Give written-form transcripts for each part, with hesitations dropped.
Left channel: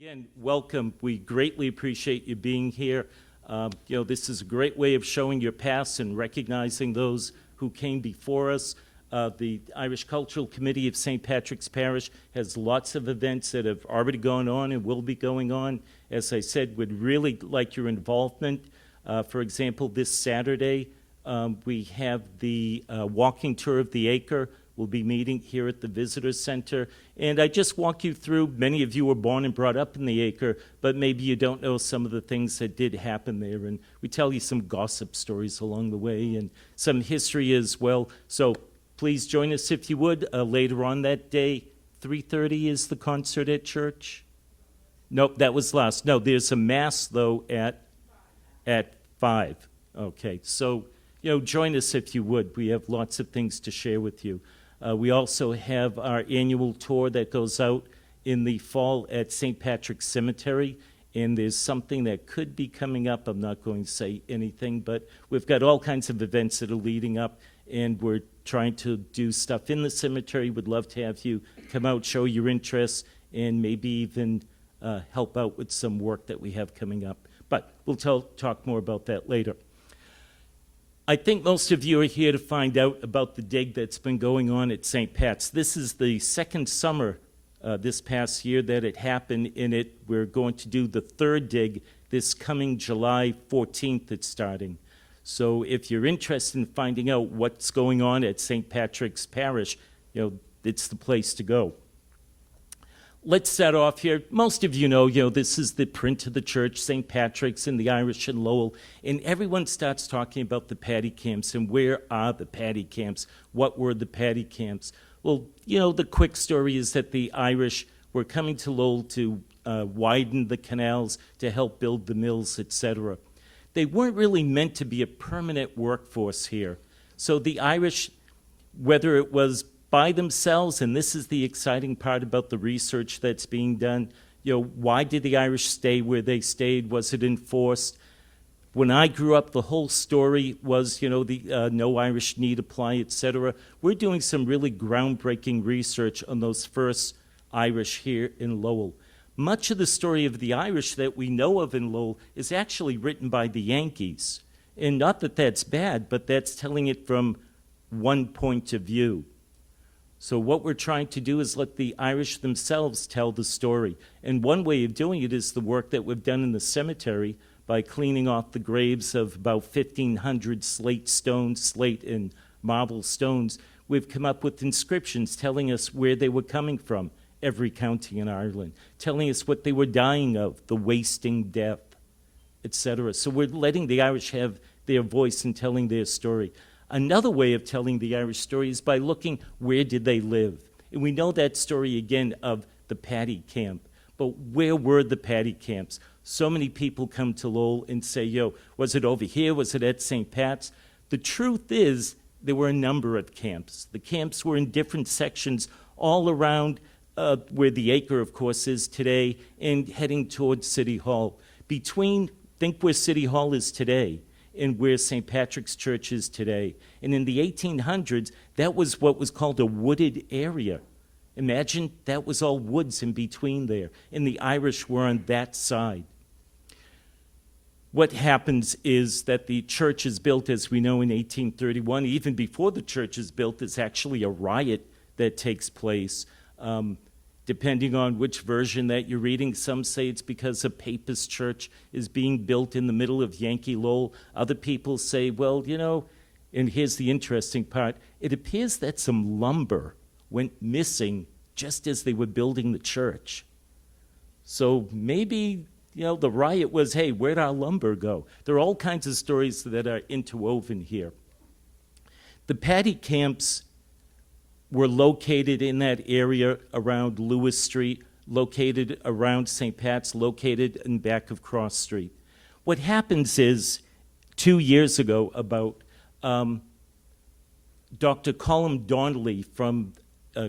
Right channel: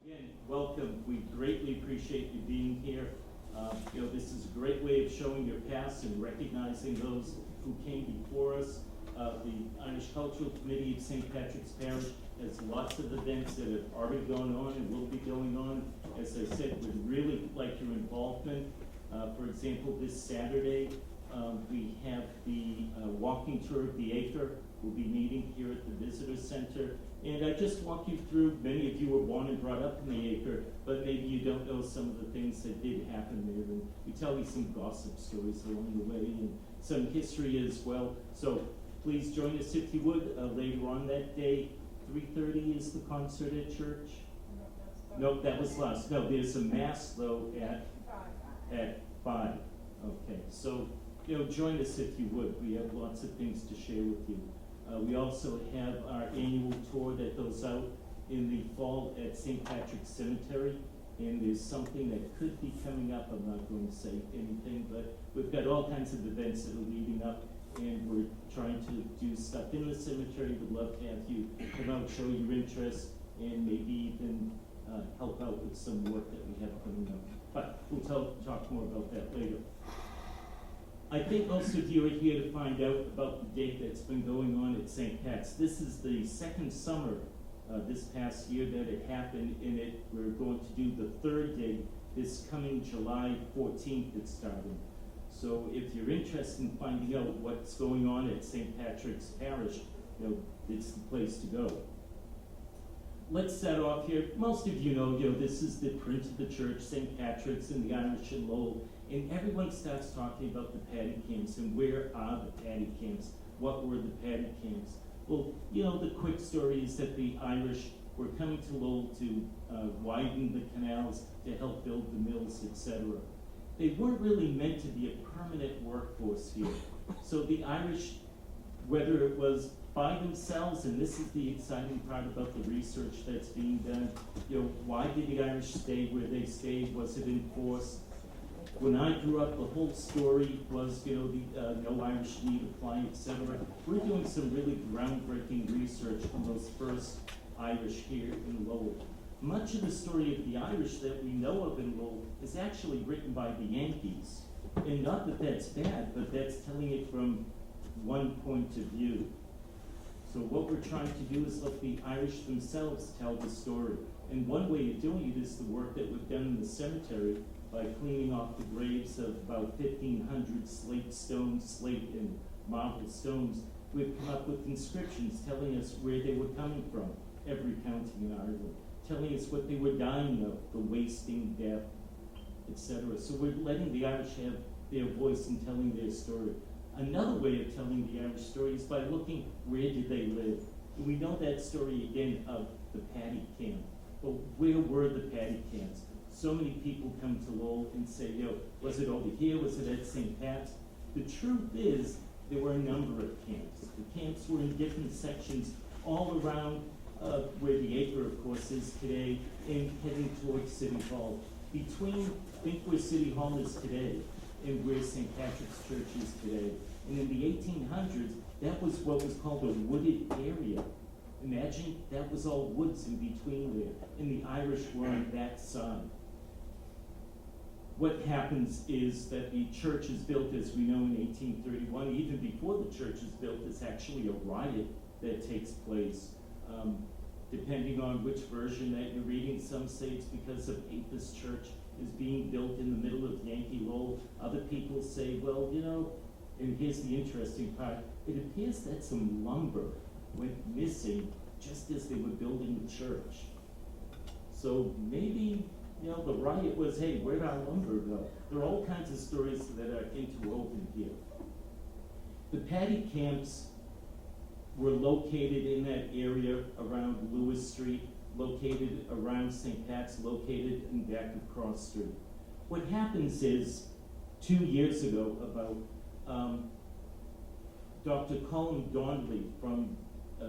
Again, welcome. We greatly appreciate you being here. This is a great way of showing your past and recognizing those who came before us. The Irish Cultural Committee of St. Patrick's Parish has lots of events that have already gone on and will be going on. As I said, would really like your involvement. For example, this Saturday, we have the walking tour of the acre. We'll be meeting here at the Visitor Center. And I just walk you through, many of you were born and brought up in the acre, but maybe you don't know some of the things that did happen there. And we tell you some gossip stories along the way and some history as well. So please join us if you would. Later on that day, 3:30 is the concert at church? Nope, that was last. No, there's a mass, though, at 5. Okay, so, join us if you would. We have lots of things to share with you. We also have our annual tour that goes out in the fall at St. Patrick's Cemetery, and there's something that could be coming up. I'm not going to say anything, but we've got all kinds of events that are leading up, and we're trying to do stuff in the cemetery. Would love to have you come out, show your interest, and maybe even help out with some work that we have coming up. But we'll talk more about that later. I think most of you are here to find out about the dig that's been going on at St. Pat's. This is the second summer this past year that it happened in it. We're going to do the third dig this coming July 14th. It's starting. So if you're interested in finding out what's going on at St. Patrick's Parish, it's the place to go. Let's start off here. Most of you know, this is the print of the church, St. Patrick's and the Irish in Lowell, and everyone starts talking about the paddy camps and where are the paddy camps? What were the paddy camps? Well, the quick story is that the Irish were coming to Lowell to widen the canals, to help build the mills, etc. They weren't really meant to be a permanent workforce here. So the Irish, whether it was by themselves, and this is the exciting part about the research that's being done. Why did the Irish stay where they stayed? Was it enforced? When I grew up, the whole story was, the no Irish need apply, etc. We're doing some really groundbreaking research on those first Irish here in Lowell. Much of the story of the Irish that we know of in Lowell is actually written by the Yankees. And not that that's bad, but that's telling it from one point of view. So what we're trying to do is let the Irish themselves tell the story. And one way of doing it is the work that we've done in the cemetery by cleaning off the graves of about 1,500 slate and marble stones. We've come up with inscriptions telling us where they were coming from, every county in Ireland, telling us what they were dying of, the wasting death, etc. So we're letting the Irish have their voice in telling their story. Another way of telling the Irish story is by looking where did they live. And we know that story again of the paddy camp. But where were the paddy camps? So many people come to Lowell and say, was it over here? Was it at St. Pat's? The truth is there were a number of camps. The camps were in different sections all around where the acre, of course, is today and heading towards City Hall. Think where City Hall is today and where St. Patrick's Church is today. And in the 1800s, that was what was called a wooded area. Imagine that was all woods in between there, and the Irish were on that side. What happens is that the church is built, as we know, in 1831. Even before the church is built, it's actually a riot that takes place. Depending on which version that you're reading, some say it's because a papist church is being built in the middle of Yankee Lowell. Other people say, well, and here's the interesting part, it appears that some lumber went missing just as they were building the church. So maybe, the riot was, hey, where'd our lumber go? There are all kinds of stories that are interwoven here. The paddy camps were located in that area around Lewis Street, located around St. Pat's, located in back of Cross Street. What happens is, 2 years ago, about Dr. Colm Donnelly from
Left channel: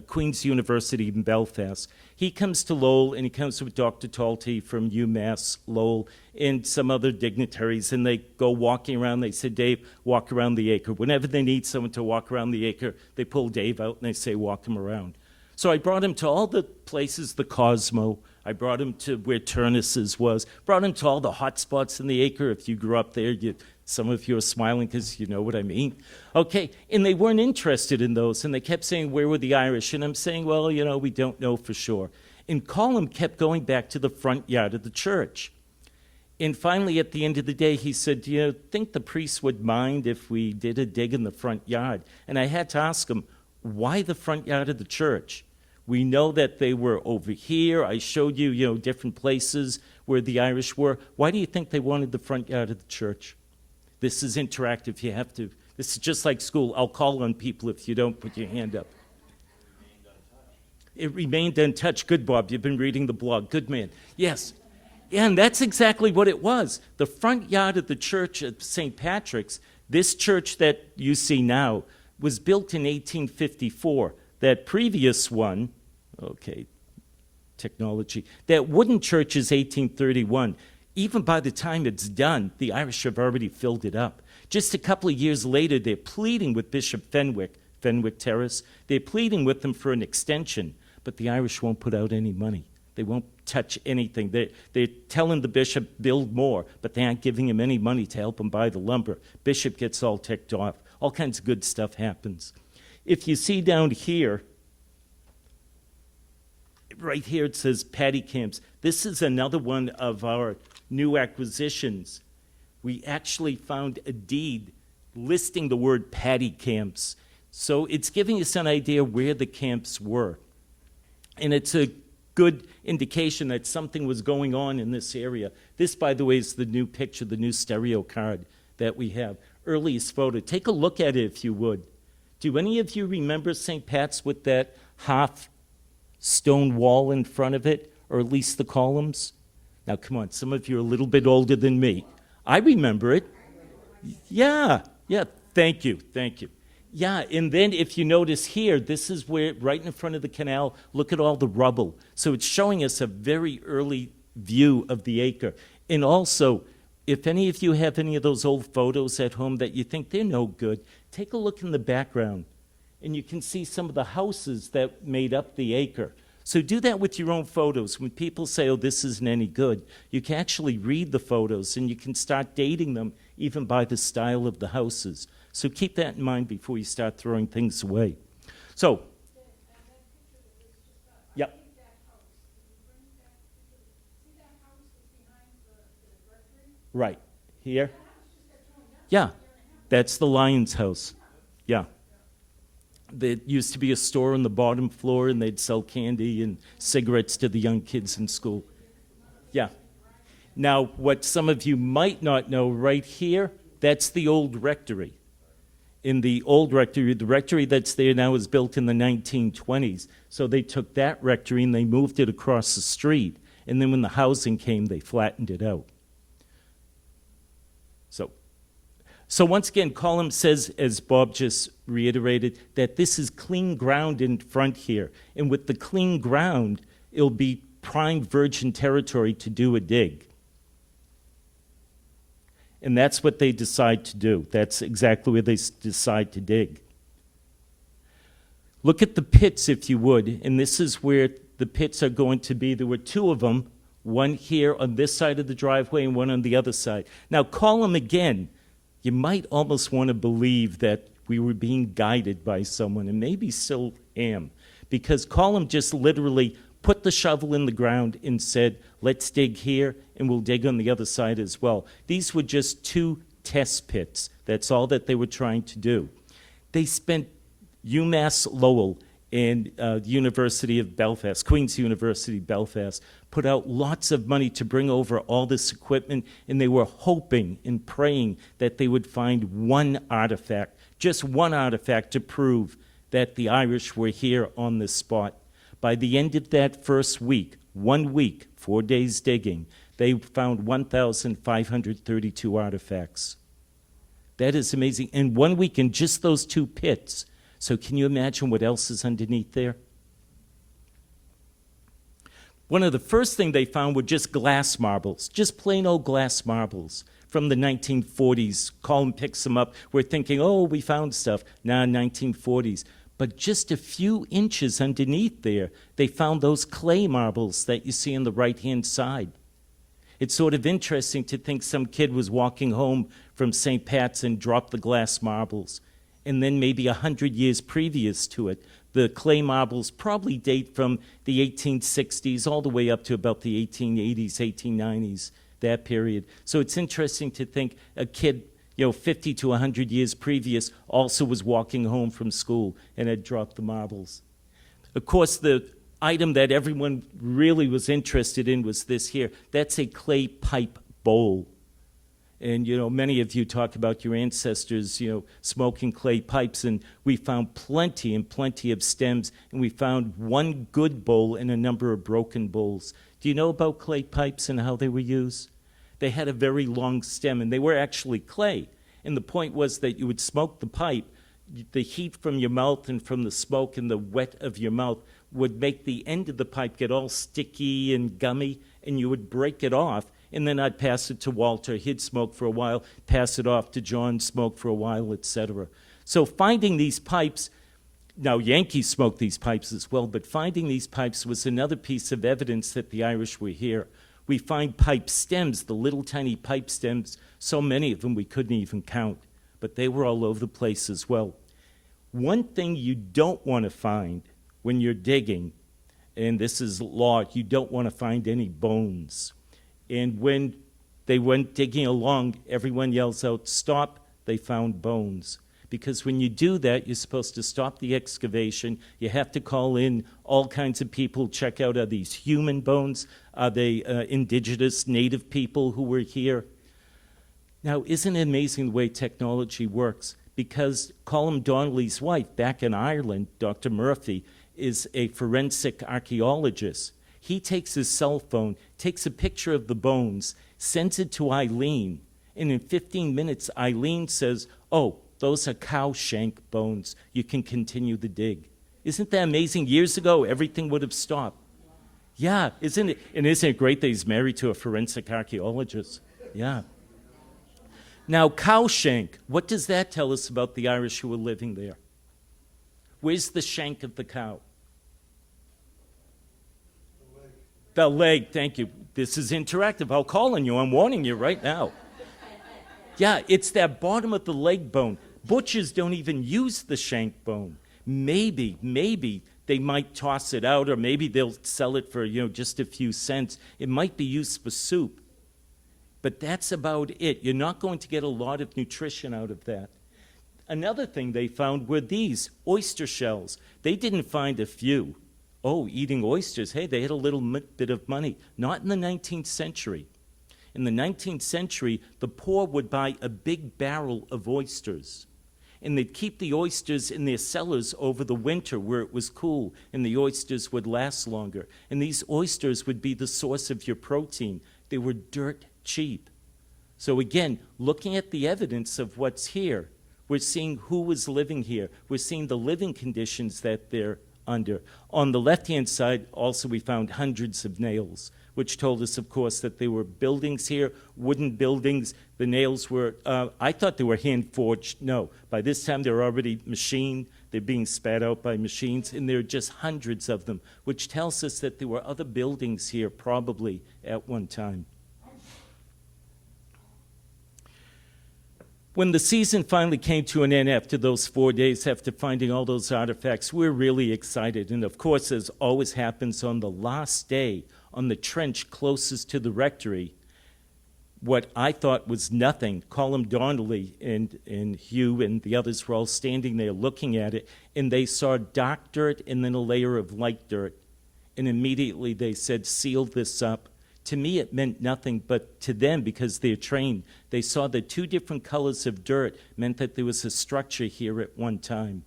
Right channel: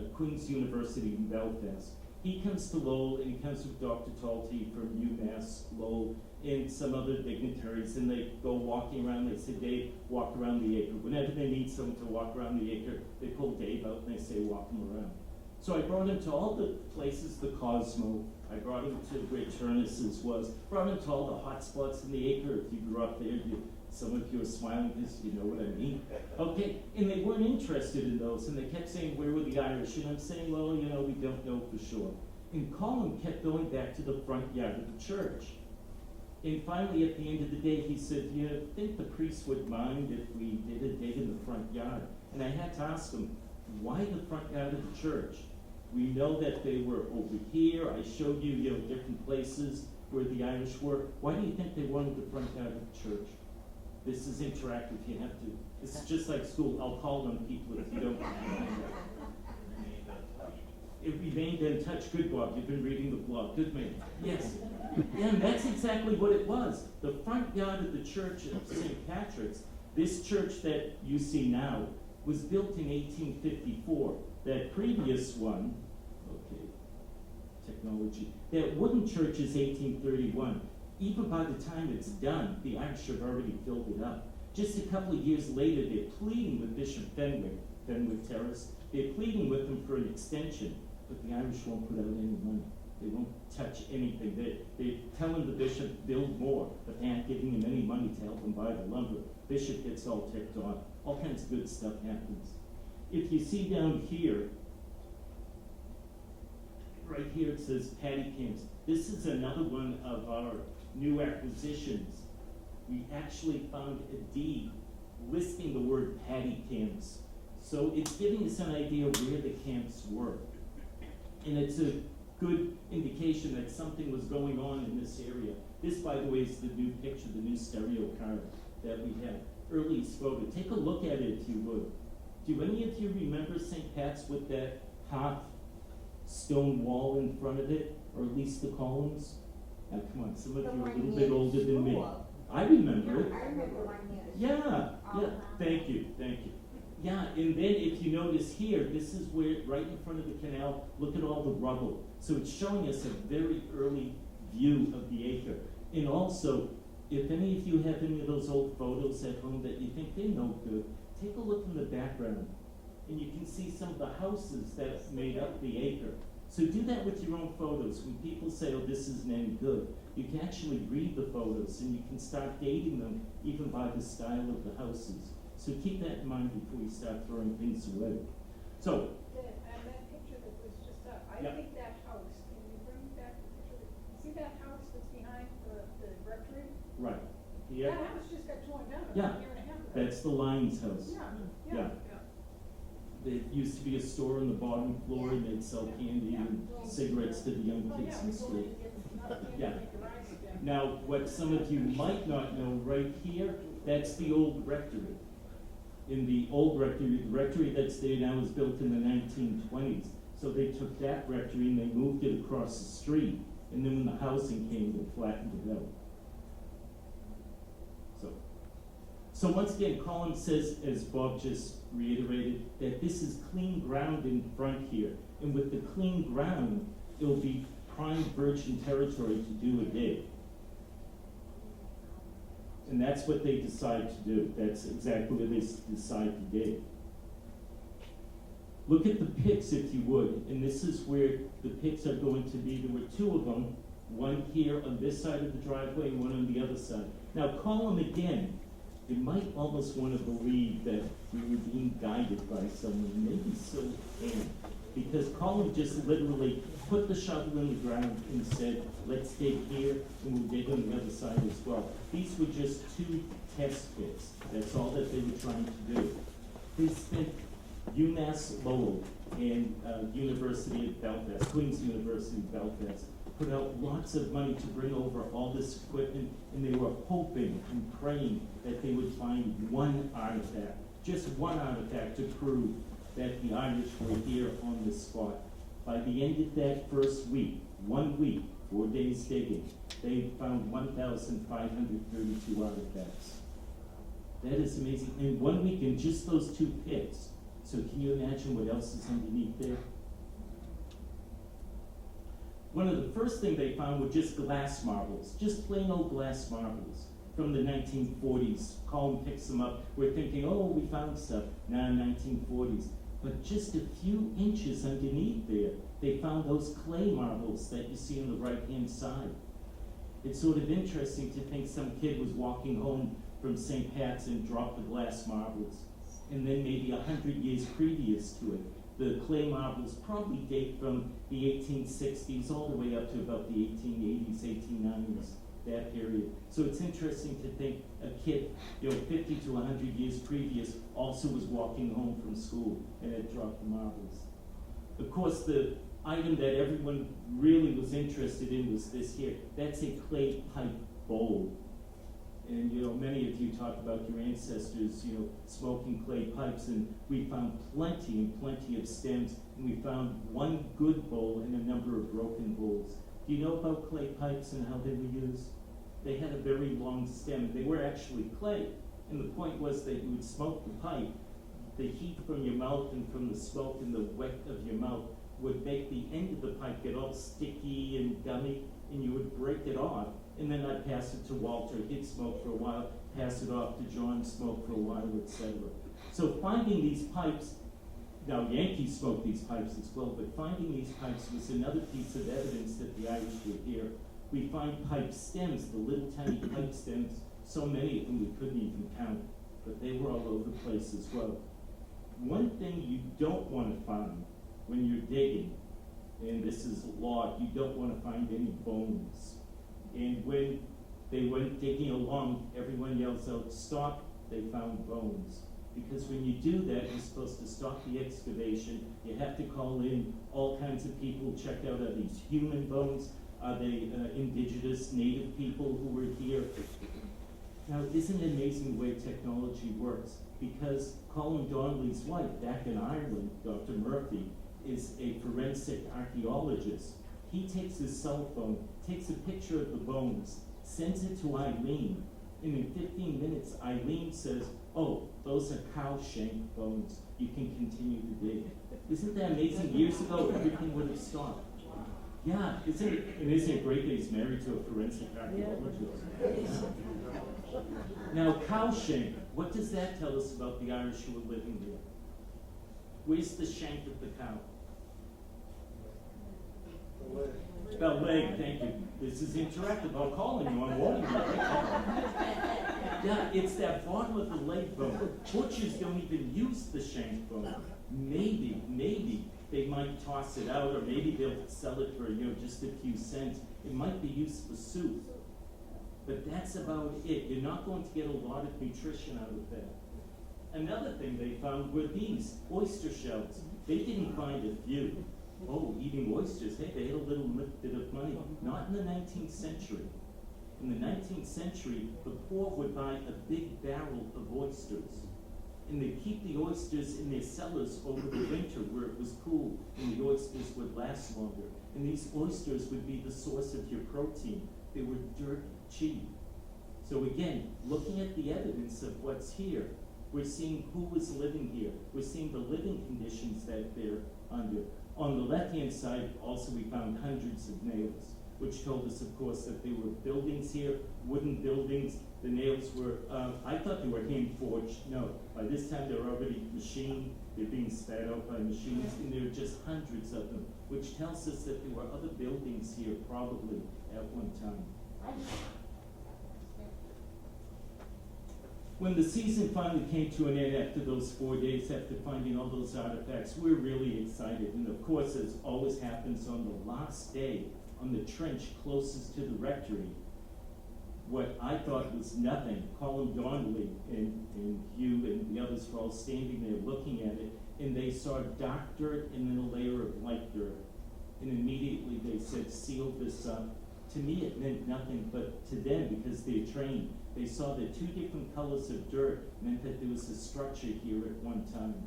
Queen's University in Belfast, he comes to Lowell, and he comes with Dr. Talty from UMass Lowell and some other dignitaries, and they go walking around. They say, Dave, walk around the acre. Whenever they need someone to walk around the acre, they pull Dave out and they say, walk him around. So I brought him to all the places, the Cosmo. I brought him to where Turnus's was. Brought him to all the hot spots in the acre. If you grew up there, some of you are smiling because you know what I mean. Okay, and they weren't interested in those, and they kept saying, where were the Irish? And I'm saying, well, we don't know for sure. And Colum kept going back to the front yard of the church. And finally, at the end of the day, he said, do you think the priest would mind if we did a dig in the front yard? And I had to ask him, why the front yard of the church? We know that they were over here. I showed you, different places where the Irish were. Why do you think they wanted the front yard of the church? This is interactive. You have to. This is just like school. I'll call on people if you don't put your hand up. It remained untouched. Good, Bob. You've been reading the blog. Good man. Yes. Yeah, and that's exactly what it was. The front yard of the church of St. Patrick's, this church that you see now, was built in 1854. That previous one, technology, that wooden church is 1831. Even by the time it's done, the Irish have already filled it up. Just a couple of years later, they're pleading with Bishop Fenwick Terrace. They're pleading with them for an extension, but the Irish won't put out any money. They won't touch anything. They're telling the bishop, build more, but they aren't giving him any money to help him buy the lumber. Bishop gets all ticked off. All kinds of good stuff happens. If you see down here, right here it says paddy camps. This is another one of our new acquisitions. We actually found a deed listing the word paddy camps. So it's giving us an idea where the camps were. And it's a good indication that something was going on in this area. This, by the way, is the new picture, the new stereo card that we have. Earliest photo. Take a look at it if you would. Do any of you remember St. Pat's with that half stone wall in front of it, or at least the columns? Now, come on, some of you are a little bit older than me. I remember it. Yeah, thank you. Yeah, and then if you notice here, this is where, right in front of the canal, look at all the rubble. So it's showing us a very early view of the acre. And also, if any of you have any of those old photos at home that you think they're no good, take a look in the background, and you can see some of the houses that made up the acre. So do that with your own photos. When people say, oh, this isn't any good, you can actually read the photos, and you can start dating them even by the style of the houses. So keep that in mind before you start throwing things away. So, that picture that was just up, yep. I think that house, can you bring that picture? See that house that's behind the rectory? Right. Here? That house just got torn down. Yeah. A year and a half ago. That's the Lions house. Yeah. Yeah. There used to be a store on the bottom floor, and they'd sell candy and cigarettes to the young kids in school. Yeah. Now, what some of you might not know, right here, that's the old rectory. In the old rectory, the rectory that's there now was built in the 1920s. So they took that rectory and they moved it across the street. And then when the housing came, they flattened it out. So once again, Colum says, as Bob just reiterated, that this is clean ground in front here. And with the clean ground, it'll be prime virgin territory to do a dig. And that's what they decide to do. That's exactly where they decide to dig. Look at the pits, if you would. And this is where the pits are going to be. There were two of them, one here on this side of the driveway and one on the other side. Now, Colum again. You might almost want to believe that we were being guided by someone, and maybe still am, because Colum just literally put the shovel in the ground and said, let's dig here, and we'll dig on the other side as well. These were just two test pits. That's all that they were trying to do. They spent UMass Lowell and University of Belfast, Queen's University Belfast, put out lots of money to bring over all this equipment, and they were hoping and praying that they would find one artifact, just one artifact to prove that the Irish were here on this spot. By the end of that first week, 1 week, 4 days digging, they found 1,532 artifacts. That is amazing. In 1 week, in just those two pits. So can you imagine what else is underneath there? One of the first things they found were just glass marbles, just plain old glass marbles from the 1940s. Colum picks them up. We're thinking, oh, we found stuff. Now, 1940s. But just a few inches underneath there, they found those clay marbles that you see on the right-hand side. It's sort of interesting to think some kid was walking home from St. Pat's and dropped the glass marbles. And then maybe 100 years previous to it, the clay marbles probably date from the 1860s all the way up to about the 1880s, 1890s, that period. So it's interesting to think a kid, 50 to 100 years previous also was walking home from school and had dropped the marbles. Of course, the item that everyone really was interested in was this here. That's a clay pipe bowl. And, many of you talk about your ancestors, smoking clay pipes, and we found plenty and plenty of stems, and we found one good bowl and a number of broken bowls. Do you know about clay pipes and how they were used? They had a very long stem, and they were actually clay. And the point was that you would smoke the pipe, the heat from your mouth and from the smoke and the wet of your mouth would make the end of the pipe get all sticky and gummy, and you would break it off, and then I'd pass it to Walter. He'd smoke for a while, pass it off to John, smoke for a while, etc. So finding these pipes, now Yankees smoked these pipes as well, but finding these pipes was another piece of evidence that the Irish were here. We find pipe stems, the little tiny pipe stems, so many of them we couldn't even count, but they were all over the place as well. One thing you don't want to find when you're digging, and this is law, you don't want to find any bones. And when they went digging along, everyone yells out, "Stop," they found bones. Because when you do that, you're supposed to stop the excavation. You have to call in all kinds of people, check out, are these human bones? Are they indigenous native people who were here? Now, isn't it amazing the way technology works? Because Colm Donnelly's wife back in Ireland, Dr. Murphy, is a forensic archaeologist. He takes his cell phone, takes a picture of the bones, sends it to Eileen, and in 15 minutes, Eileen says, "Oh, those are cow shank bones. You can continue the dig." Isn't that amazing? Years ago, everything would have stopped. Yeah, isn't it? And isn't it great that he's married to a forensic archaeologist? Yeah. Now, cow shank, what does that tell us about the Irish who were living there? Where's the shank of the cow? The leg, thank you. This is interactive. I'll call on you. I'm warning you right now. Yeah, it's that bottom of the leg bone. Butchers don't even use the shank bone. Maybe they might toss it out, or maybe they'll sell it for, just a few cents. It might be used for soup. But that's about it. You're not going to get a lot of nutrition out of that. Another thing they found were these oyster shells. They didn't find a few. Oh, eating oysters. Hey, they had a little bit of money. Not in the 19th century. In the 19th century, the poor would buy a big barrel of oysters. And they'd keep the oysters in their cellars over the winter where it was cool, and the oysters would last longer. And these oysters would be the source of your protein. They were dirt cheap. So again, looking at the evidence of what's here, we're seeing who was living here. We're seeing the living conditions that they're under. On the left-hand side, also we found hundreds of nails, which told us, of course, that there were buildings here, wooden buildings. The nails were, I thought they were hand-forged. No, by this time they're already machined. They're being spat out by machines, and there are just hundreds of them, which tells us that there were other buildings here probably at one time. When the season finally came to an end after those 4 days, after finding all those artifacts, we're really excited. And of course, as always happens on the last day, on the trench closest to the rectory, what I thought was nothing, Colm Donnelly and Hugh and the others were all standing there looking at it, and they saw dark dirt and then a layer of light dirt. And immediately they said, "Seal this up." To me, it meant nothing, but to them, because they're trained, they saw that two different colors of dirt meant that there was a structure here at one time.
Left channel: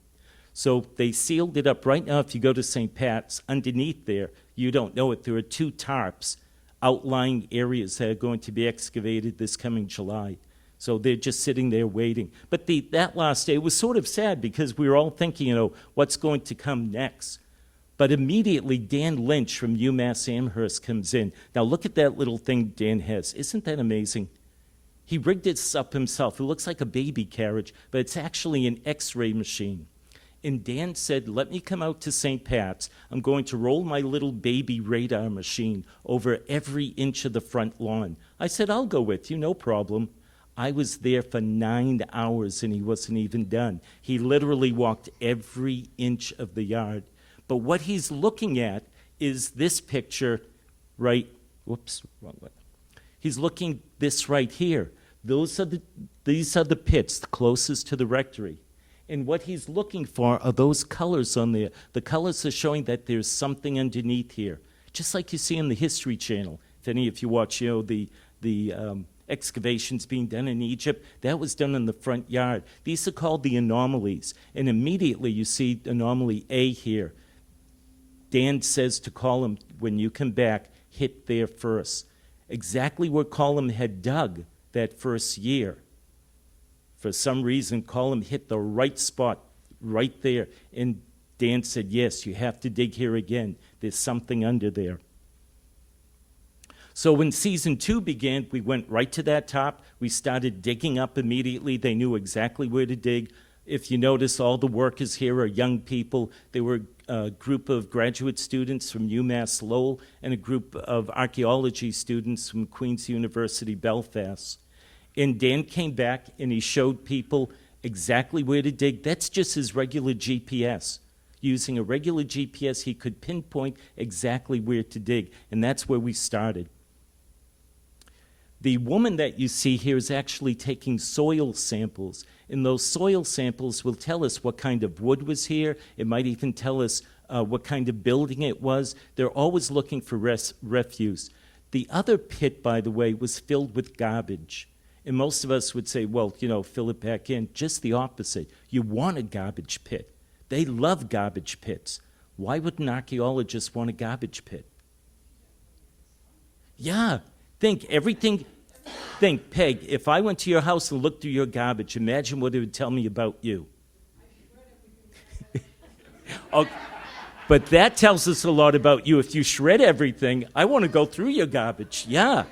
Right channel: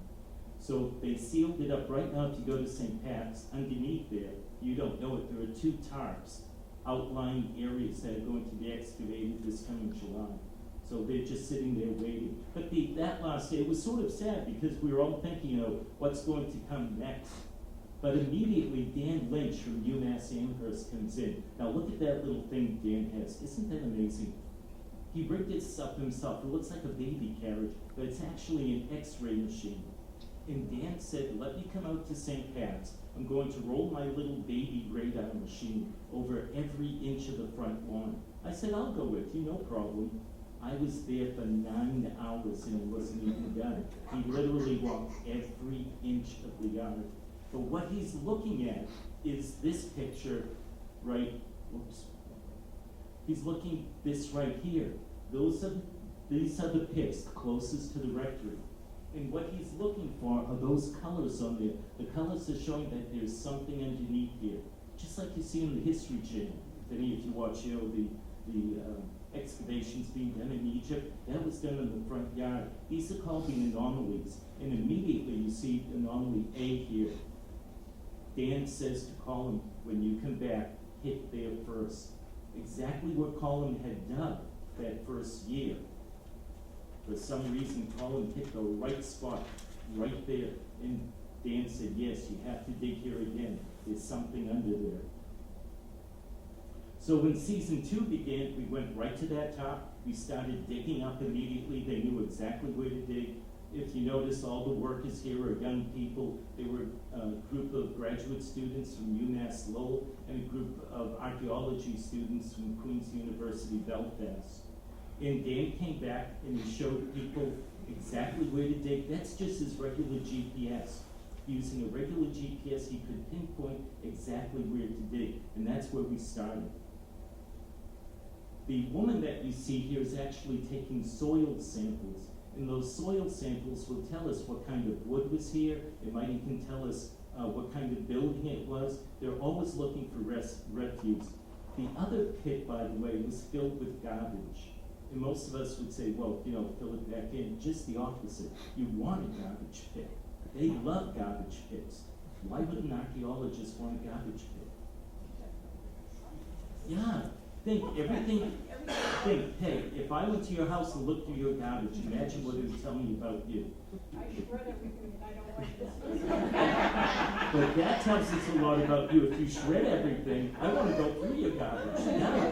So they sealed it up. Right now, if you go to St. Pat's, underneath there, you don't know it, there are two tarps outlying areas that are going to be excavated this coming July. So they're just sitting there waiting. But that last day was sort of sad because we were all thinking, what's going to come next? But immediately, Dan Lynch from UMass Amherst comes in. Now, look at that little thing Dan has. Isn't that amazing? He rigged this up himself. It looks like a baby carriage, but it's actually an X-ray machine. And Dan said, let me come out to St. Pat's. I'm going to roll my little baby radar machine over every inch of the front lawn. I said, I'll go with you, no problem. I was there for 9 hours and he wasn't even done. He literally walked every inch of the yard. But what he's looking at is this picture right, whoops, wrong way. He's looking this right here. These are the pits closest to the rectory. And what he's looking for are those colors on there. The colors are showing that there's something underneath here, just like you see on the History Channel. If any of you watch, the excavations being done in Egypt, that was done in the front yard. These are called the anomalies. And immediately you see anomaly A here. Dan says to Colum, when you come back, hit there first. Exactly where Colum had dug that first year. For some reason, Colum hit the right spot right there. And Dan said, yes, you have to dig here again. There's something under there. So when season 2 began, we went right to that top. We started digging up immediately. They knew exactly where to dig. If you notice, all the workers here are young people. There were a group of graduate students from UMass Lowell and a group of archaeology students from Queen's University, Belfast. And Dan came back and he showed people exactly where to dig. That's just his regular GPS. Using a regular GPS, he could pinpoint exactly where to dig, and that's where we started. The woman that you see here is actually taking soil samples, and those soil samples will tell us what kind of wood was here. It might even tell us what kind of building it was. They're always looking for refuse. The other pit, by the way, was filled with garbage. And most of us would say, well, fill it back in. Just the opposite. You want a garbage pit. They love garbage pits. Why would an archaeologist want a garbage pit? Yeah, think, Peg, if I went to your house and looked through your garbage, imagine what it would tell me about you. Okay. But that tells us a lot about you. If you shred everything, I want to go through your garbage. Yeah.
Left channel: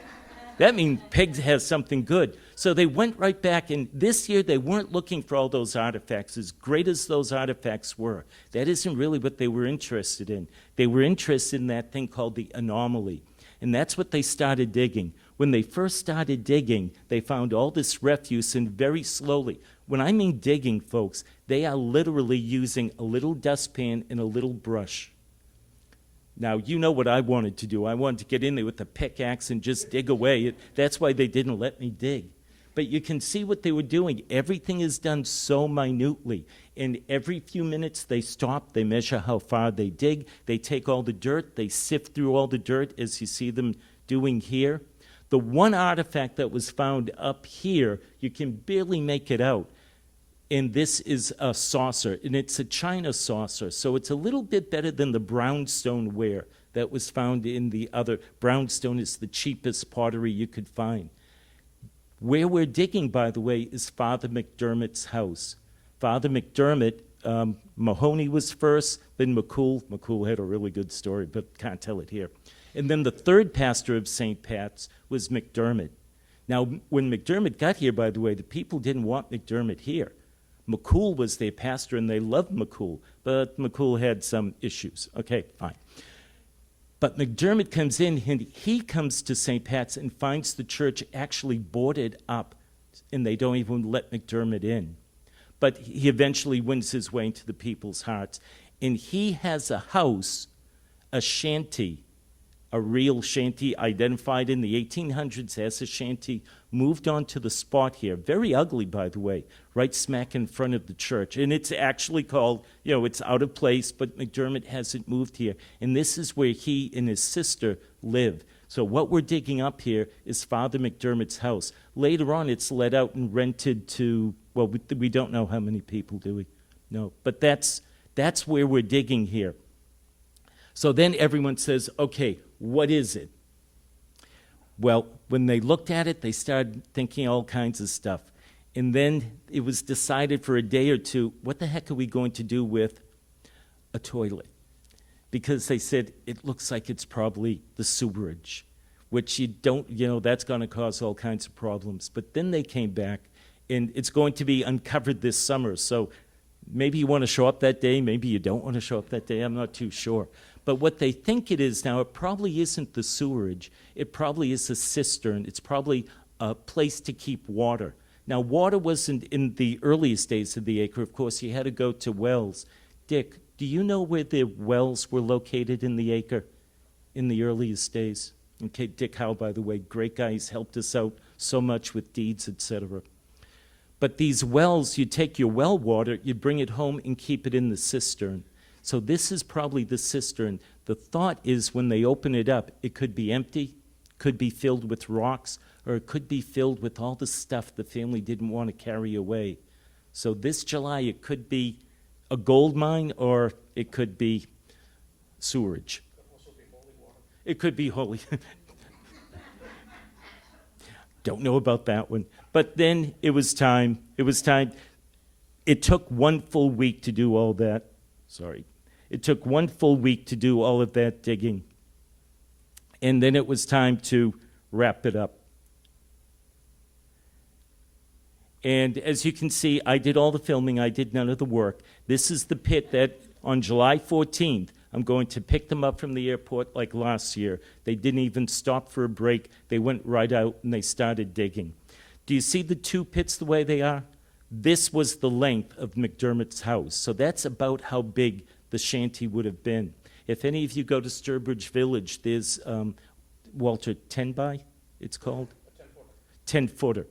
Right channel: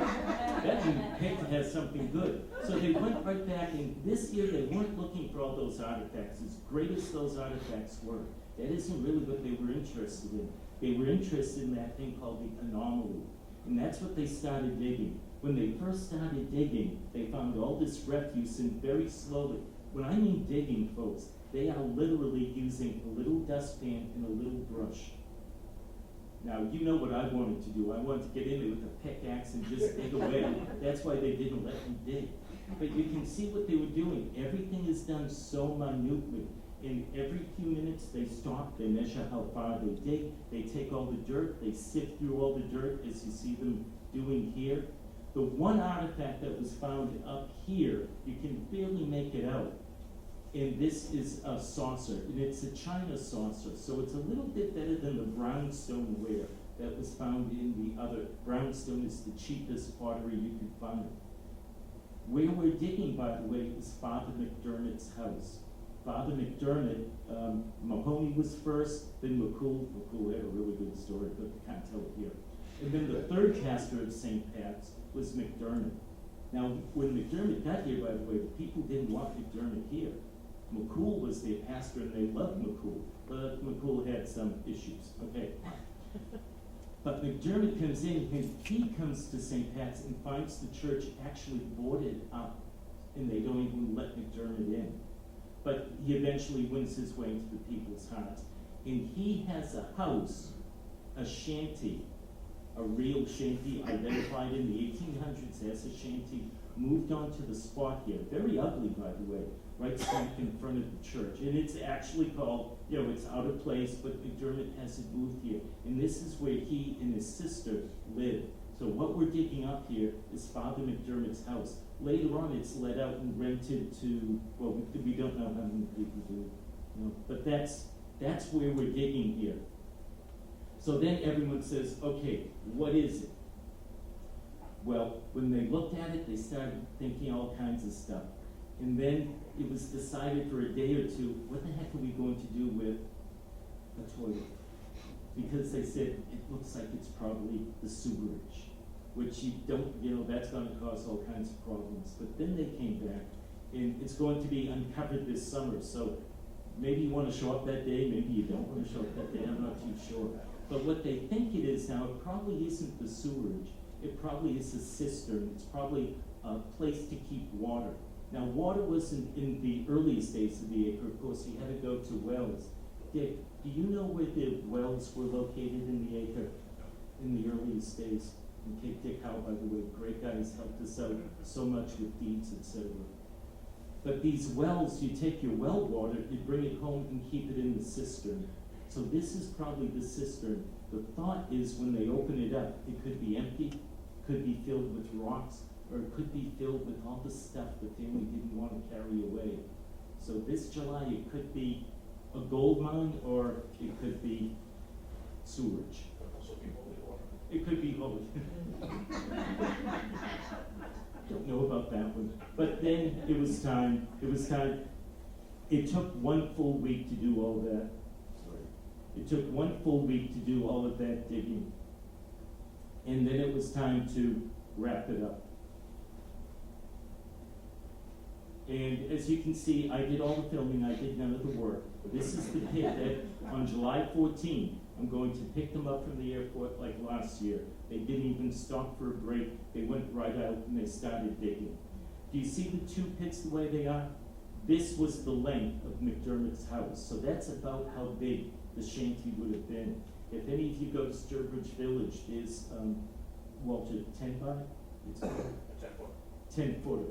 That means Peg has something good. So they went right back, and this year they weren't looking for all those artifacts, as great as those artifacts were. That isn't really what they were interested in. They were interested in that thing called the anomaly, and that's what they started digging. When they first started digging, they found all this refuse, and very slowly, when I mean digging, folks, they are literally using a little dustpan and a little brush. Now, you know what I wanted to do. I wanted to get in there with the pickaxe and just dig away. That's why they didn't let me dig. But you can see what they were doing. Everything is done so minutely. And every few minutes they stop, they measure how far they dig, they take all the dirt, they sift through all the dirt, as you see them doing here. The one artifact that was found up here, you can barely make it out. And this is a saucer, and it's a china saucer, so it's a little bit better than the brownstone ware that was found in the other. Brownstone is the cheapest pottery you could find. Where we're digging, by the way, is Father McDermott's house. Father McDermott, Mahoney was first, then McCool. McCool had a really good story, but can't tell it here. And then the third pastor of St. Pat's was McDermott. Now, when McDermott got here, by the way, the people didn't want McDermott here. McCool was their pastor, and they loved McCool, but McCool had some issues. Okay, fine. But McDermott comes in, and he comes to St. Pat's and finds the church actually boarded up, and they don't even let McDermott in. But he eventually wins his way into the people's hearts, and he has a house, a shanty, a real shanty identified in the 1800s as a shanty, moved onto the spot here. Very ugly, by the way, right smack in front of the church. And it's actually called, it's out of place, but McDermott has it moved here. And this is where he and his sister live. So what we're digging up here is Father McDermott's house. Later on, it's let out and rented to, well, we don't know how many people, do we? No, but that's where we're digging here. So then everyone says, okay, what is it? Well, when they looked at it, they started thinking all kinds of stuff. And then it was decided for a day or two, what the heck are we going to do with a toilet? Because they said, it looks like it's probably the sewerage, which you don't, that's going to cause all kinds of problems. But then they came back, and it's going to be uncovered this summer. So maybe you want to show up that day, maybe you don't want to show up that day, I'm not too sure. But what they think it is now, it probably isn't the sewerage. It probably is a cistern. It's probably a place to keep water. Now, water wasn't in the earliest days of the acre. Of course, you had to go to wells. Dick, do you know where the wells were located in the acre in the earliest days? Okay, Dick Howe, by the way, great guy. He's helped us out so much with deeds, etc. But these wells, you take your well water, you bring it home and keep it in the cistern. So this is probably the cistern. The thought is when they open it up, it could be empty, could be filled with rocks, or it could be filled with all the stuff the family didn't want to carry away. So this July, it could be a gold mine, or it could be sewerage. It could be holy. Don't know about that one. But then it was time. It took 1 full week to do all that. Sorry. It took 1 full week to do all of that digging. And then it was time to wrap it up. And as you can see, I did all the filming. I did none of the work. This is the pit that on July 14th, I'm going to pick them up from the airport like last year. They didn't even stop for a break. They went right out and they started digging. Do you see the 2 pits the way they are? This was the length of McDermott's house. So that's about how big the shanty would have been. If any of you go to Sturbridge Village, there's, Walter, 10 by, it's called? 10-footer.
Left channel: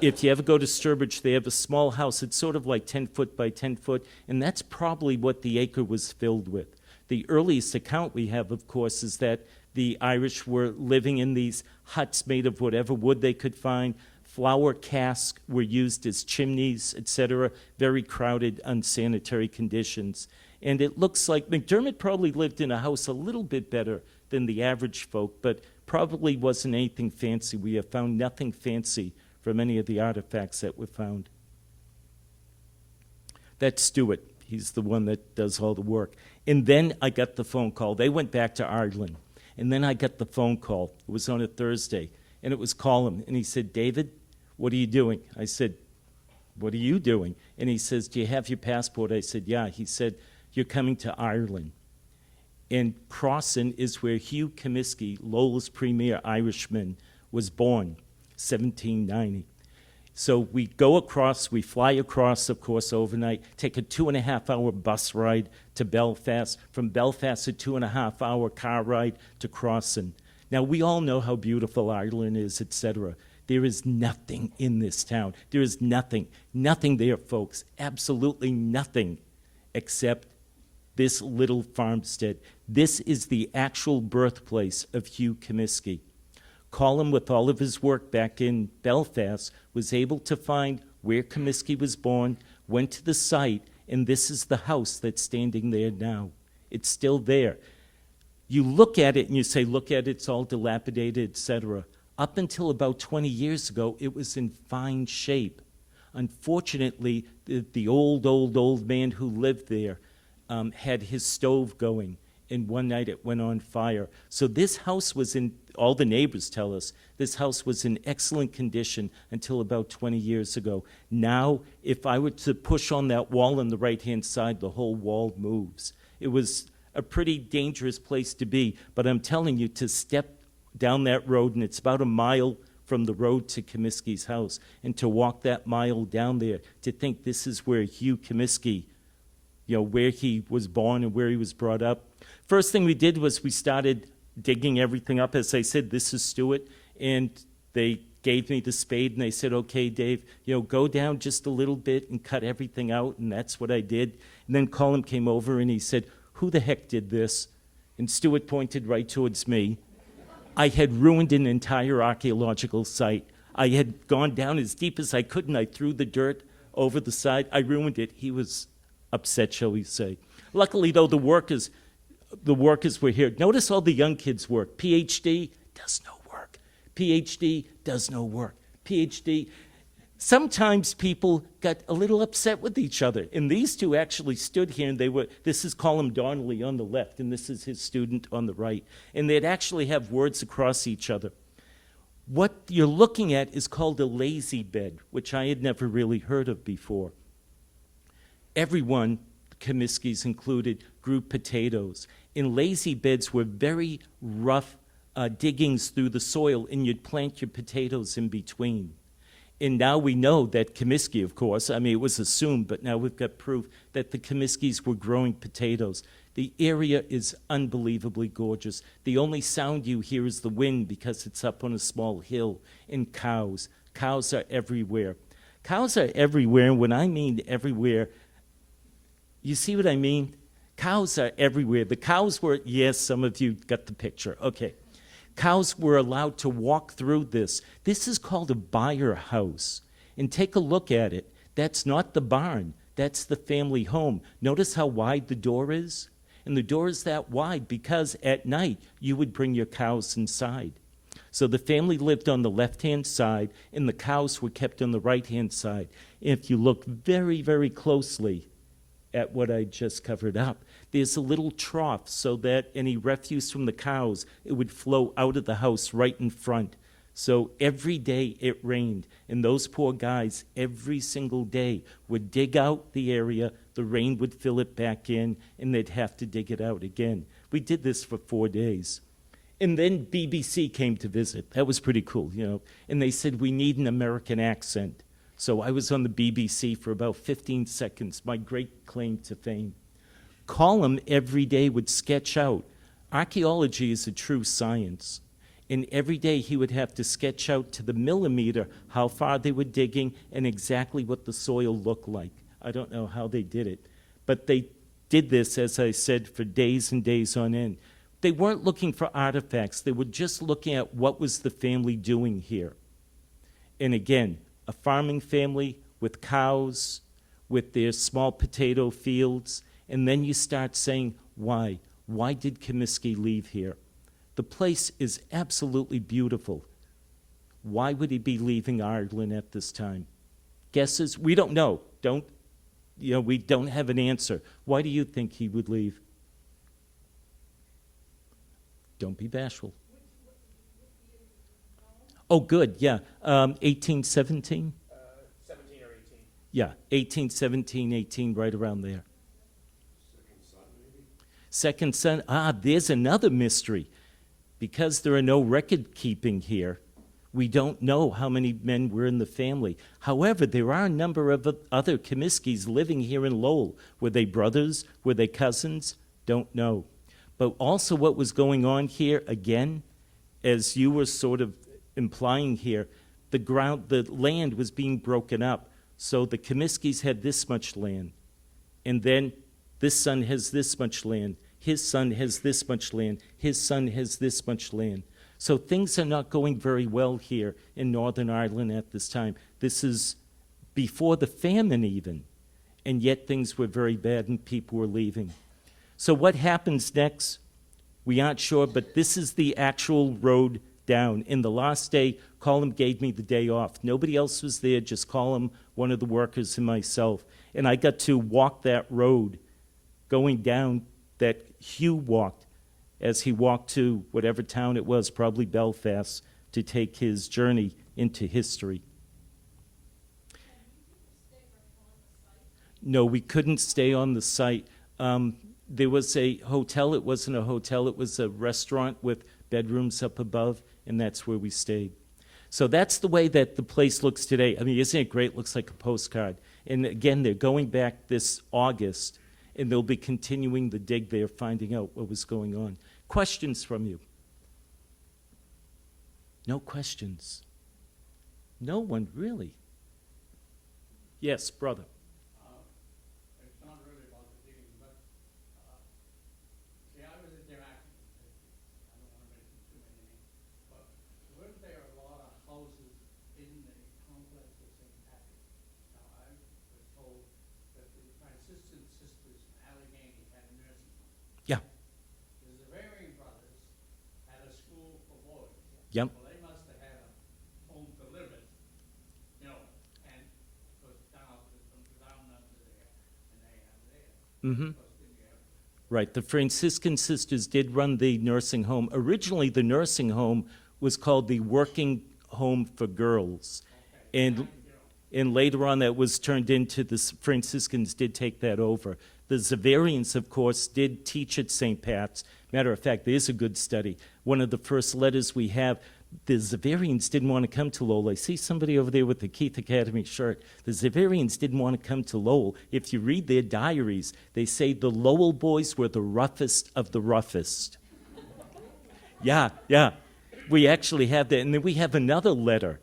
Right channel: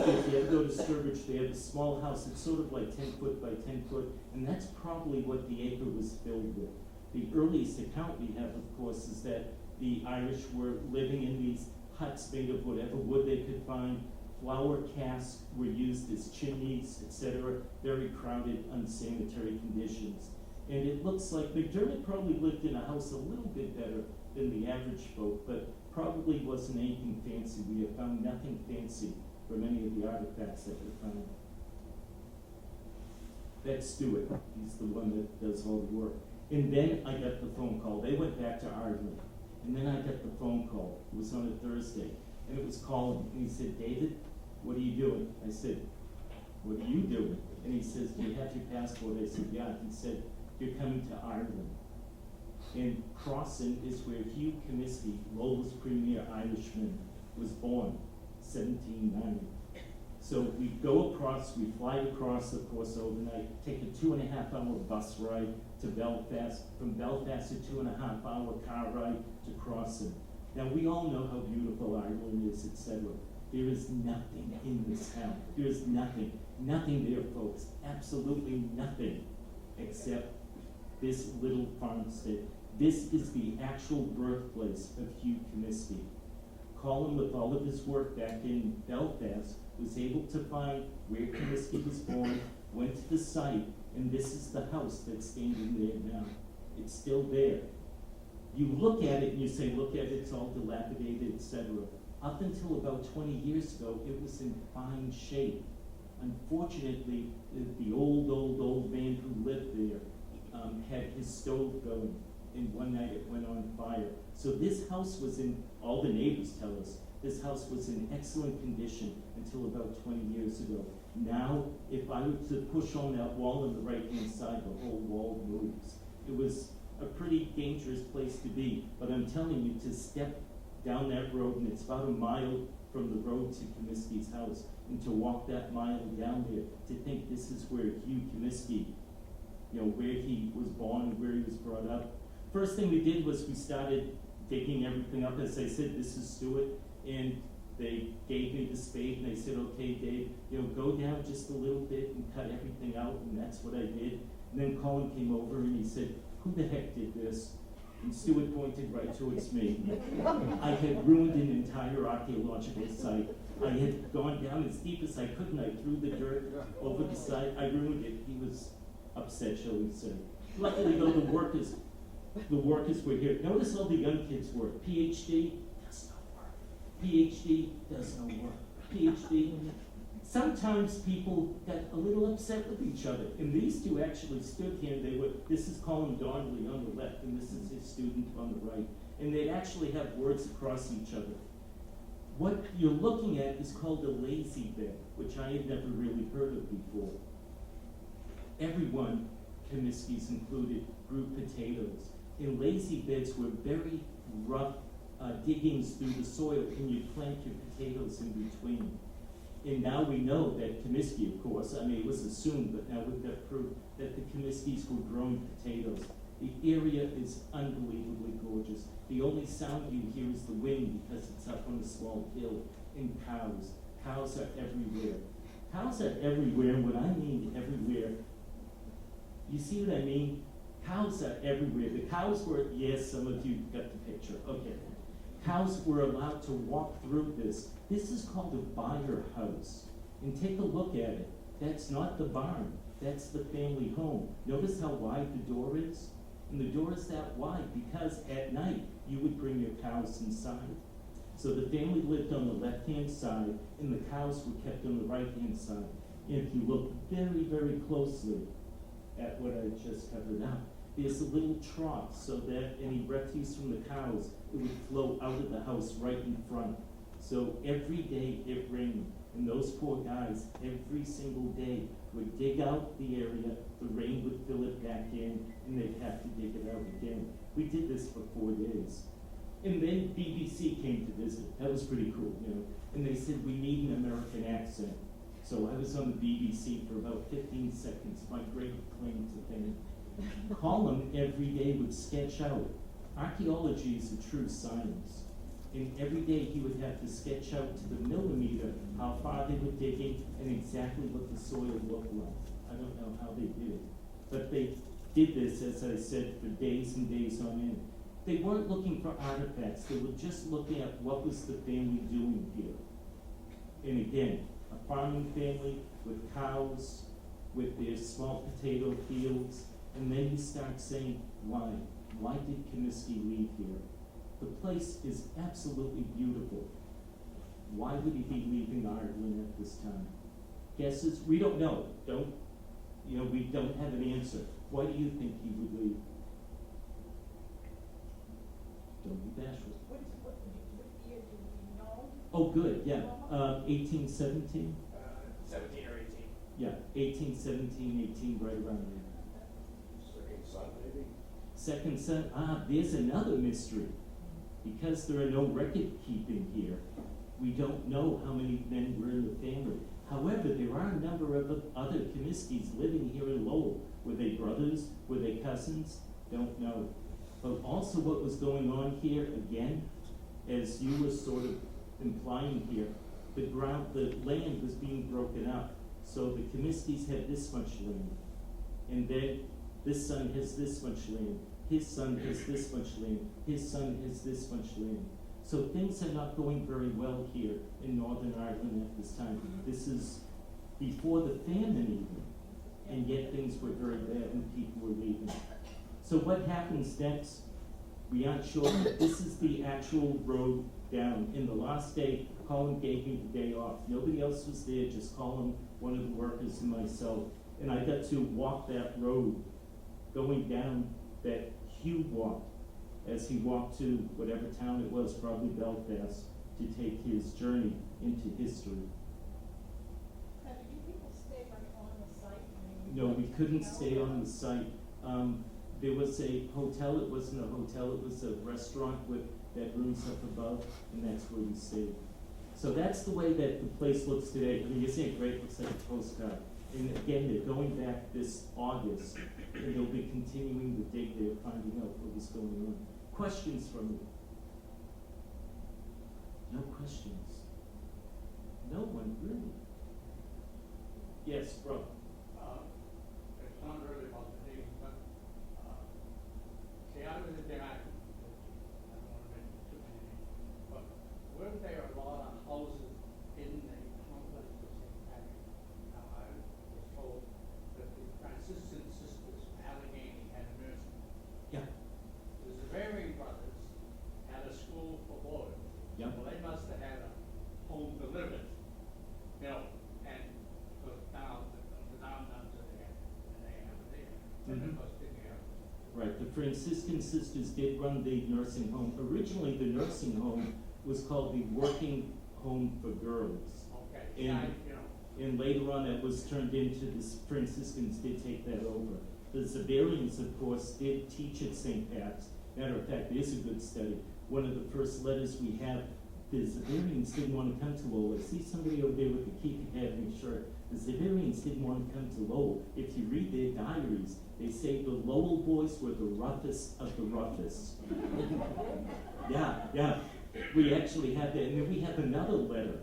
If you ever go to Sturbridge, they have a small house. It's sort of like 10 foot by 10 foot, and that's probably what the acre was filled with. The earliest account we have, of course, is that the Irish were living in these huts made of whatever wood they could find. Flour casks were used as chimneys, etc. Very crowded, unsanitary conditions. And it looks like McDermott probably lived in a house a little bit better than the average folk, but probably wasn't anything fancy. We have found nothing fancy from any of the artifacts that were found. That's Stuart. He's the one that does all the work. And then I got the phone call. They went back to Ireland. And then I got the phone call. It was on a Thursday. And it was Colin. And he said, David, what are you doing? I said, what are you doing? And he says, do you have your passport? I said, yeah. He said, you're coming to Ireland. And Crossan is where Hugh Comiskey, Lowell's premier Irishman, was born, 1790. So we go across, we fly across, of course, overnight, take a 2.5-hour bus ride to Belfast, from Belfast a 2.5-hour car ride to Crossan. Now, we all know how beautiful Ireland is, etc. There is nothing in this town. There is nothing there, folks, absolutely nothing, except this little farmstead. This is the actual birthplace of Hugh Comiskey. Colin, with all of his work back in Belfast, was able to find where Comiskey was born, went to the site, and this is the house that's standing there now. It's still there. You look at it and you say, look at it, it's all dilapidated, etc. Up until about 20 years ago, it was in fine shape. Unfortunately, the old man who lived there had his stove going, and one night it went on fire. So this house was in, all the neighbors tell us, this house was in excellent condition until about 20 years ago. Now, if I were to push on that wall on the right-hand side, the whole wall moves. It was a pretty dangerous place to be, but I'm telling you, to step down that road, and it's about a mile from the road to Comiskey's house, and to walk that mile down there, to think this is where Hugh Comiskey, where he was born and where he was brought up. First thing we did was we started digging everything up. As I said, this is Stuart, and they gave me the spade, and they said, okay, Dave, go down just a little bit and cut everything out, and that's what I did. And then Colin came over, and he said, who the heck did this? And Stuart pointed right towards me. I had ruined an entire archaeological site. I had gone down as deep as I could, and I threw the dirt over the side. I ruined it. He was upset, shall we say. Luckily, though, the workers were here. Notice all the young kids work. PhD does no work. PhD does no work. PhD. Sometimes people got a little upset with each other. And these two actually stood here, and this is Colin Donnelly on the left, and this is his student on the right. And they'd actually have words across each other. What you're looking at is called a lazy bed, which I had never really heard of before. everyone, Comiskey's included, grew potatoes. And lazy beds were very rough diggings through the soil, and you'd plant your potatoes in between. And now we know that Comiskey, of course, I mean, it was assumed, but now we've got proof that the Comiskeys were growing potatoes. The area is unbelievably gorgeous. The only sound you hear is the wind because it's up on a small hill. And cows. Cows are everywhere. Cows are everywhere, and when I mean everywhere, you see what I mean? Cows are everywhere. The cows were, yes, some of you got the picture. Okay. Cows were allowed to walk through this. This is called a byre house. And take a look at it. That's not the barn. That's the family home. Notice how wide the door is? And the door is that wide because at night you would bring your cows inside. So the family lived on the left-hand side and the cows were kept on the right-hand side. If you look very, very closely at what I just covered up, there's a little trough so that any refuse from the cows, it would flow out of the house right in front. So every day it rained, and those poor guys, every single day, would dig out the area, the rain would fill it back in, and they'd have to dig it out again. We did this for 4 days. And then BBC came to visit. That was pretty cool, you know. And they said, we need an American accent. So I was on the BBC for about 15 seconds, my great claim to fame. Column every day would sketch out. Archaeology is a true science. And every day he would have to sketch out to the millimeter how far they were digging and exactly what the soil looked like. I don't know how they did it. But they did this, as I said, for days and days on end. They weren't looking for artifacts. They were just looking at what was the family doing here. And again, a farming family with cows, with their small potato fields, and then you start saying, why? Why did Comiskey leave here? The place is absolutely beautiful. Why would he be leaving Ireland at this time? Guesses? We don't know. We don't have an answer. Why do you think he would leave? Don't be bashful. What year do you know? Oh, good, yeah. 1817? 17 or 18. Yeah, 1817, 18, right around there. Second son, there's another mystery. Because there are no record keeping here, we don't know how many men were in the family. However, there are a number of other Comiskeys living here in Lowell. Were they brothers? Were they cousins? Don't know. But also what was going on here, again, as you were sort of implying here, the land was being broken up. So the Comiskeys had this much land. And then this son has this much land. His son has this much land. His son has this much land. So things are not going very well here in Northern Ireland at this time. This is before the famine even, and yet things were very bad and people were leaving. So what happens next? We aren't sure, but this is the actual road down. In the last day, Colin gave me the day off. Nobody else was there, just Colin, one of the workers, and myself. And I got to walk that road going down that Hugh walked as he walked to whatever town it was, probably Belfast, to take his journey into history. And did you people stay right on the site? No, we couldn't stay on the site. There was a hotel. It wasn't a hotel. It was a restaurant with bedrooms up above, and that's where we stayed. So that's the way that the place looks today. I mean, isn't it great? It looks like a postcard. And again, they're going back this August, and they'll be continuing the dig there, finding out what was going on. Questions from you? No questions? No one, really? Yes, brother. It's not really about the name, but see, I was a demand. I don't want to mention too many names, but weren't there a lot of houses in the complex of St. Parish? Now, I was told that the Franciscan sisters from Allegheny had a nursing home. Yeah. The Zavarian brothers had a school for boys. Yep. Well, they must have had a home to live in, you know, and was down to there, and they have it there. Mm-hmm. Plus, didn't have it. Right, the Franciscan sisters did run the nursing home. Originally, the nursing home was called the Working Home for Girls. Okay. And, You know, And later on, that was turned into the Franciscans did take that over. The Xaverians, of course, did teach at St. Pat's. Matter of fact, there's a good study. One of the first letters we have, the Xaverians didn't want to come to Lowell. I see somebody over there with the Keith Academy shirt. The Xaverians didn't want to come to Lowell. If you read their diaries, they say the Lowell boys were the roughest of the roughest. Yeah. We actually have that. And then we have another letter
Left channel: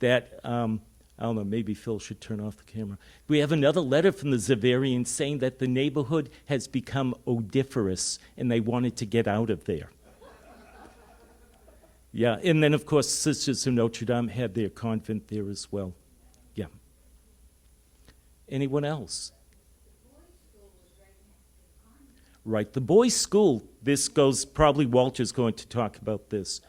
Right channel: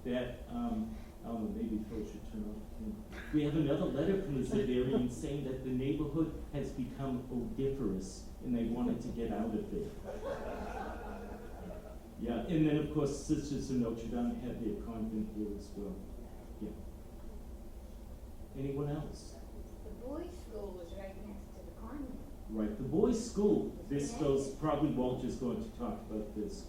that, I don't know, maybe Phil should turn off the camera. We have another letter from the Xaverians saying that the neighborhood has become odiferous and they wanted to get out of there. Yeah, and then of course Sisters of Notre Dame had their convent there as well. Yeah. Anyone else? The boys' school was right next to the convent. Right, the boys' school, this goes, probably Walter's going to talk about this,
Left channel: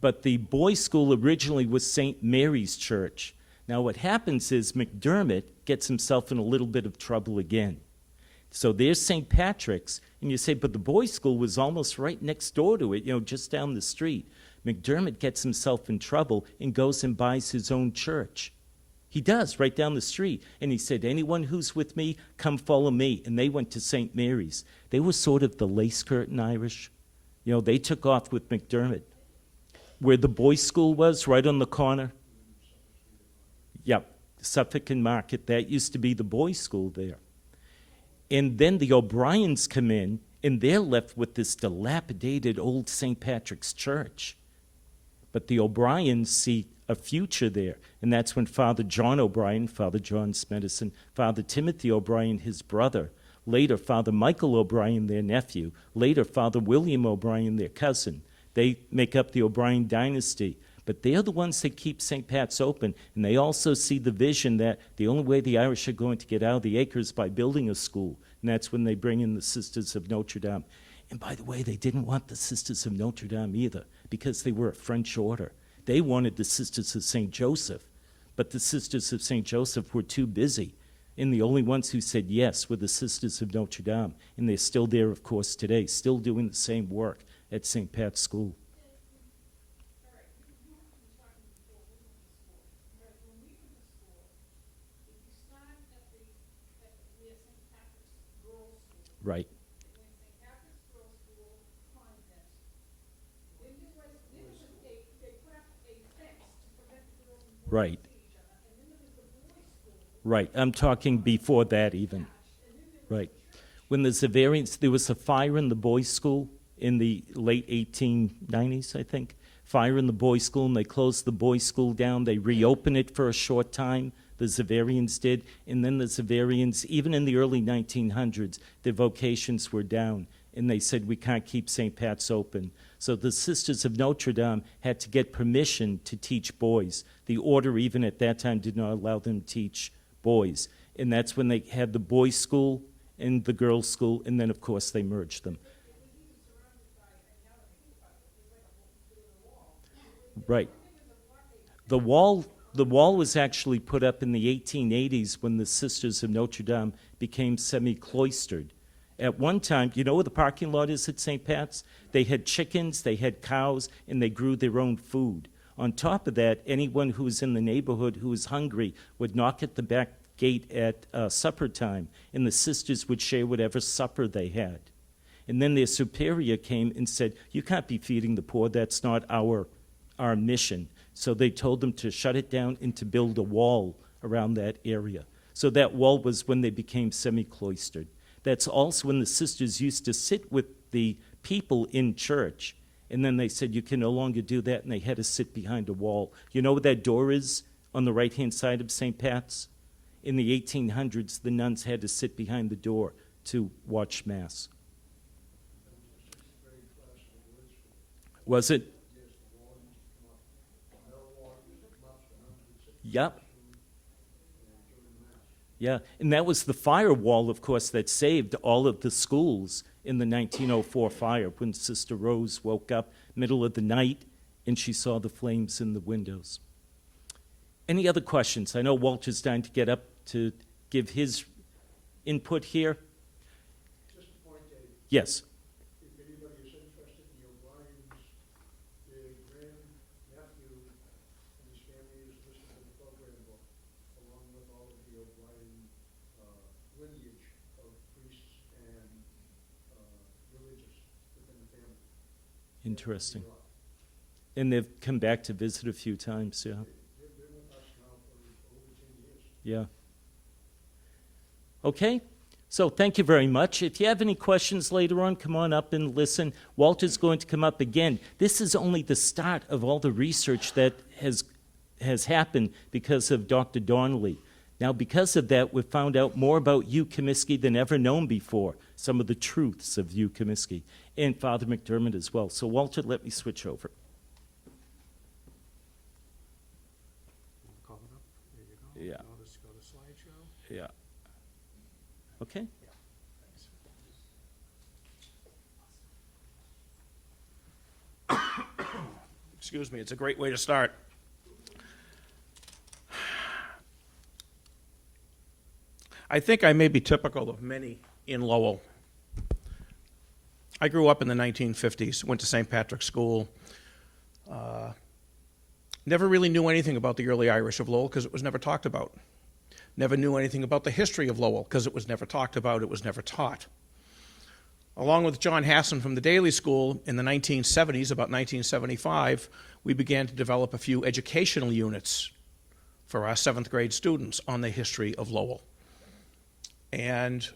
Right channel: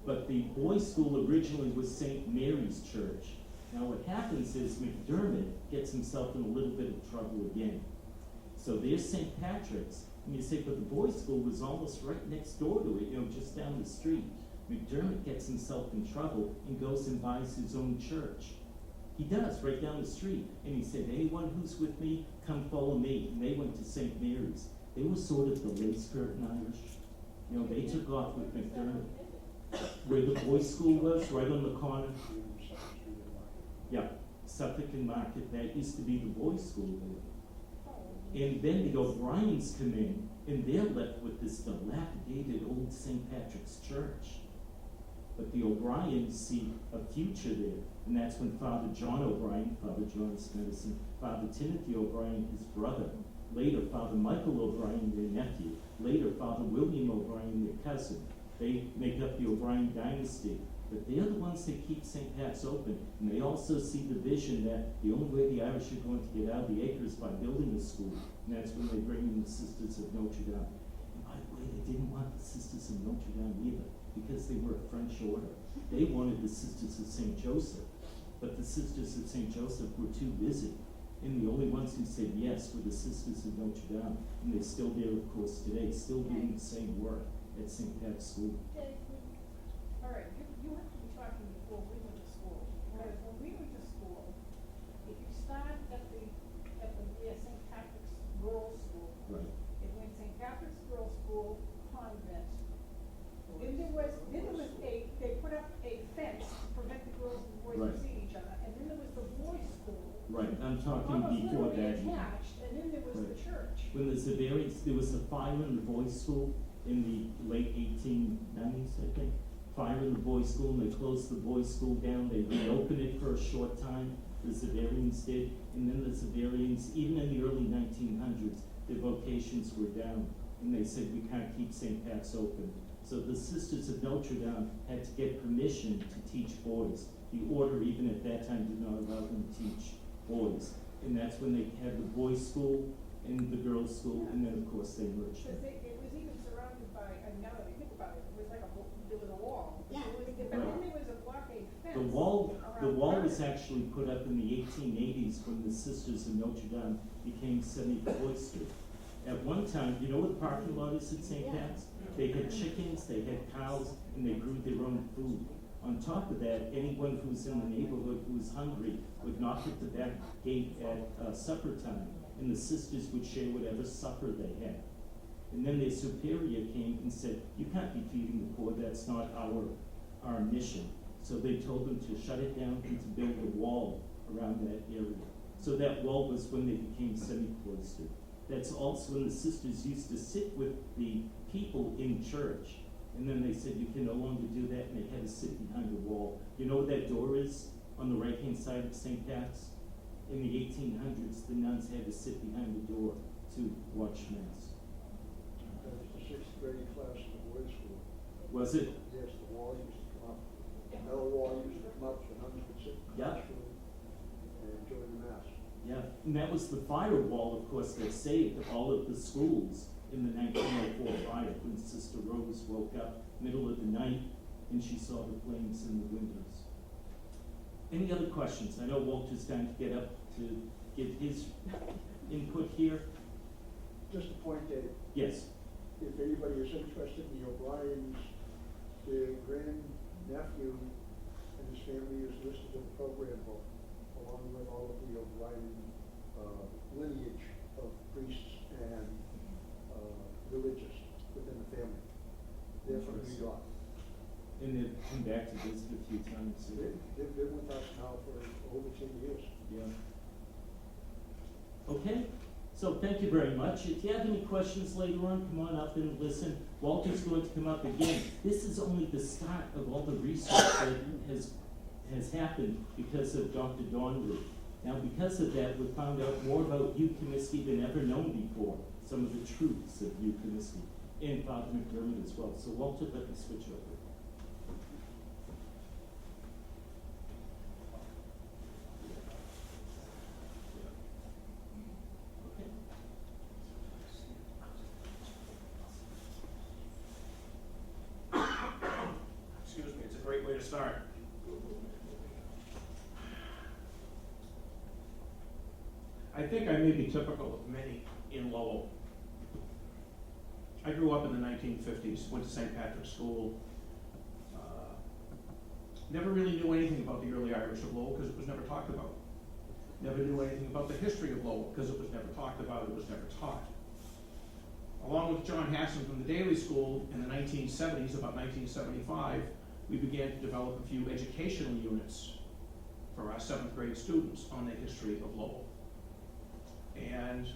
but the boys' school originally was St. Mary's Church. Now what happens is McDermott gets himself in a little bit of trouble again. So there's St. Patrick's, and you say, but the boys' school was almost right next door to it, just down the street. McDermott gets himself in trouble and goes and buys his own church. He does, right down the street. And he said, anyone who's with me, come follow me. And they went to St. Mary's. They were sort of the lace curtain Irish. They took off with McDermott. Where the boys' school was, right on the corner. Yeah, Suffolk and Market, that used to be the boys' school there. And then the O'Briens come in, and they're left with this dilapidated old St. Patrick's Church. But the O'Briens see a future there, and that's when Father John O'Brien, Father John's medicine, Father Timothy O'Brien, his brother, later Father Michael O'Brien, their nephew, later Father William O'Brien, their cousin. They make up the O'Brien dynasty. But they're the ones that keep St. Pat's open, and they also see the vision that the only way the Irish are going to get out of the acre is by building a school, and that's when they bring in the Sisters of Notre Dame. And by the way, they didn't want the Sisters of Notre Dame either, because they were a French order. They wanted the Sisters of St. Joseph, but the Sisters of St. Joseph were too busy, and the only ones who said yes were the Sisters of Notre Dame, and they're still there, of course, today, still doing the same work at St. Pat's School. All right, you have to be talking before we went to school. Because when we went to school, if you start at the St. Patrick's Girls' School, Right. it went St. Patrick's Girls' School, convent. Then there was they put up a fence to prevent the girls from Right. seeing each other. And then there was the boys' school. Right, I'm talking before that even. Attached, and then there was Right. the church. When the Xaverians, there was a fire in the boys' school in the late 1890s, I think. Fire in the boys' school, and they closed the boys' school down. They reopened it for a short time, the Xaverians did. And then the Xaverians, even in the early 1900s, their vocations were down. And they said, we can't keep St. Pat's open. So the Sisters of Notre Dame had to get permission to teach boys. The order, even at that time, did not allow them to teach boys. And that's when they had the boys' school and the girls' school, and then, of course, they merged them. It was even surrounded by, now that I think about it, it was like there was a wall. Yeah. Right. And there was a blockade fence. The wall was actually put up in the 1880s when the Sisters of Notre Dame became semi-cloistered. At one time, you know where the parking lot is at St. Pat's? They had chickens, they had cows, and they grew their own food. On top of that, anyone who was in the neighborhood who was hungry would knock at the back gate at supper time, and the sisters would share whatever supper they had. And then their superior came and said, you can't be feeding the poor, that's not our mission. So they told them to shut it down and to build a wall around that area. So that wall was when they became semi-cloistered. That's also when the sisters used to sit with the people in church. And then they said, you can no longer do that, and they had to sit behind a wall. You know where that door is on the right-hand side of St. Pat's? In the 1800s, the nuns had to sit behind the door to watch Mass. That was the sixth grade class in the boys' school. Was it? Yes, the wall used to come up, the metal wall used to come up, the nuns would sit in the Yep. classroom and join the mass. Yeah, and that was the firewall, of course, that saved all of the schools in the 1904 fire when Sister Rose woke up middle of the night and she saw the flames in the windows. Any other questions? I know Walter's dying to get up to give his input here. Just a point, Dave, Yes. if anybody is interested in the O'Briens, the grandnephew and his family is listed in the program book, along Interesting. Rock. And they've come back to visit a few times, yeah. They've been with us now for over 10 years. Yeah. Okay, so thank you very much. If you have any questions later on, come on up and listen. Walter's going to come up again. This is only the start of all the research that has happened because of Dr. Donnelly. Now, because of that, we've found out more about Hugh Comiskey than ever known before, some of the truths of Hugh Comiskey, and Father McDermott as well. So, Walter, let me switch over. Yeah. Yeah. Okay. Excuse me, it's a great way to start. I think I may be typical of many in Lowell. I grew up in the 1950s, went to St. Patrick's School. Never really knew anything about the early Irish of Lowell because it was never talked about. Never knew anything about the history of Lowell because it was never talked about, it was never taught. Along with John Hassan from the Daily School in the 1970s, about 1975, we began to develop a few educational units for our 7th grade students on the history of Lowell. And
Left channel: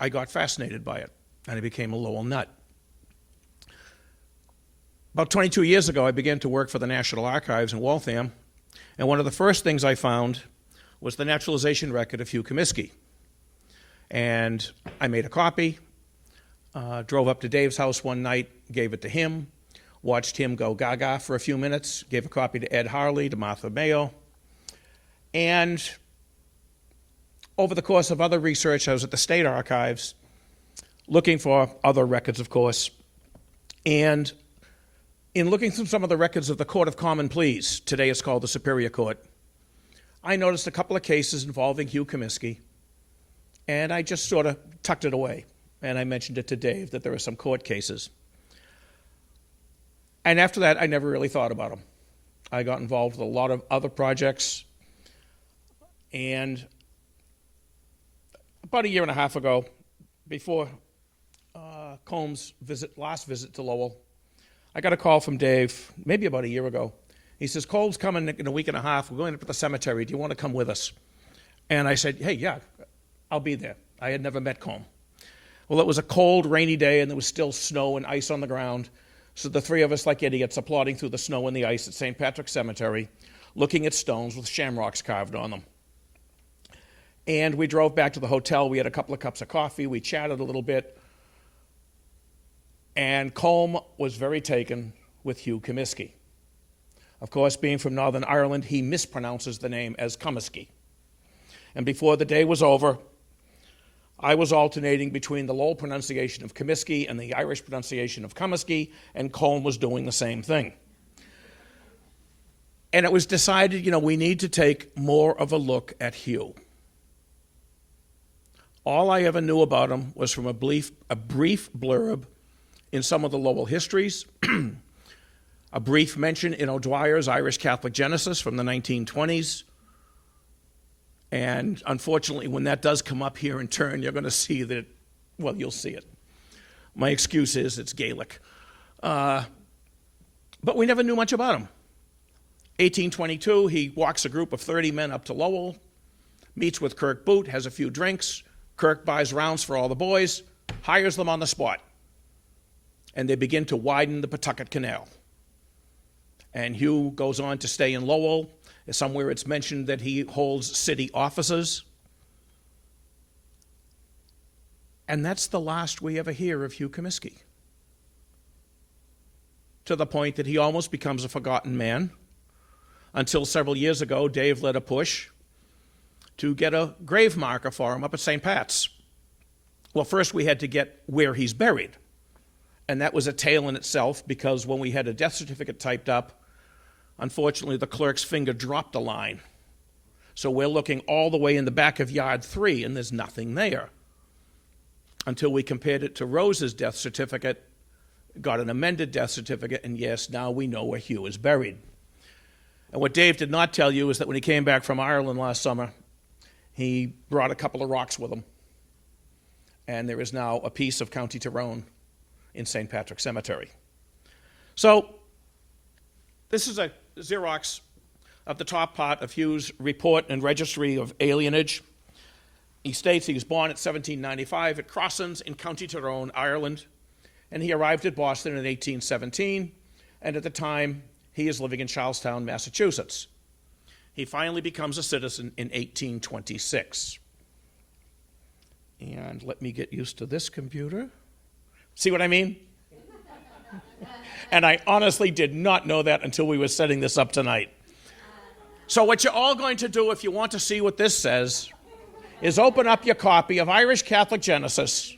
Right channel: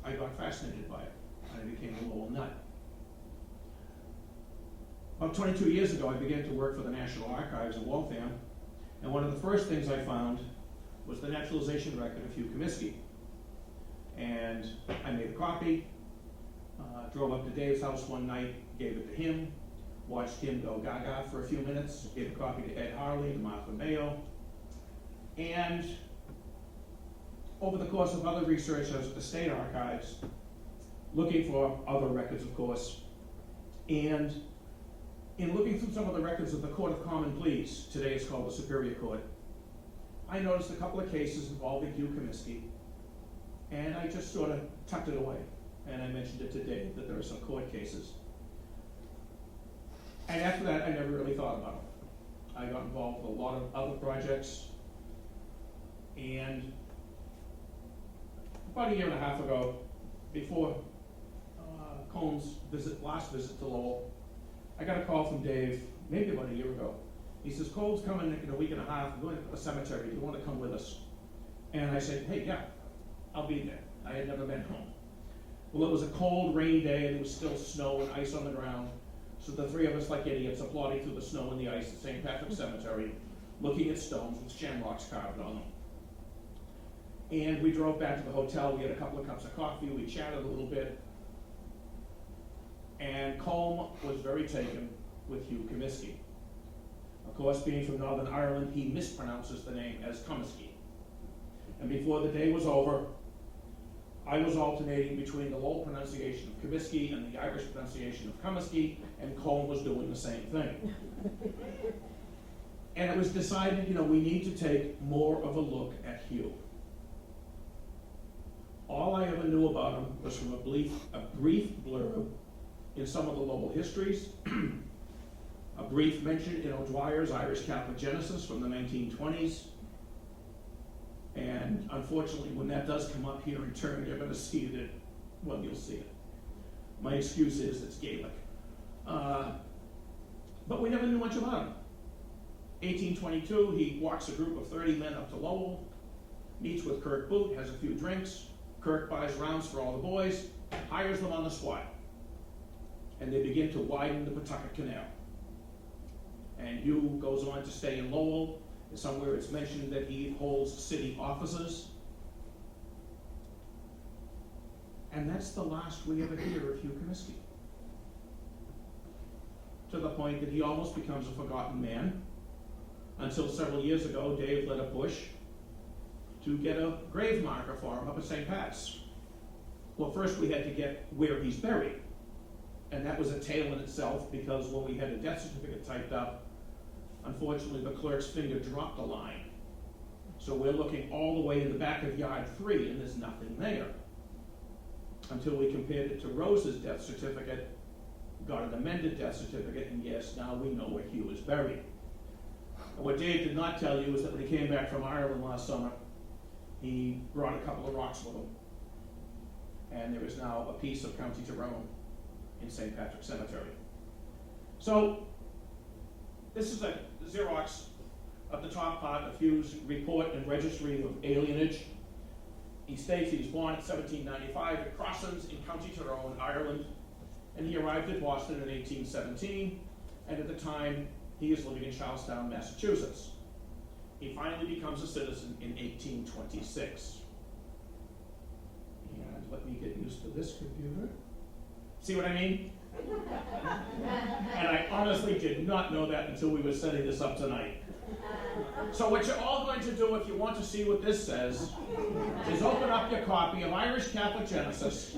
I got fascinated by it, and I became a Lowell nut. About 22 years ago, I began to work for the National Archives in Waltham, and one of the first things I found was the naturalization record of Hugh Comiskey. And I made a copy, drove up to Dave's house one night, gave it to him, watched him go gaga for a few minutes, gave a copy to Ed Harley, to Martha Mayo, and over the course of other research, I was at the State Archives looking for other records, of course, and in looking through some of the records of the Court of Common Pleas, today it's called the Superior Court, I noticed a couple of cases involving Hugh Comiskey, and I just sort of tucked it away. And I mentioned it to Dave that there are some court cases. And after that, I never really thought about them. I got involved with a lot of other projects, and about a year and a half ago, before Combs' last visit to Lowell, I got a call from Dave, maybe about a year ago. He says, Cole's coming in a week and a half. We're going up to the cemetery. Do you want to come with us? And I said, hey, yeah, I'll be there. I had never met Combe. Well, it was a cold, rainy day, and there was still snow and ice on the ground. So the three of us, like idiots, are plodding through the snow and the ice at St. Patrick's Cemetery, looking at stones with shamrocks carved on them. And we drove back to the hotel. We had a couple of cups of coffee. We chatted a little bit. And Combe was very taken with Hugh Comiskey. Of course, being from Northern Ireland, he mispronounces the name as Comiskey. And before the day was over, I was alternating between the Lowell pronunciation of Comiskey and the Irish pronunciation of Comiskey, and Combe was doing the same thing. And it was decided, we need to take more of a look at Hugh. All I ever knew about him was from a brief blurb in some of the Lowell histories, a brief mention in O'Dwyer's Irish Catholic Genesis from the 1920s. And unfortunately, when that does come up here in turn, you're going to see that, you'll see it. My excuse is it's Gaelic. But we never knew much about him. 1822, he walks a group of 30 men up to Lowell, meets with Kirk Boot, has a few drinks. Kirk buys rounds for all the boys, hires them on the spot. And they begin to widen the Pawtucket Canal. And Hugh goes on to stay in Lowell. Somewhere it's mentioned that he holds city offices. And that's the last we ever hear of Hugh Comiskey. To the point that he almost becomes a forgotten man. Until several years ago, Dave led a push to get a grave marker for him up at St. Pat's. Well, first we had to get where he's buried. And that was a tale in itself, because when we had a death certificate typed up, unfortunately the clerk's finger dropped a line. So we're looking all the way in the back of yard 3, and there's nothing there. Until we compared it to Rose's death certificate, got an amended death certificate, and yes, now we know where Hugh is buried. And what Dave did not tell you is that when he came back from Ireland last summer, he brought a couple of rocks with him. And there is now a piece of County Tyrone in St. Patrick's Cemetery. So this is a Xerox of the top part of Hugh's report and registry of alienage. He states he was born in 1795 at Crossens in County Tyrone, Ireland, and he arrived at Boston in 1817, and at the time he is living in Charlestown, Massachusetts. He finally becomes a citizen in 1826. And let me get used to this computer. See what I mean? And I honestly did not know that until we were setting this up tonight. So what you're all going to do, if you want to see what this says, is open up your copy of Irish Catholic Genesis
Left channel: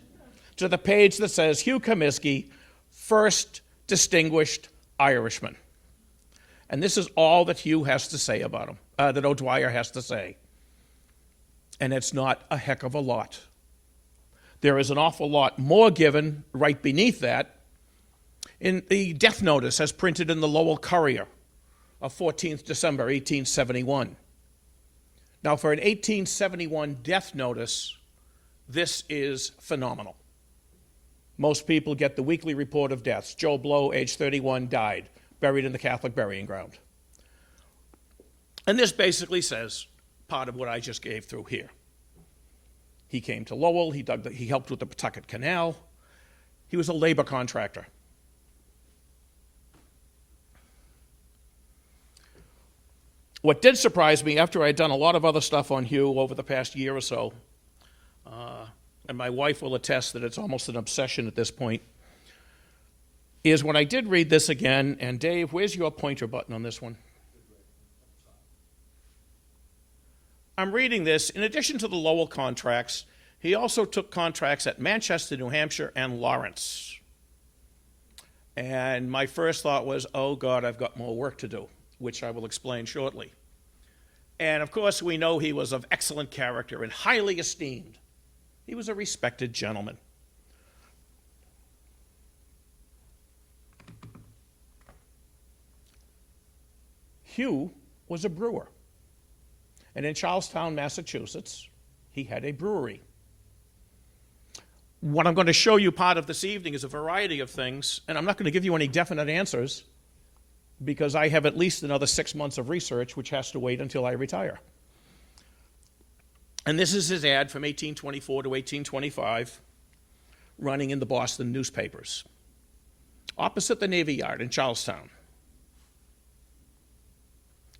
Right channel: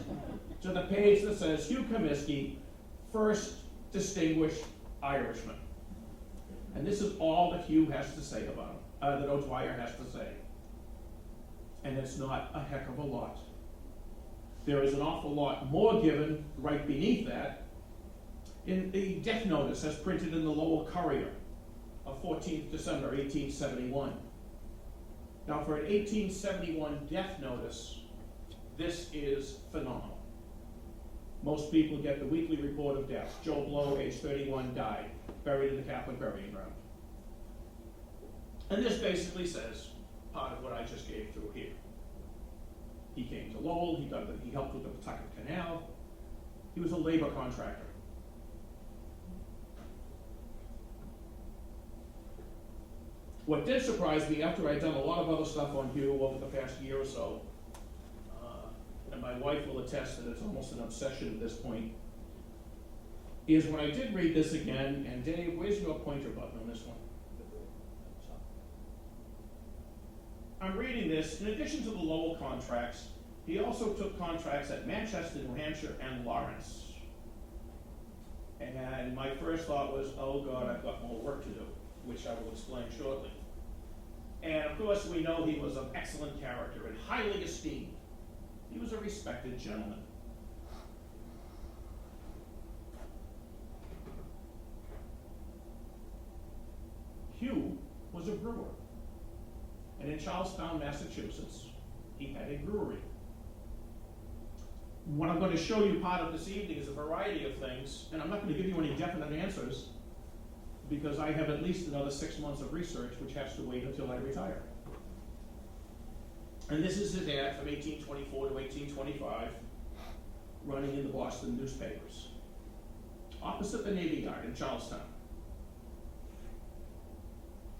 to the page that says Hugh Comiskey, First Distinguished Irishman. And this is all that Hugh has to say about him, that O'Dwyer has to say. And it's not a heck of a lot. There is an awful lot more given right beneath that in the death notice as printed in the Lowell Courier of 14th December, 1871. Now, for an 1871 death notice, this is phenomenal. Most people get the weekly report of deaths. Joe Blow, age 31, died, buried in the Catholic burying ground. And this basically says part of what I just gave through here. He came to Lowell, he helped with the Pawtucket Canal. He was a labor contractor. What did surprise me, after I had done a lot of other stuff on Hugh over the past year or so, and my wife will attest that it's almost an obsession at this point, is when I did read this again, and Dave, where's your pointer button on this one? I'm reading this. In addition to the Lowell contracts, he also took contracts at Manchester, New Hampshire, and Lawrence. And my first thought was, oh God, I've got more work to do, which I will explain shortly. And of course, we know he was of excellent character and highly esteemed. He was a respected gentleman. Hugh was a brewer. And in Charlestown, Massachusetts, he had a brewery. What I'm going to show you part of this evening is a variety of things, and I'm not going to give you any definite answers because I have at least another 6 months of research, which has to wait until I retire. And this is his ad from 1824 to 1825, running in the Boston newspapers, opposite the Navy Yard in Charlestown.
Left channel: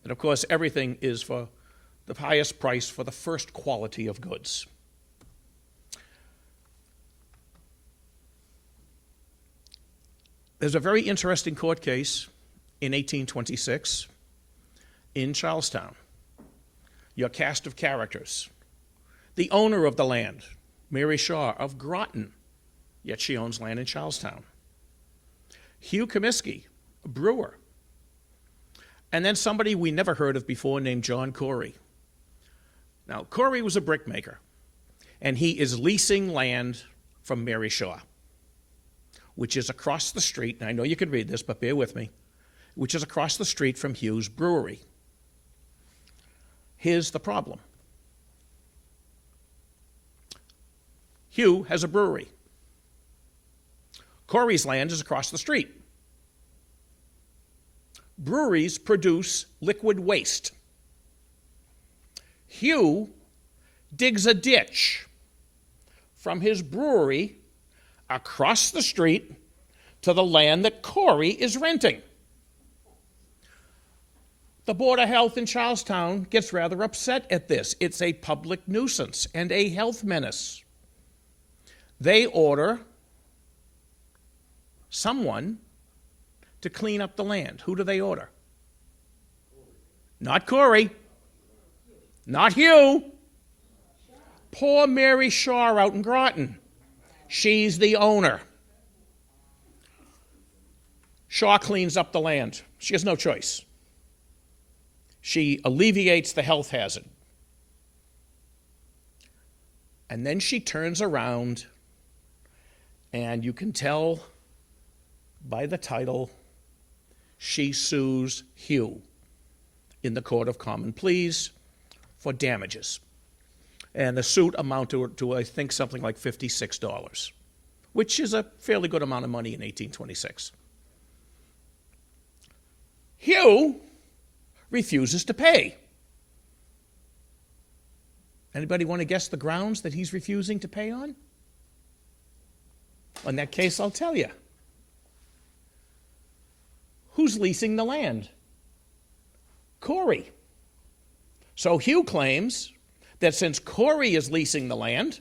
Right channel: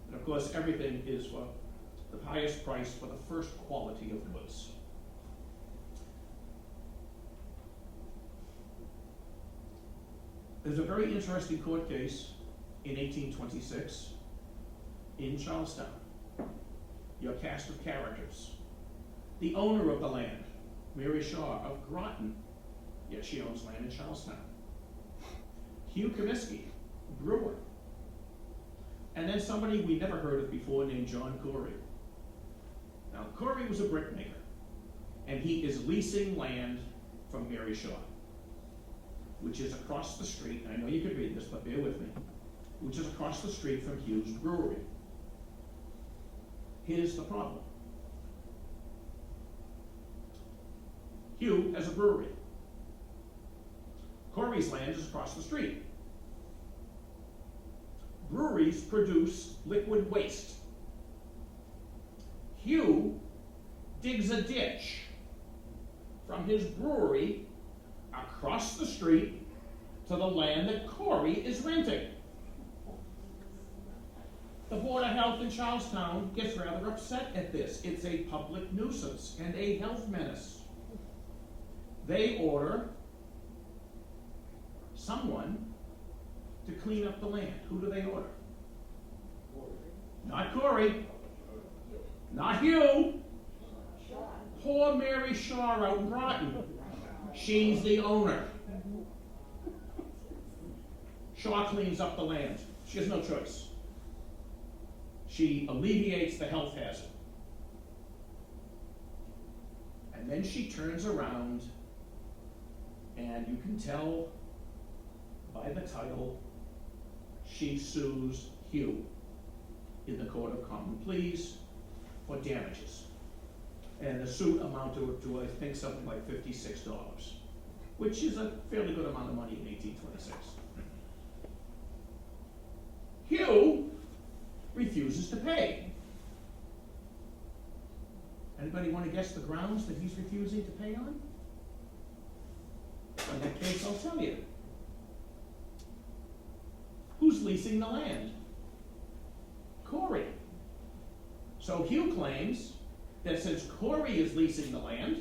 And of course, everything is for the highest price for the first quality of goods. There's a very interesting court case in 1826 in Charlestown. Your cast of characters. The owner of the land, Mary Shaw of Groton, yet she owns land in Charlestown. Hugh Comiskey, a brewer. And then somebody we never heard of before named John Corey. Now, Corey was a brickmaker, and he is leasing land from Mary Shaw, which is across the street, and I know you could read this, but bear with me, which is across the street from Hugh's brewery. Here's the problem. Hugh has a brewery. Corey's land is across the street. Breweries produce liquid waste. Hugh digs a ditch from his brewery across the street to the land that Corey is renting. The Board of Health in Charlestown gets rather upset at this. It's a public nuisance and a health menace. They order someone to clean up the land. Who do they order? Not Corey. Not Hugh. Poor Mary Shaw out in Groton. She's the owner. Shaw cleans up the land. She has no choice. She alleviates the health hazard. And then she turns around, and you can tell by the title, she sues Hugh in the Court of Common Pleas for damages. And the suit amounted to, I think, something like $56, which is a fairly good amount of money in 1826. Hugh refuses to pay. Anybody want to guess the grounds that he's refusing to pay on? In that case, I'll tell you. Who's leasing the land? Corey. So Hugh claims that since Corey is leasing the land,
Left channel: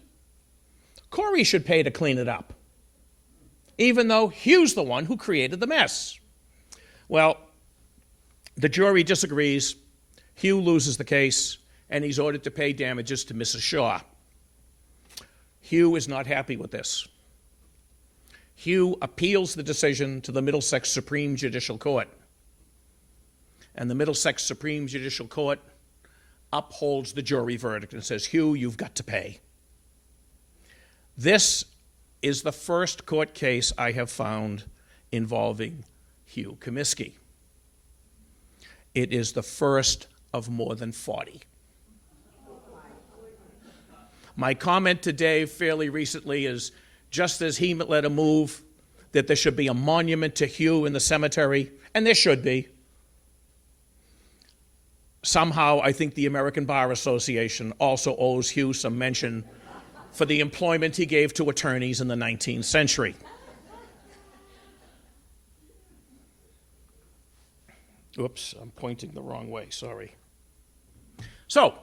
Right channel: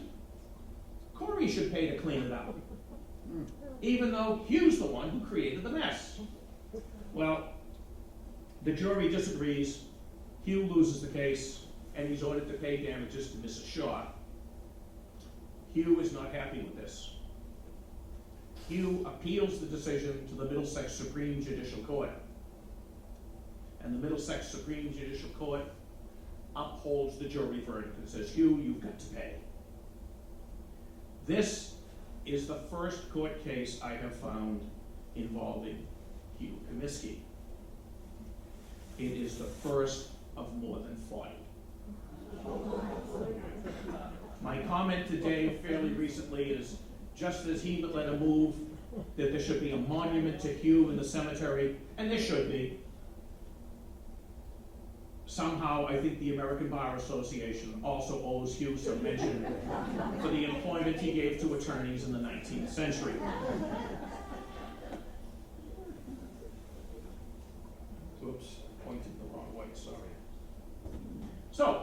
Corey should pay to clean it up, even though Hugh's the one who created the mess. Well, the jury disagrees. Hugh loses the case, and he's ordered to pay damages to Mrs. Shaw. Hugh is not happy with this. Hugh appeals the decision to the Middlesex Supreme Judicial Court. And the Middlesex Supreme Judicial Court upholds the jury verdict and says, Hugh, you've got to pay. This is the first court case I have found involving Hugh Comiskey. It is the first of more than 40. My comment to Dave fairly recently is, just as he led a move that there should be a monument to Hugh in the cemetery, and there should be, somehow I think the American Bar Association also owes Hugh some mention for the employment he gave to attorneys in the 19th century. Oops, I'm pointing the wrong way, sorry. So,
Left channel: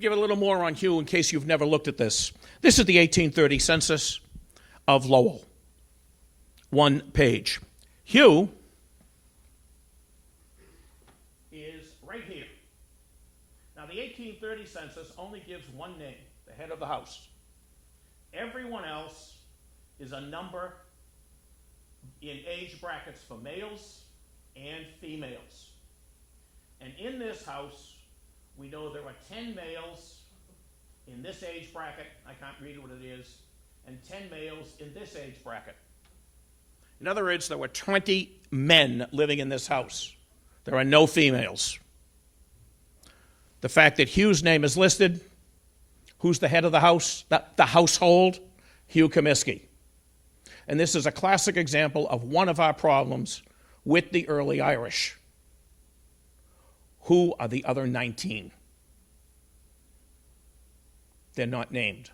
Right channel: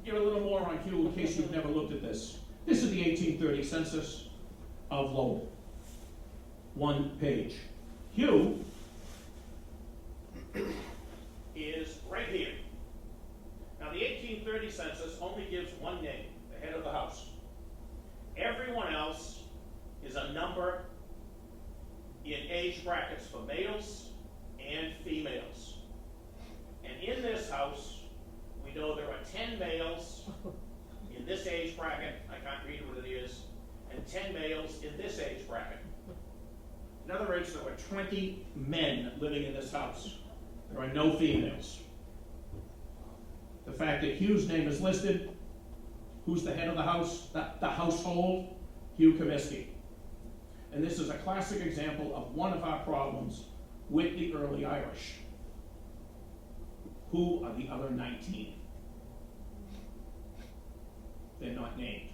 give it a little more on Hugh in case you've never looked at this. This is the 1830 census of Lowell. One page. Hugh is right here. Now, the 1830 census only gives one name, the head of the house. Everyone else is a number in age brackets for males and females. And in this house, we know there are 10 males in this age bracket, I can't read what it is, and 10 males in this age bracket. In other words, there were 20 men living in this house. There are no females. The fact that Hugh's name is listed, who's the head of the house, the household? Hugh Comiskey. And this is a classic example of one of our problems with the early Irish. Who are the other 19? They're not named.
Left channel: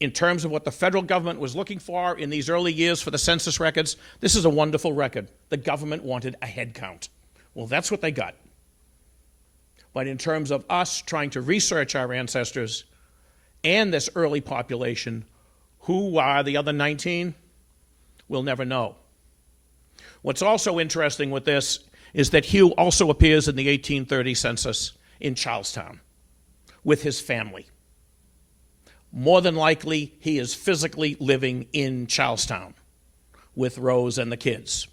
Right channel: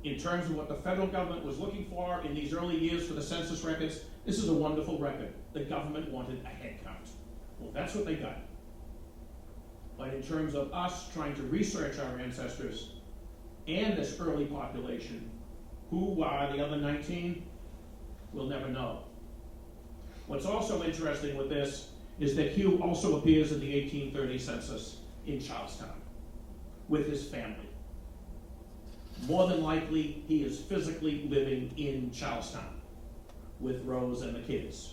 In terms of what the federal government was looking for in these early years for the census records, this is a wonderful record. The government wanted a head count. Well, that's what they got. But in terms of us trying to research our ancestors and this early population, who are the other 19? We'll never know. What's also interesting with this is that Hugh also appears in the 1830 census in Charlestown with his family. More than likely, he is physically living in Charlestown with Rose and the kids.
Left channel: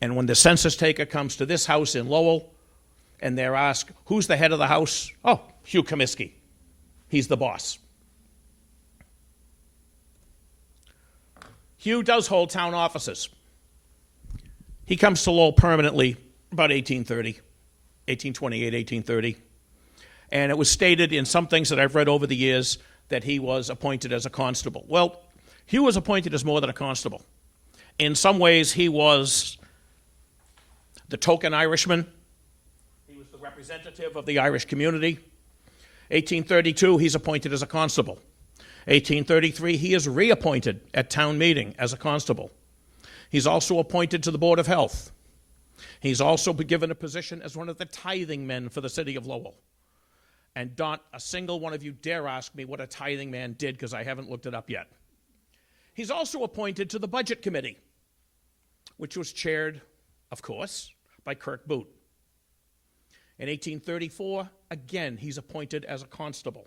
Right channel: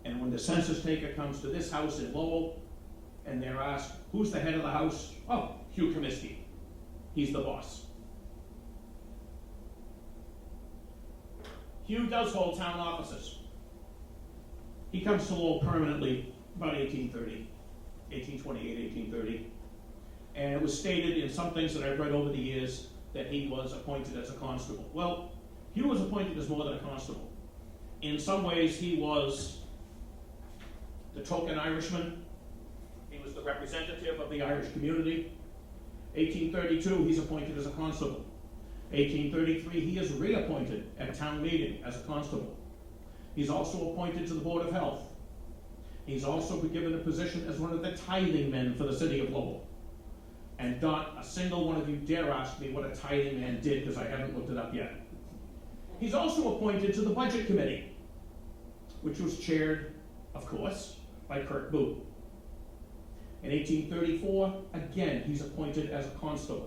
And when the census taker comes to this house in Lowell and they're asked, who's the head of the house? Oh, Hugh Comiskey. He's the boss. Hugh does hold town offices. He comes to Lowell permanently about 1828, 1830. And it was stated in some things that I've read over the years that he was appointed as a constable. Well, Hugh was appointed as more than a constable. In some ways, he was the token Irishman. He was the representative of the Irish community. 1832, he's appointed as a constable. 1833, he is reappointed at town meeting as a constable. He's also appointed to the Board of Health. He's also been given a position as one of the tithing men for the city of Lowell. And not a single one of you dare ask me what a tithing man did, because I haven't looked it up yet. He's also appointed to the Budget Committee, which was chaired, of course, by Kirk Boot. In 1834, again, he's appointed as a constable.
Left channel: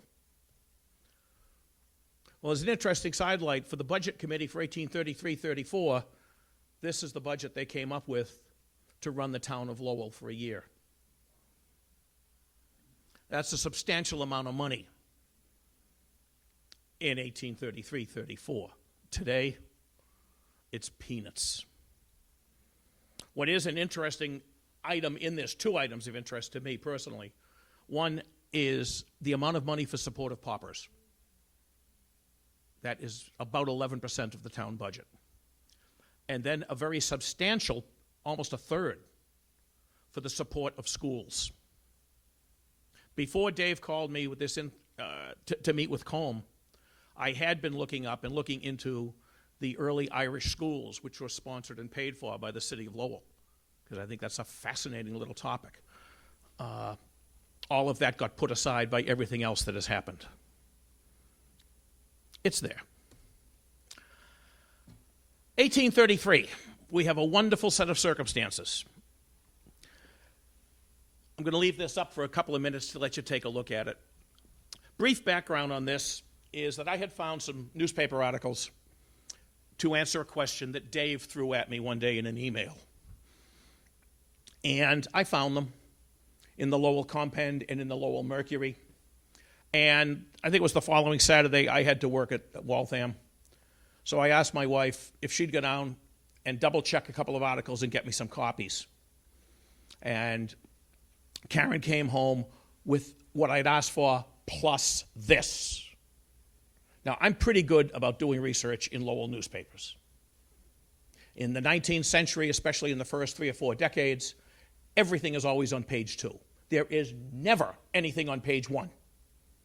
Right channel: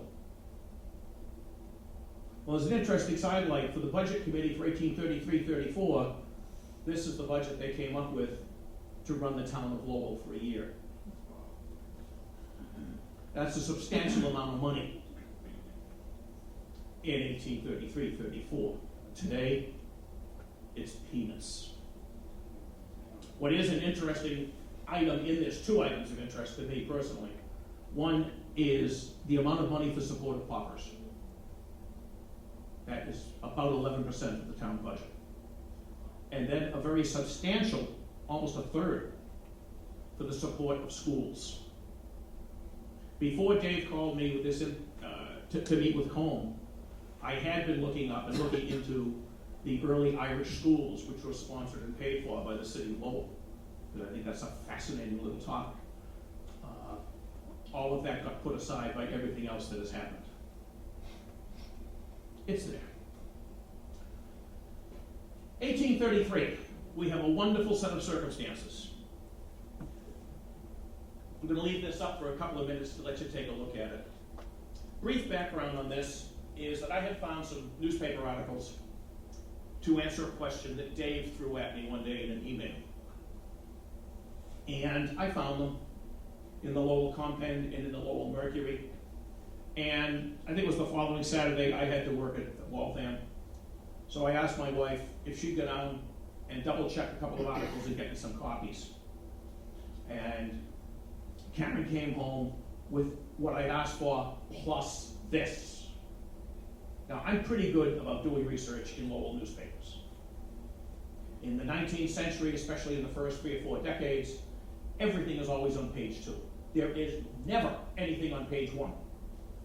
Well, as an interesting sidelight for the Budget Committee for 1833-34, this is the budget they came up with to run the town of Lowell for a year. That's a substantial amount of money in 1833-34. Today, it's peanuts. What is an interesting item in this, two items of interest to me personally. One is the amount of money for support of paupers. That is about 11% of the town budget. and then a very substantial, almost a third, for the support of schools. Before Dave called me with this to meet with Combe, I had been looking into the early Irish schools, which were sponsored and paid for by the city of Lowell, because I think that's a fascinating little topic. All of that got put aside by everything else that has happened. It's there. 1833, we have a wonderful set of circumstances. I'm going to leave this up for a couple of minutes to let you take a look at it. Brief background on this is that I had found some newspaper articles to answer a question that Dave threw at me one day in an email. And I found them in the Lowell Compend and in the Lowell Mercury. And I think it was the following Saturday I had to work at Waltham. So I asked my wife if she'd go down and double check a couple of articles and get me some copies. And Karen came home with what I'd asked for plus this. Now, I'm pretty good about doing research in Lowell newspapers. In the 19th century, especially in the first 3 or 4 decades, everything is always on page 2. There is never anything on page 1.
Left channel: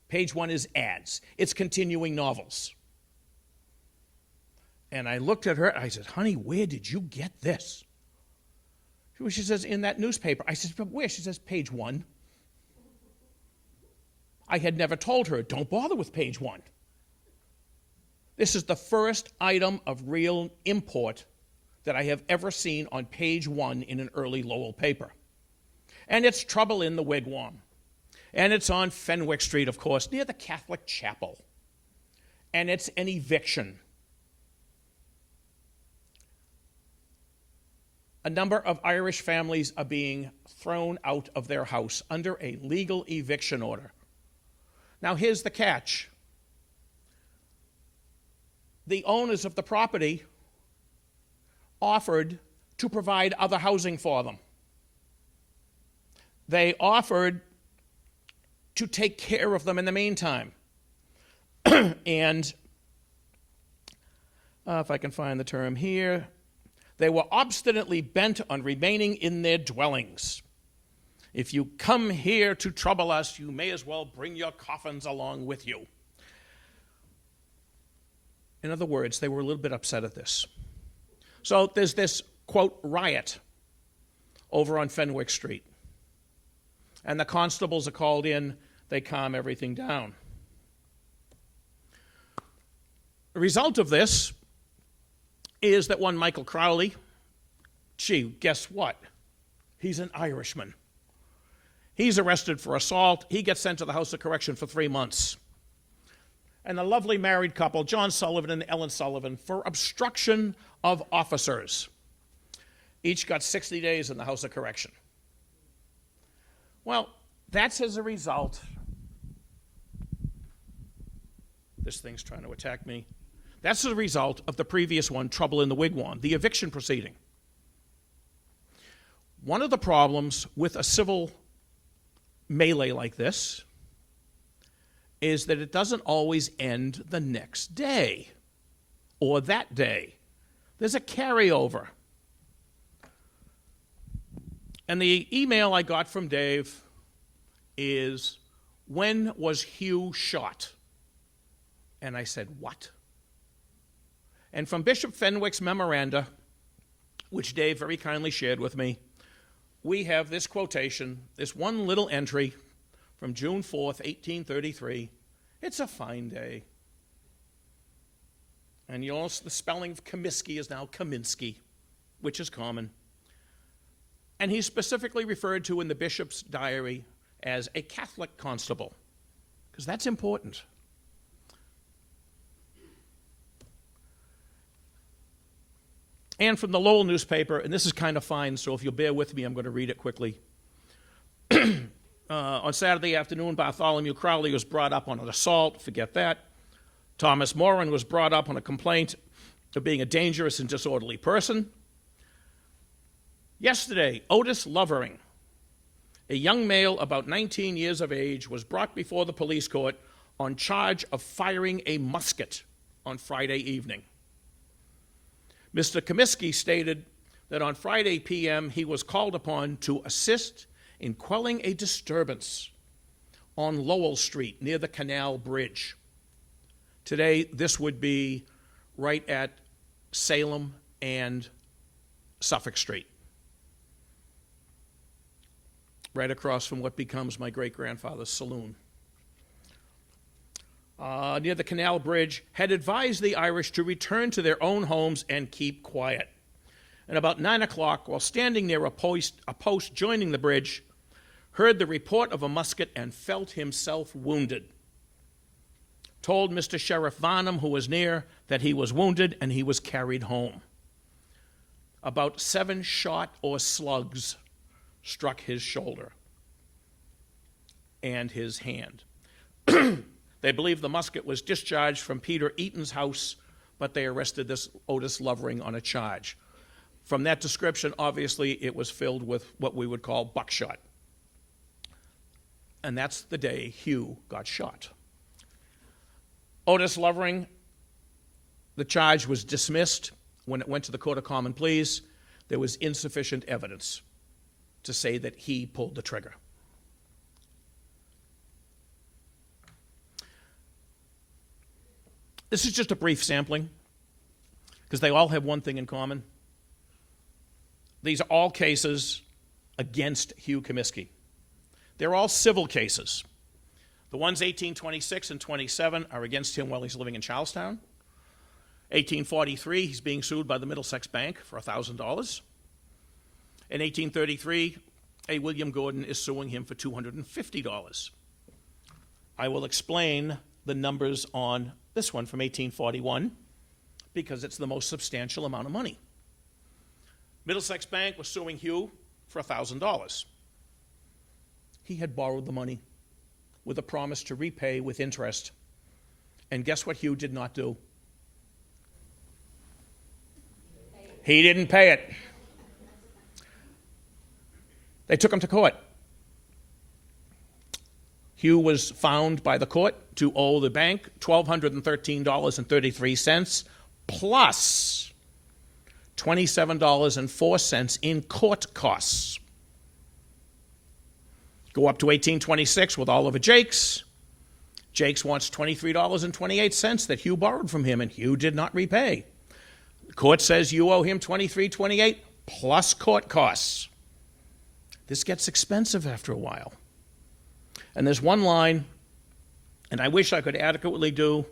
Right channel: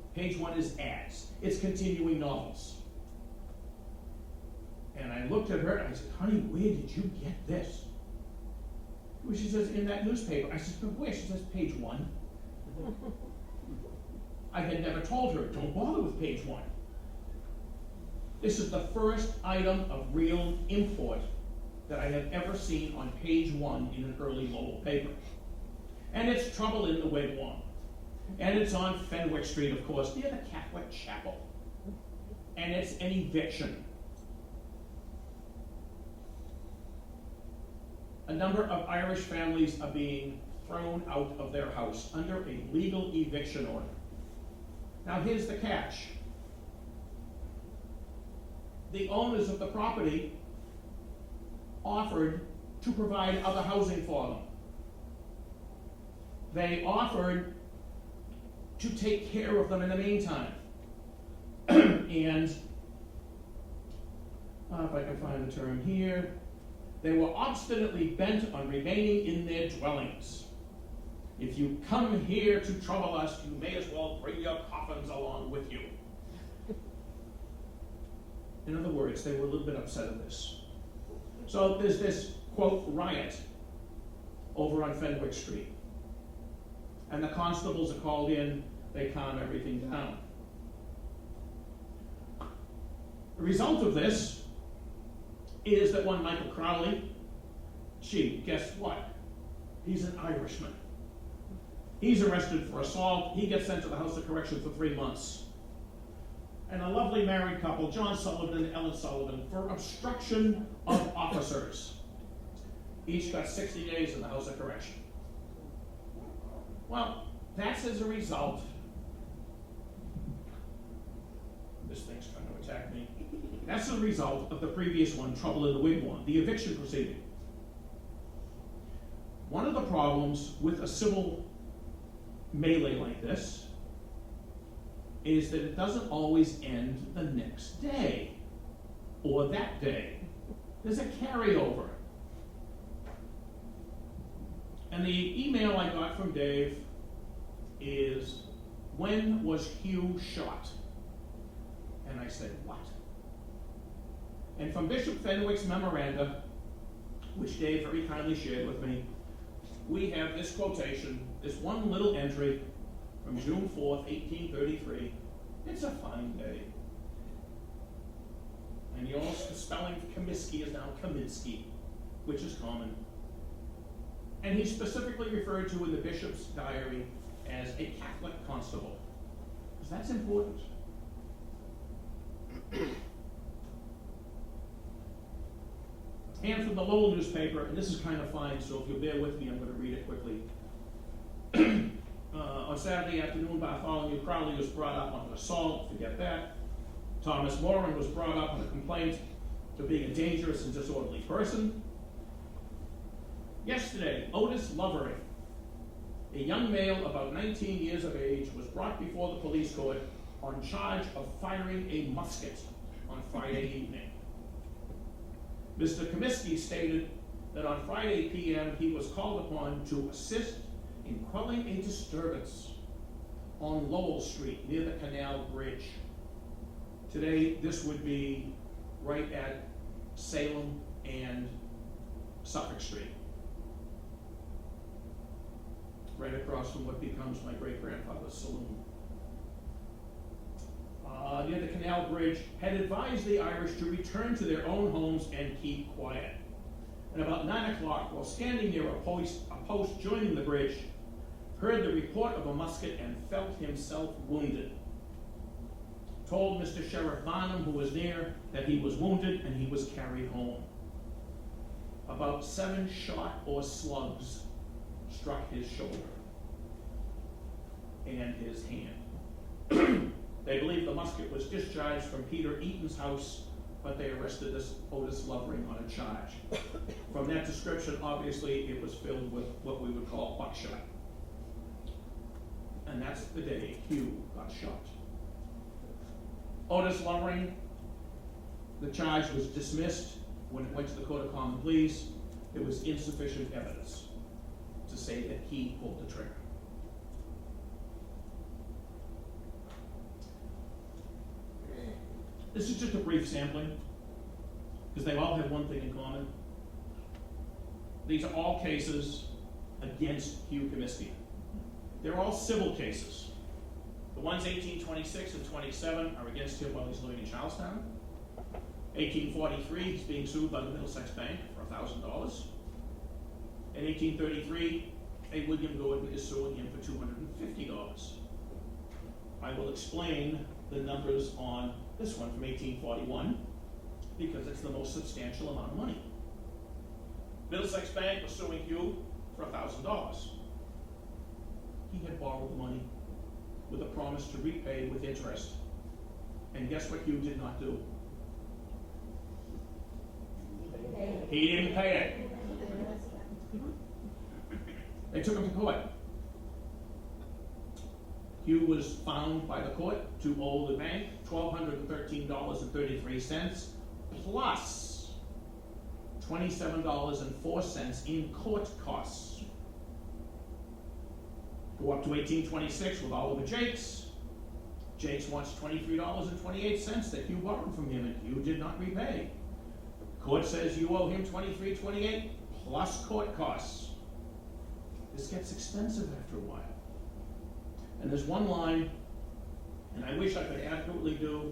Page 1 is ads. It's continuing novels. And I looked at her and I said, honey, where did you get this? She says, in that newspaper. I said, but where? She says, page 1. I had never told her, don't bother with page 1. This is the first item of real import that I have ever seen on page 1 in an early Lowell paper. And it's trouble in the wigwam. And it's on Fenwick Street, of course, near the Catholic chapel. And it's an eviction. A number of Irish families are being thrown out of their house under a legal eviction order. Now here's the catch. The owners of the property offered to provide other housing for them. They offered to take care of them in the meantime. And if I can find the term here, they were obstinately bent on remaining in their dwellings. If you come here to trouble us, you may as well bring your coffins along with you. In other words, they were a little bit upset at this. So there's this, quote, riot over on Fenwick Street. And the constables are called in, they calm everything down. The result of this is that one Michael Crowley, gee, guess what? He's an Irishman. He's arrested for assault. He gets sent to the House of Correction for 3 months. And the lovely married couple, John Sullivan and Ellen Sullivan, for obstruction of officers, each got 60 days in the House of Correction. Well, that's as a result. This thing's trying to attack me. That's a result of the previous one, trouble in the wigwam, the eviction proceeding. One of the problems with a civil melee like this is that it doesn't always end the next day or that day. There's a carryover. And the email I got from Dave is, when was Hugh shot? And I said, what? And from Bishop Fenwick's memoranda, which Dave very kindly shared with me, we have this quotation, this one little entry from June 4th, 1833. It's a fine day. And you'll notice the spelling of Comiskey is now Kaminsky, which is common. And he's specifically referred to in the bishop's diary as a Catholic constable, because that's important. And from the Lowell newspaper, and this is kind of fine, so if you'll bear with me, I'm going to read it quickly. On Saturday afternoon, Bartholomew Crowley was brought up on an assault, forget that. Thomas Moran was brought up on a complaint of being a dangerous and disorderly person. Yesterday, Otis Lovering, a young male about 19 years of age, was brought before the police court on charge of firing a musket on Friday evening. Mr. Comiskey stated that on Friday p.m. he was called upon to assist in quelling a disturbance on Lowell Street near the Canal Bridge. Today, this would be right at Salem and Suffolk Street, right across from what becomes my great-grandfather's saloon. Near the Canal Bridge, had advised the Irish to return to their own homes and keep quiet. And about 9 o'clock, while standing near a post joining the bridge, heard the report of a musket and felt himself wounded. Told Mr. Sheriff Varnum, who was near, that he was wounded and he was carried home. About 7 shot or slugs struck his shoulder and his hand. They believe the musket was discharged from Peter Eaton's house, but they arrested this Otis Lovering on a charge. From that description, obviously, it was filled with what we would call buckshot. And that's the day Hugh got shot. Otis Lovering, the charge was dismissed. When it went to the Court of Common Pleas, there was insufficient evidence to say that he pulled the trigger. This is just a brief sampling, because they all have one thing in common. These are all cases against Hugh Comiskey. They're all civil cases. The ones 1826 and 27 are against him while he's living in Charlestown. 1843, he's being sued by the Middlesex Bank for $1,000. In 1833, A. William Gordon is suing him for $250. I will explain the numbers on this one from 1841 because it's the most substantial amount of money. Middlesex Bank was suing Hugh for $1,000. He had borrowed the money with a promise to repay with interest. And guess what Hugh did not do? He didn't pay it. They took him to court. Hugh was found by the court to owe the bank $1,213.33 plus $27.04 in court costs. Go up to 1826 with Oliver Jakes. Jakes wants $23.28 that Hugh borrowed from him, and Hugh did not repay. The court says you owe him $23.28 plus court costs. This gets expensive after a while. And there's one line, and I wish I could adequately do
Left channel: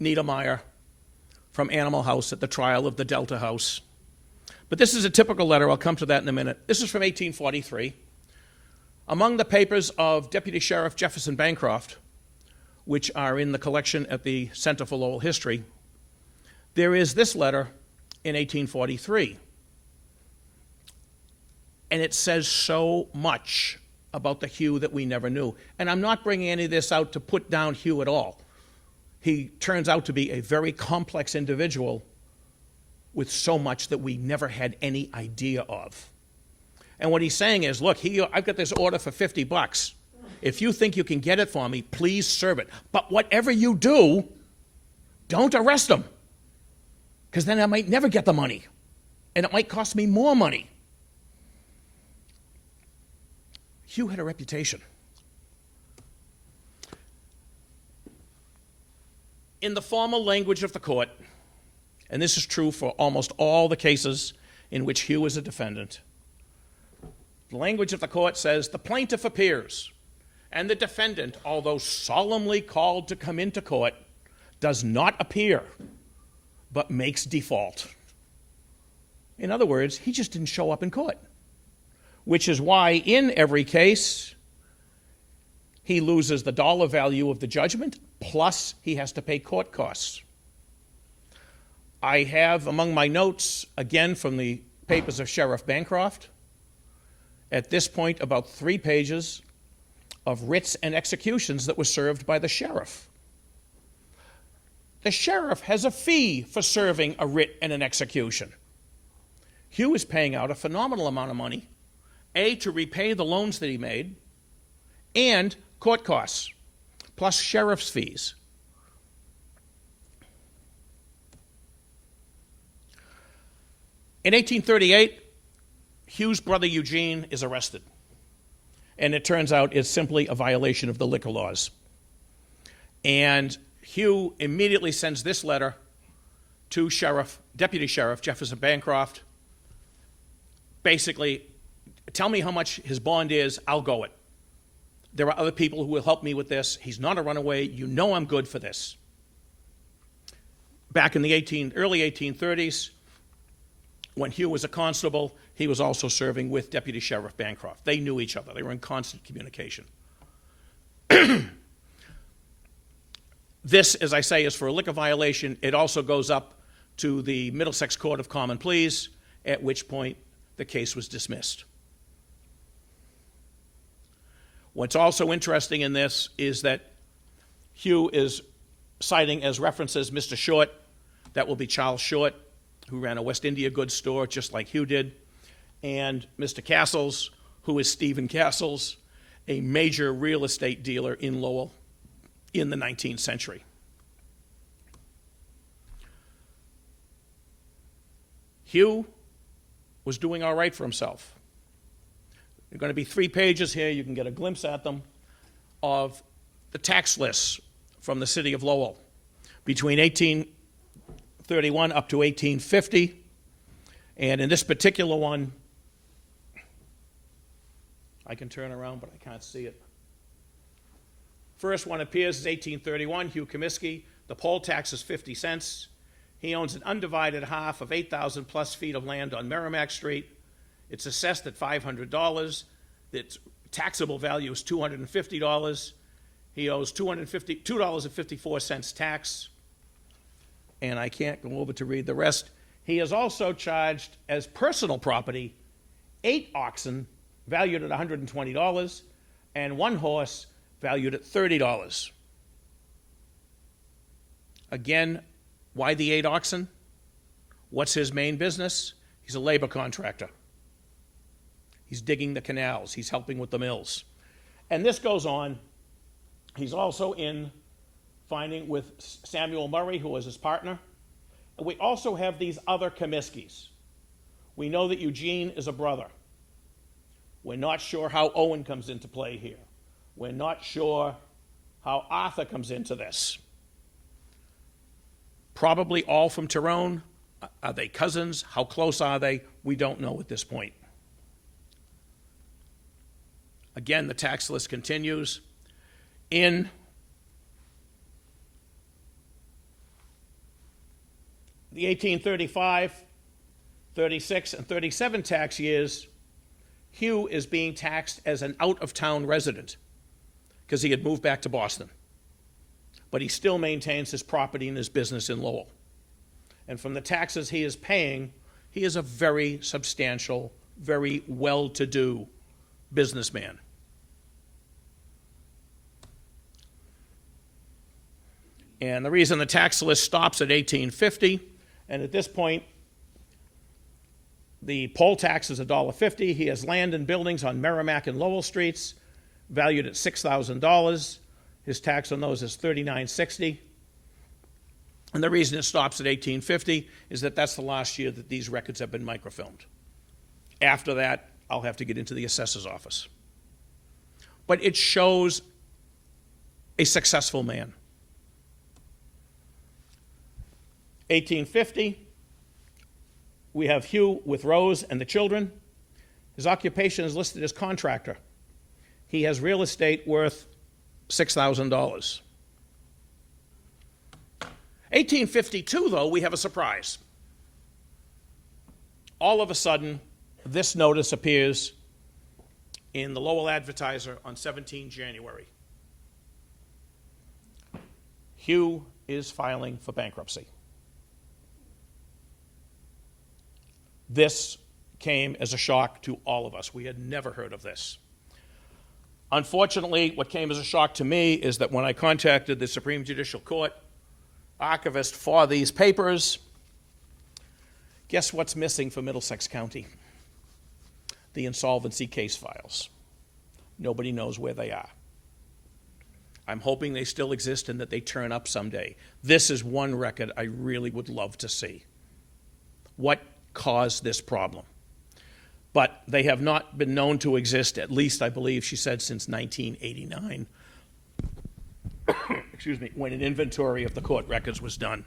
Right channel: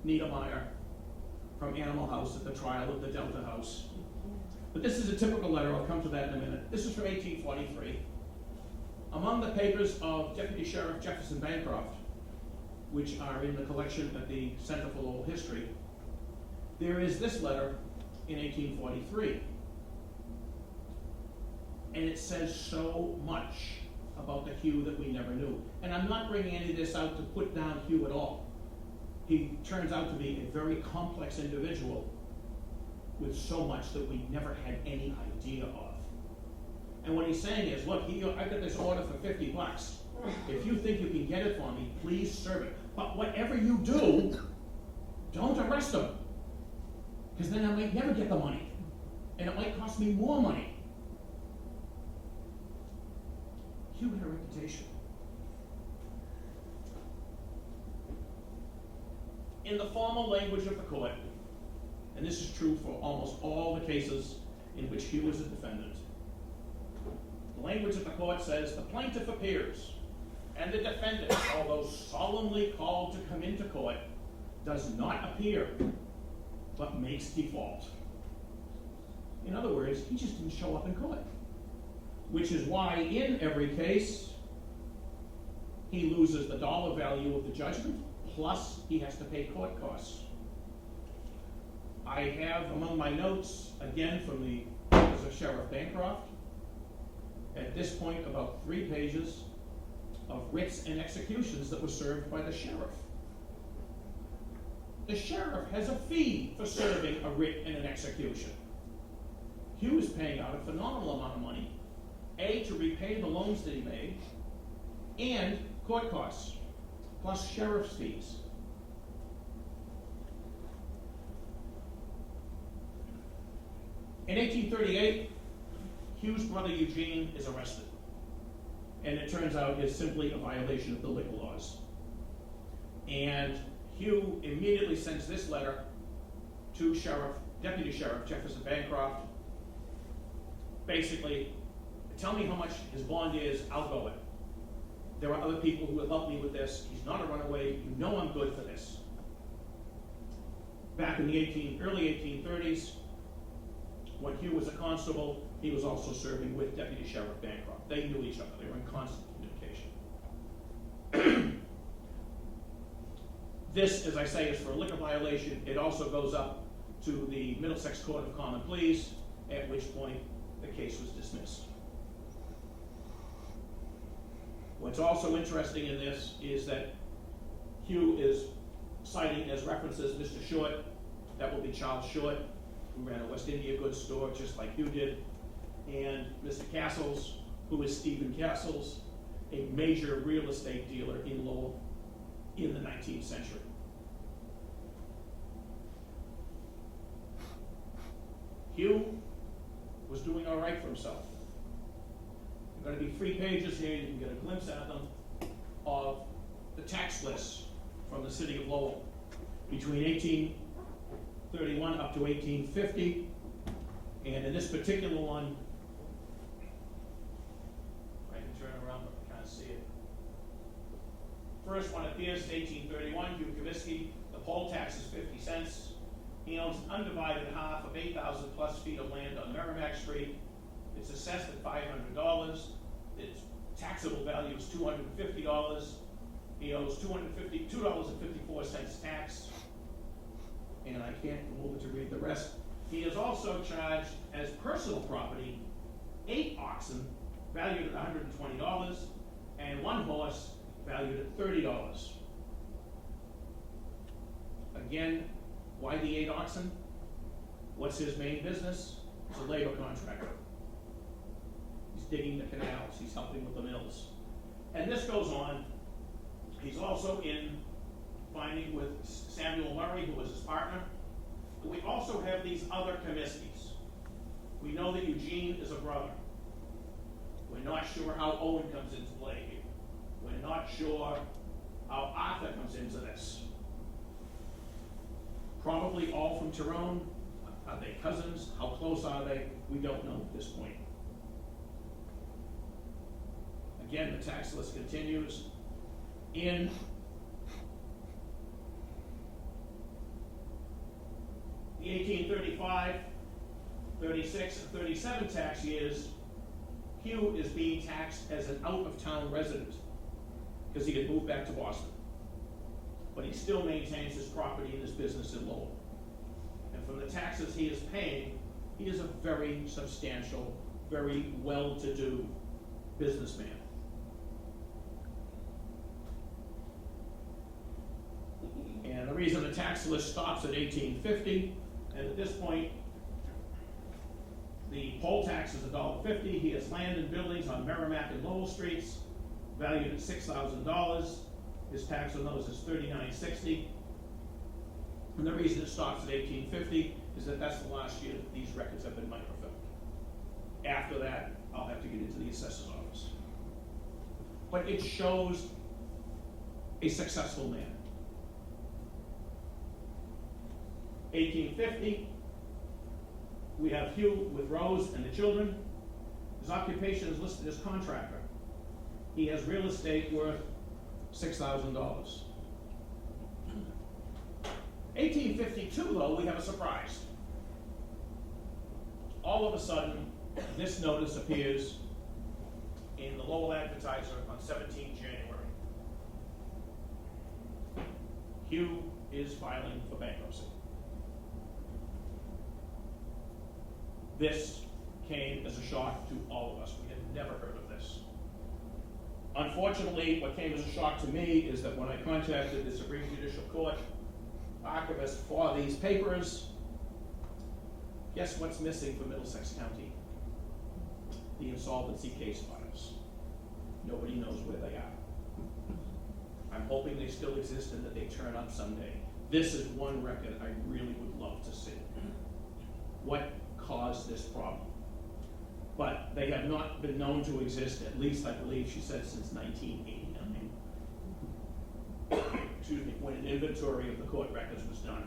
Niedermeyer from Animal House at the trial of the Delta House. But this is a typical letter. I'll come to that in a minute. This is from 1843. Among the papers of Deputy Sheriff Jefferson Bancroft, which are in the collection at the Center for Lowell History, there is this letter in 1843. And it says so much about the Hugh that we never knew. And I'm not bringing any of this out to put down Hugh at all. He turns out to be a very complex individual with so much that we never had any idea of. And what he's saying is, look, I've got this order for $50. If you think you can get it for me, please serve it. But whatever you do, don't arrest him, because then I might never get the money, and it might cost me more money. Hugh had a reputation. In the formal language of the court, and this is true for almost all the cases in which Hugh is a defendant, the language of the court says, the plaintiff appears, and the defendant, although solemnly called to come into court, does not appear, but makes default. In other words, he just didn't show up in court, which is why in every case, he loses the dollar value of the judgment, plus he has to pay court costs. I have among my notes, again from the papers of Sheriff Bancroft, at this point about 3 pages of writs and executions that were served by the sheriff. The sheriff has a fee for serving a writ and an execution. Hugh is paying out a phenomenal amount of money, A, to repay the loans that he made, and court costs, plus sheriff's fees. In 1838, Hugh's brother Eugene is arrested. And it turns out it's simply a violation of the liquor laws. And Hugh immediately sends this letter to Deputy Sheriff Jefferson Bancroft. Basically, tell me how much his bond is, I'll go it. There are other people who will help me with this. He's not a runaway. You know I'm good for this. Back in the early 1830s, when Hugh was a constable, he was also serving with Deputy Sheriff Bancroft. They knew each other. They were in constant communication. This, as I say, is for a liquor violation. It also goes up to the Middlesex Court of Common Pleas, at which point the case was dismissed. What's also interesting in this is that Hugh is citing as references Mr. Short. That will be Charles Short, who ran a West India goods store just like Hugh did, and Mr. Castles, who is Stephen Castles, a major real estate dealer in Lowell in the 19th century. Hugh was doing all right for himself. There are going to be 3 pages here, you can get a glimpse at them, of the tax lists from the city of Lowell between 1831 up to 1850. And in this particular one, I can turn around, but I can't see it. First one appears is 1831, Hugh Comiskey. The poll tax is 50 cents. He owns an undivided half of 8,000 plus feet of land on Merrimack Street. It's assessed at $500. Its taxable value is $250. He owes $2.54 tax. And I can't go over to read the rest. He is also charged as personal property 8 oxen valued at $120 and 1 horse valued at $30. Again, why the 8 oxen? What's his main business? He's a labor contractor. He's digging the canals. He's helping with the mills. And this goes on. He's also in finding with Samuel Murray, who was his partner. We also have these other Comiskys. We know that Eugene is a brother. We're not sure how Owen comes into play here. We're not sure how Arthur comes into this. Probably all from Tyrone. Are they cousins? How close are they? We don't know at this point. Again, the tax list continues. In the 1835, 36, and 37 tax years, Hugh is being taxed as an out-of-town resident because he had moved back to Boston. But he still maintains his property and his business in Lowell. And from the taxes he is paying, he is a very substantial, very well-to-do businessman. And the reason the tax list stops at 1850, and at this point, the poll tax is $1.50. He has land and buildings on Merrimack and Lowell Streets, valued at $6,000. His tax on those is $39.60. And the reason it stops at 1850 is that that's the last year that these records have been microfilmed. After that, I'll have to get into the assessor's office. But it shows a successful man. 1850, we have Hugh with Rose and the children. His occupation is listed as contractor. He has real estate worth $6,000. 1852, though, we have a surprise. All of a sudden, this notice appears in the Lowell Advertiser on 17 January. Hugh is filing for bankruptcy. This came as a shock to all of us. We had never heard of this. Unfortunately, what came as a shock to me is that when I contacted the Supreme Judicial Court archivist for these papers, guess what's missing for Middlesex County? The insolvency case files. Nobody knows where they are. I'm hoping they still exist and that they turn up someday. This is one record I really would love to see. What cause this problem. But they have not been known to exist, at least, I believe she said, since 1989. Excuse me, when an inventory of the court records was done.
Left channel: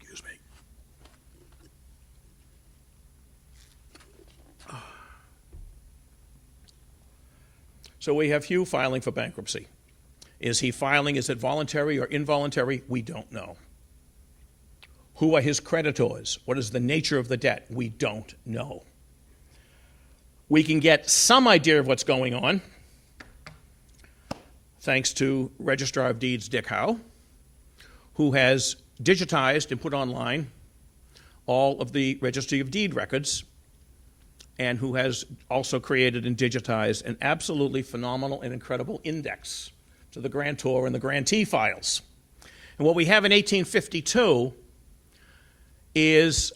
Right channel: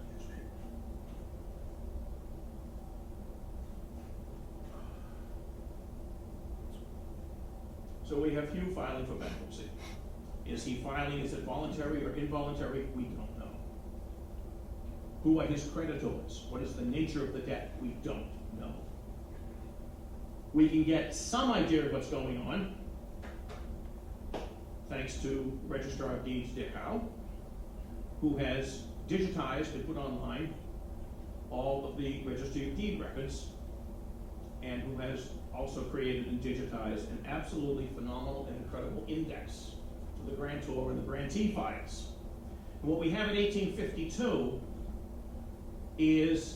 Excuse me. So we have Hugh filing for bankruptcy. Is he filing, is it voluntary or involuntary? We don't know. Who are his creditors? What is the nature of the debt? We don't know. We can get some idea of what's going on thanks to Registrar of Deeds Dick Howe, who has digitized and put online all of the Registry of Deed records, and who has also created and digitized an absolutely phenomenal and incredible index to the grantor and the grantee files. And what we have in 1852 is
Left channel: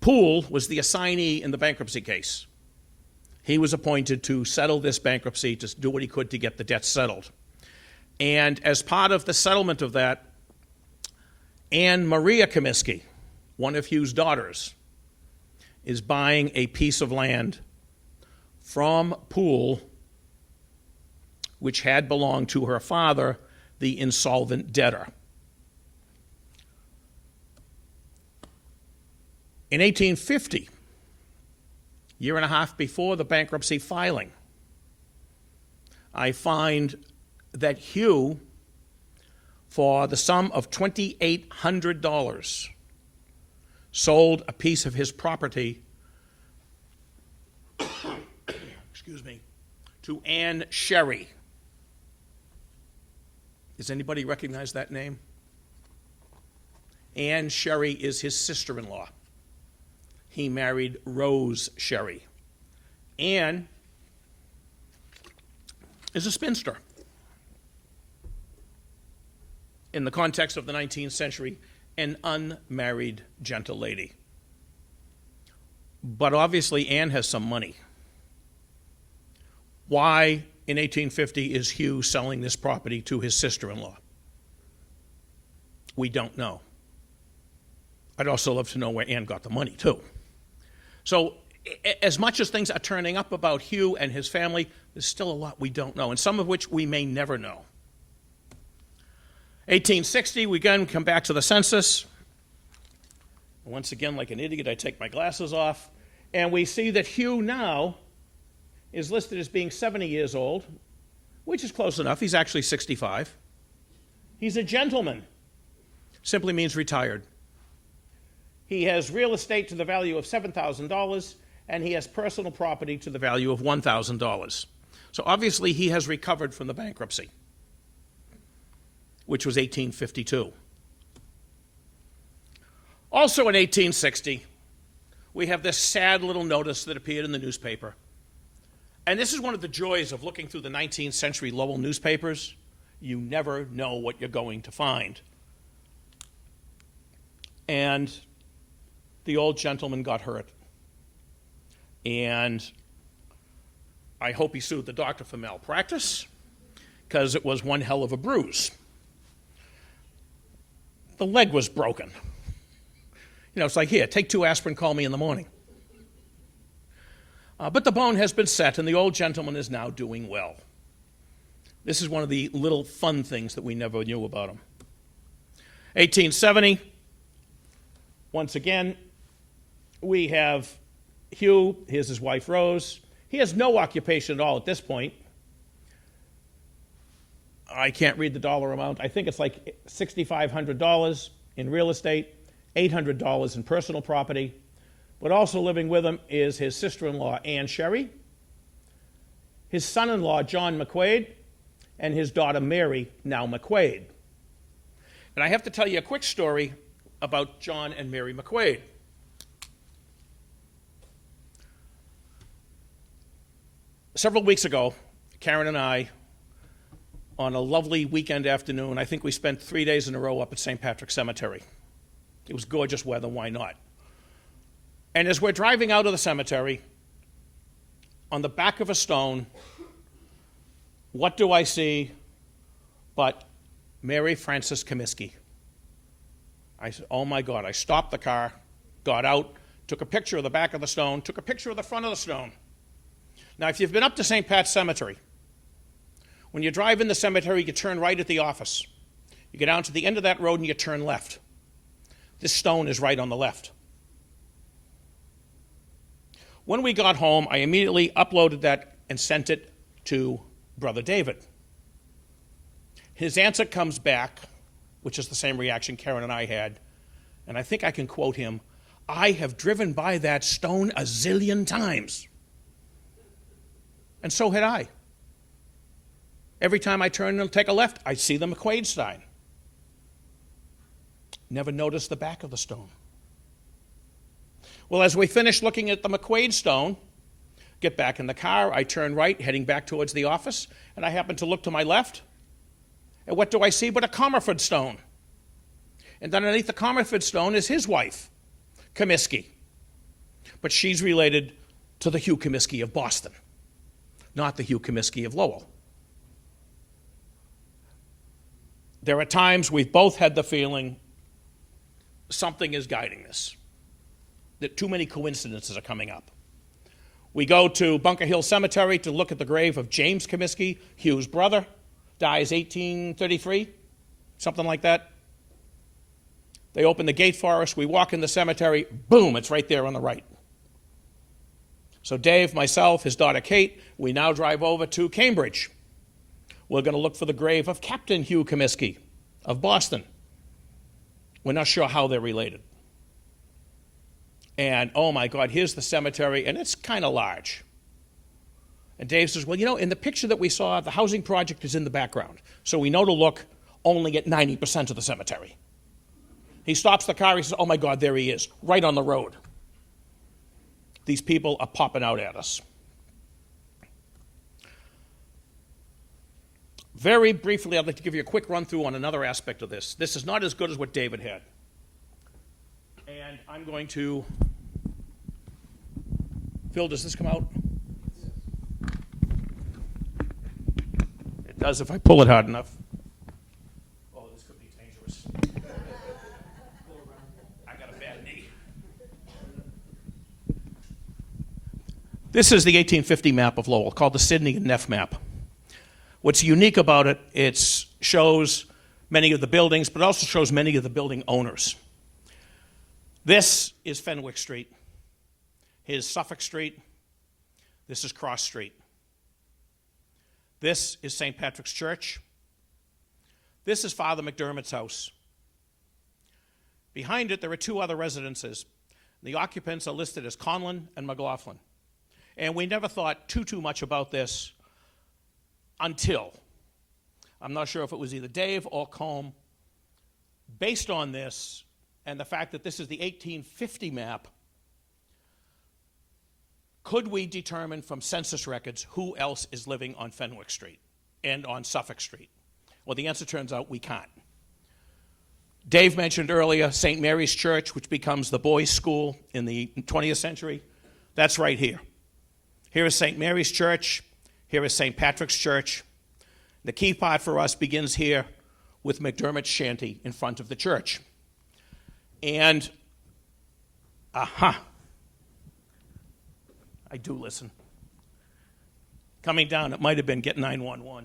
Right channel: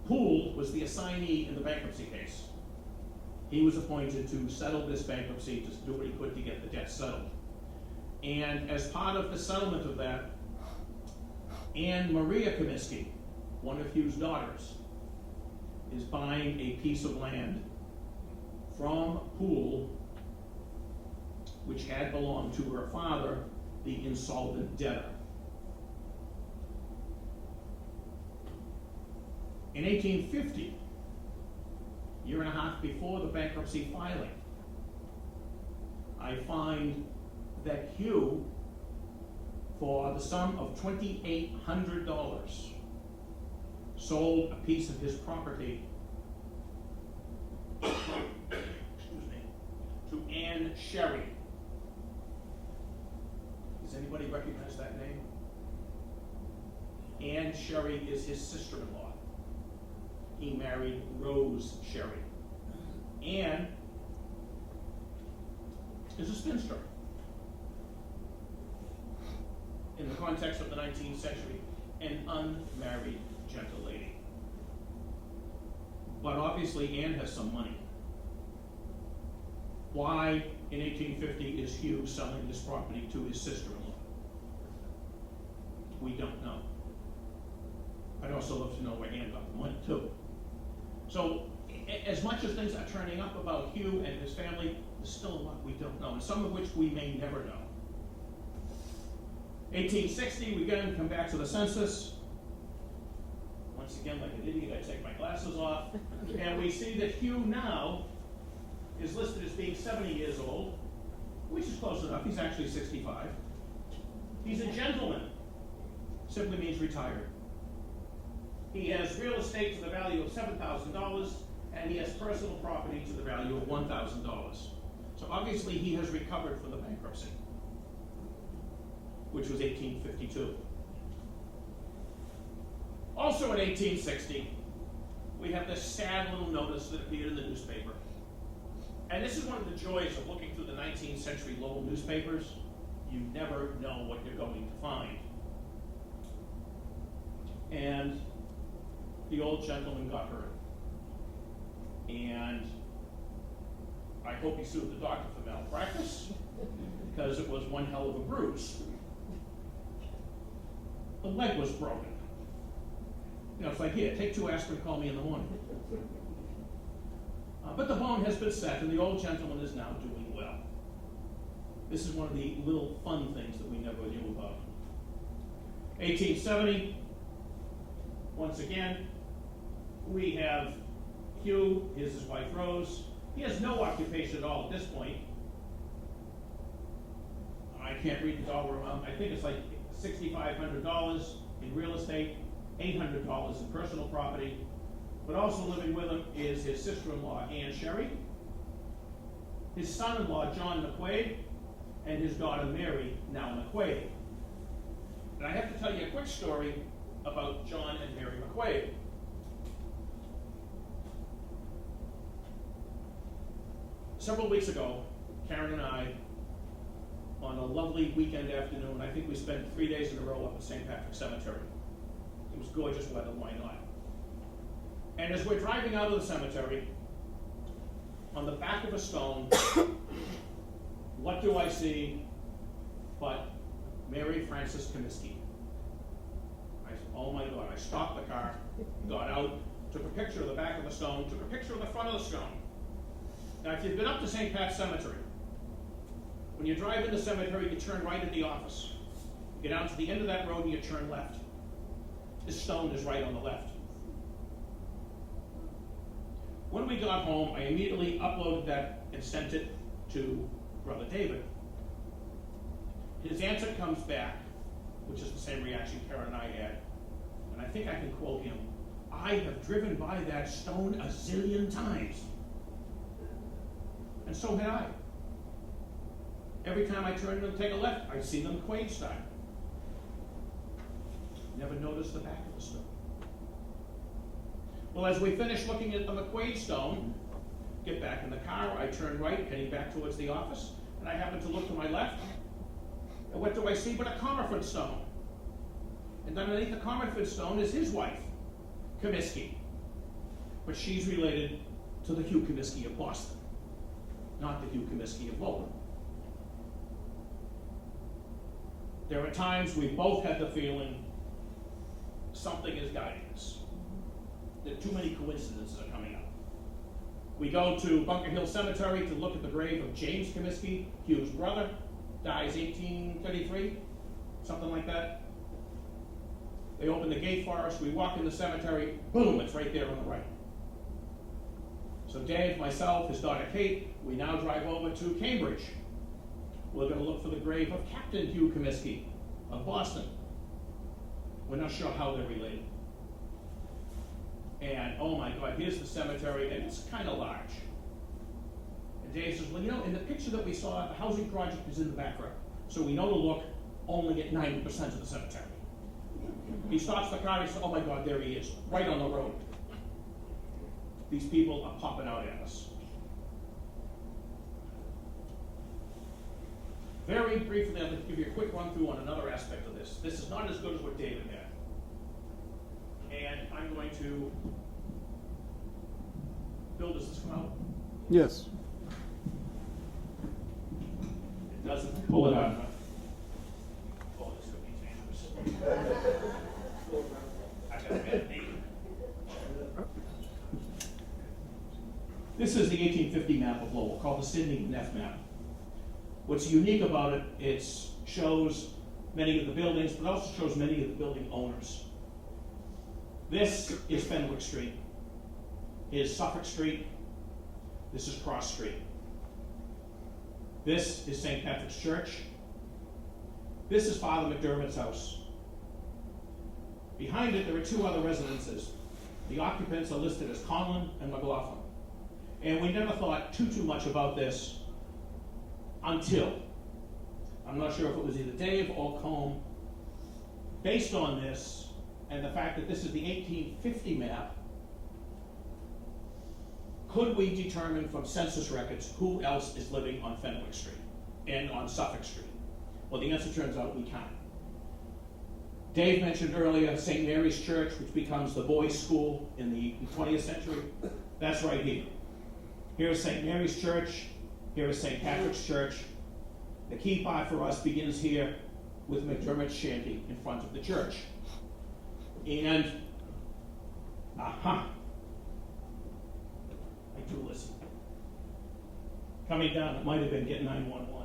Poole was the assignee in the bankruptcy case. He was appointed to settle this bankruptcy, to do what he could to get the debt settled. And as part of the settlement of that, Anne Maria Comiskey, one of Hugh's daughters, is buying a piece of land from Poole, which had belonged to her father, the insolvent debtor. In 1850, year and a half before the bankruptcy filing, I find that Hugh, for the sum of $2,800, sold a piece of his property, excuse me, to Anne Sherry. Does anybody recognize that name? Anne Sherry is his sister-in-law. He married Rose Sherry. Anne is a spinster. In the context of the 19th century, an unmarried gentle lady. But obviously Anne has some money. Why in 1850 is Hugh selling this property to his sister-in-law? We don't know. I'd also love to know where Anne got the money too. So as much as things are turning up about Hugh and his family, there's still a lot we don't know, and some of which we may never know. 1860, we again come back to the census. Once again, like an idiot, I take my glasses off, and we see that Hugh now is listed as being 70 years old, which is close enough. He's actually 65. He's a gentleman. Simply means retired. He has real estate to the value of $7,000, and he has personal property to the value of $1,000. So obviously he has recovered from the bankruptcy, which was 1852. Also in 1860, we have this sad little notice that appeared in the newspaper. And this is one of the joys of looking through the 19th century Lowell newspapers. You never know what you're going to find. And the old gentleman got hurt. And I hope he sued the doctor for malpractice, because it was one hell of a bruise. The leg was broken. You know, it's like, here, take 2 aspirin, call me in the morning. But the bone has been set, and the old gentleman is now doing well. This is one of the little fun things that we never knew about him. 1870, once again, we have Hugh. Here's his wife, Rose. He has no occupation at all at this point. I can't read the dollar amount. I think it's like $6,500 in real estate, $800 in personal property. But also living with him is his sister-in-law, Anne Sherry, his son-in-law, John McQuaid, and his daughter, Mary, now McQuaid. And I have to tell you a quick story about John and Mary McQuaid. Several weeks ago, Karen and I, on a lovely weekend afternoon, I think we spent 3 days in a row up at St. Patrick's Cemetery. It was gorgeous weather, why not? And as we're driving out of the cemetery, on the back of a stone, what do I see but Mary Frances Comiskey? I said, oh my God. I stopped the car, got out, took a picture of the back of the stone, took a picture of the front of the stone. Now, if you've been up to St. Pat's Cemetery, when you drive in the cemetery, you turn right at the office. You get down to the end of that road and you turn left. This stone is right on the left. When we got home, I immediately uploaded that and sent it to Brother David. His answer comes back, which is the same reaction Karen and I had, and I think I can quote him, "I have driven by that stone a zillion times." And so had I. Every time I turn and take a left, I see the McQuaid sign. Never noticed the back of the stone. Well, as we finish looking at the McQuaid stone, get back in the car, I turn right, heading back towards the office, and I happen to look to my left, and what do I see but a Comerford stone? And underneath the Comerford stone is his wife, Comiskey. But she's related to the Hugh Comiskey of Boston, not the Hugh Comiskey of Lowell. There are times we've both had the feeling something is guiding us, that too many coincidences are coming up. We go to Bunker Hill Cemetery to look at the grave of James Comiskey, Hugh's brother, dies 1833, something like that. They open the gate for us, we walk in the cemetery, boom, it's right there on the right. So Dave, myself, his daughter Kate, we now drive over to Cambridge. We're going to look for the grave of Captain Hugh Comiskey of Boston. We're not sure how they're related. And oh my God, here's the cemetery, and it's kind of large. And Dave says, well, you know, in the picture that we saw, the housing project is in the background. So we know to look only at 90% of the cemetery. He stops the car, he says, oh my God, there he is, right on the road. These people are popping out at us. Very briefly, I'd like to give you a quick run through on another aspect of this. This is not as good as what David had. And I'm going to, Phil, does this come out? Yes. It does if I pull it hard enough. Oh, this is going to be dangerous. I got a bad knee. This is the 1850 map of Lowell, called the Sidney and Neff map. What's unique about it, it shows many of the buildings, but also shows many of the building owners. This is Fenwick Street. Here's Suffolk Street. This is Cross Street. This is St. Patrick's Church. This is Father McDermott's house. Behind it, there are two other residences. The occupants are listed as Conlon and McLaughlin. And we never thought too much about this until, I'm not sure if it was either Dave or Combe, based on this and the fact that this is the 1850 map, could we determine from census records who else is living on Fenwick Street and on Suffolk Street? Well, the answer turns out we can't. Dave mentioned earlier St. Mary's Church, which becomes the boys' school in the 20th century. That's right here. Here is St. Mary's Church. Here is St. Patrick's Church. The key part for us begins here with McDermott's shanty in front of the church. And, I do listen. Coming down, it might have been get 911.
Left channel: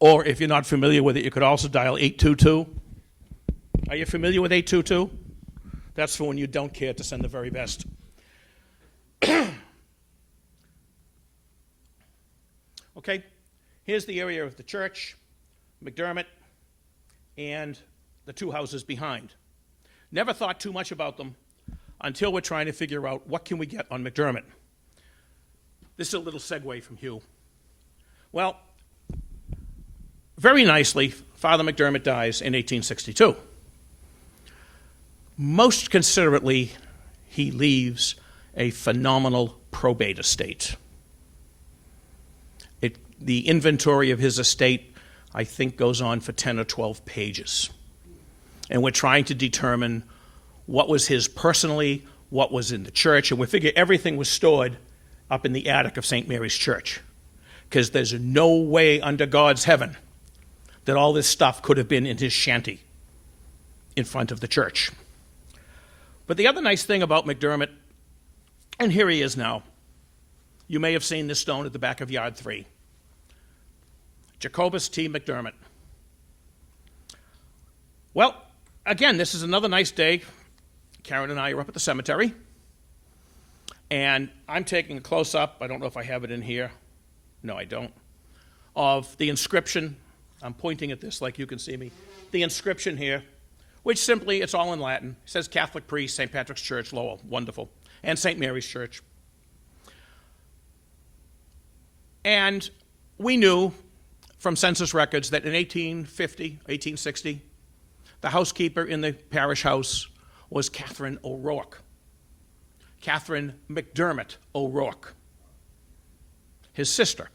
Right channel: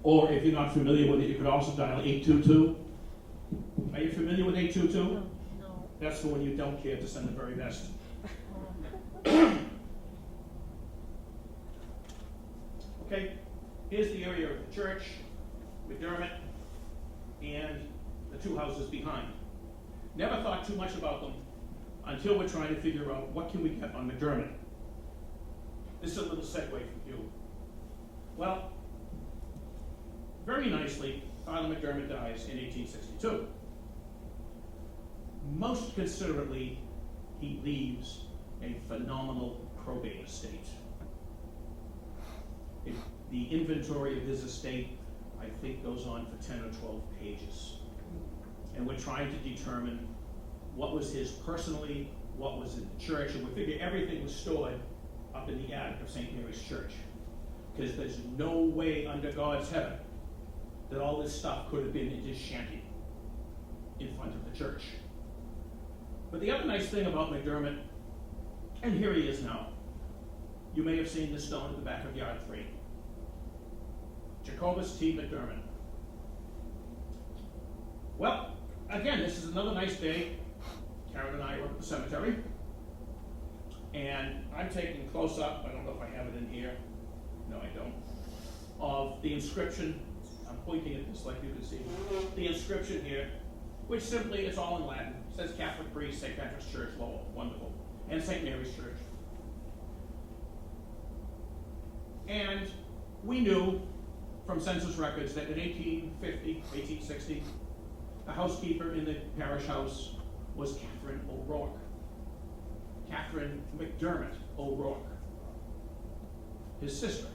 Or if you're not familiar with it, you could also dial 822. Are you familiar with 822? No. That's for when you don't care to send the very best. Okay, here's the area of the church, McDermott, and the two houses behind. Never thought too much about them until we're trying to figure out what can we get on McDermott. This is a little segue from Hugh. Well, very nicely, Father McDermott dies in 1862. Most considerately, he leaves a phenomenal probate estate. The inventory of his estate, I think, goes on for 10 or 12 pages. And we're trying to determine what was his personally, what was in the church, and we figure everything was stored up in the attic of St. Mary's Church, because there's no way under God's heaven that all this stuff could have been in his shanty in front of the church. But the other nice thing about McDermott, and here he is now, you may have seen this stone at the back of Yard 3. Jacobus T. McDermott. Well, again, this is another nice day. Karen and I are up at the cemetery, and I'm taking a close-up, I don't know if I have it in here, no I don't, of the inscription. I'm pointing at this like you can see me. The inscription here, which simply, it's all in Latin. It says Catholic priest, St. Patrick's Church, Lowell, wonderful, and St. Mary's Church. And we knew from census records that in 1850, 1860, the housekeeper in the parish house was Catherine O'Rourke. Catherine McDermott O'Rourke, his sister.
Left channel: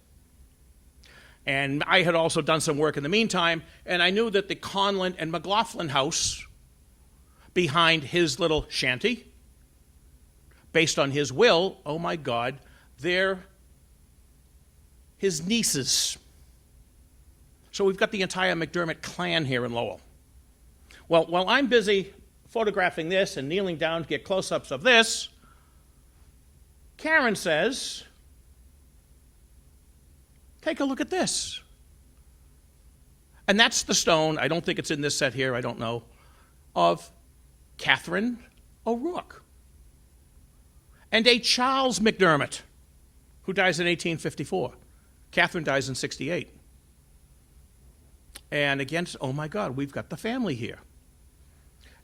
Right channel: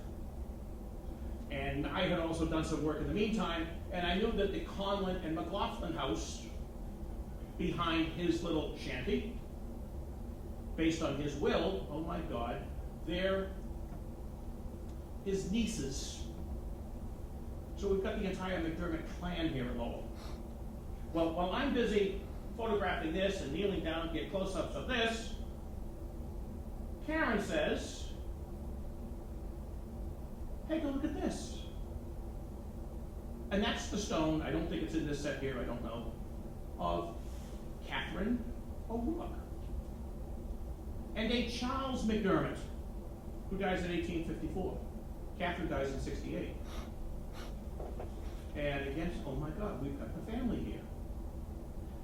And I had also done some work in the meantime, and I knew that the Conlon and McLaughlin house behind his little shanty, based on his will, oh my God, they're his nieces. So we've got the entire McDermott clan here in Lowell. Well, while I'm busy photographing this and kneeling down to get close-ups of this, Karen says, take a look at this. And that's the stone, I don't think it's in this set here, I don't know, of Catherine O'Rourke. And a Charles McDermott, who dies in 1854. Catherine dies in 68. And again, oh my God, we've got the family here.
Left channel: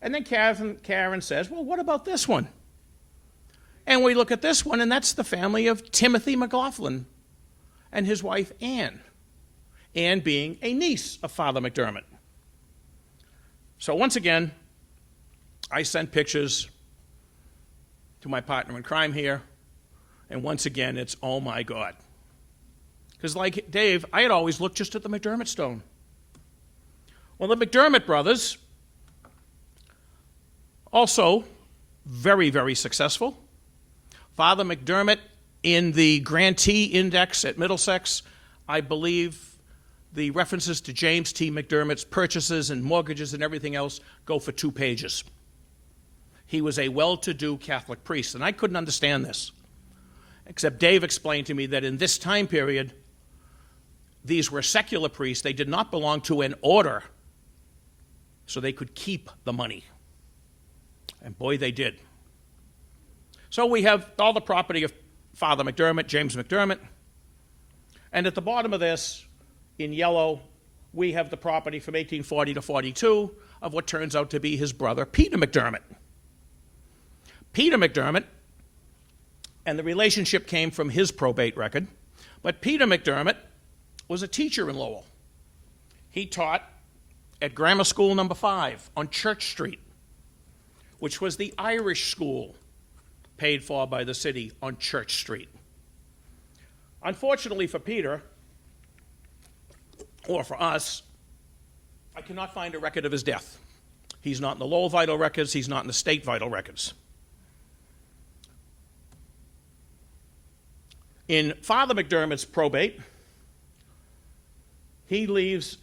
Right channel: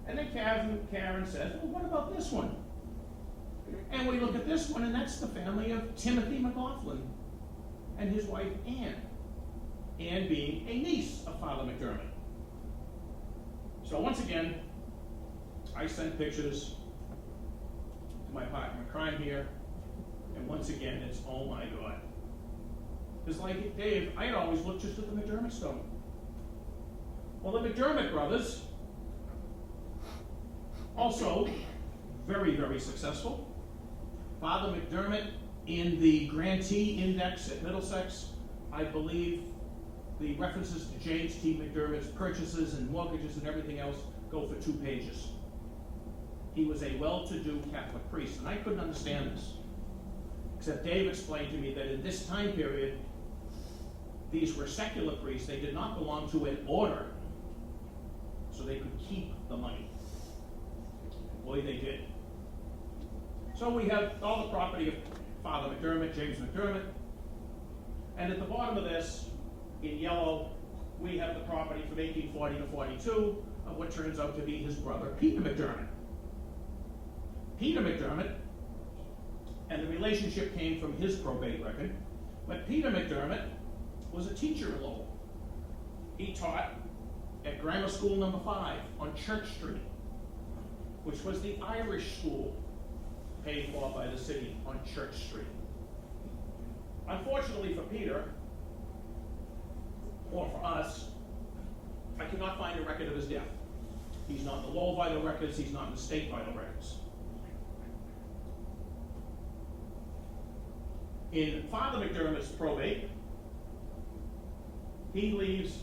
And then Karen says, well, what about this one? And we look at this one, and that's the family of Timothy McLaughlin and his wife, Anne. Anne being a niece of Father McDermott. So once again, I sent pictures to my partner in crime here, and once again, it's oh my God. Because like Dave, I had always looked just at the McDermott stone. Well, the McDermott brothers, also very, very successful. Father McDermott in the Grantee Index at Middlesex, I believe the references to James T. McDermott's purchases and mortgages and everything else go for 2 pages. He was a well-to-do Catholic priest, and I couldn't understand this, except Dave explained to me that in this time period, these were secular priests. They did not belong to an order, so they could keep the money. And boy, they did. So we have all the property of Father McDermott, James McDermott, and at the bottom of this, in yellow, we have the property from 1840 to 42 of what turns out to be his brother, Peter McDermott. Peter McDermott, and the relationship came from his probate record, but Peter McDermott was a teacher in Lowell. He taught at Grammar School number 5 on Church Street, which was the Irish school paid for by the city on Church Street. Unfortunately for Peter, or for us, I cannot find a record of his death. He's not in the Lowell vital records, he's not in the state vital records. In Father McDermott's probate, he leaves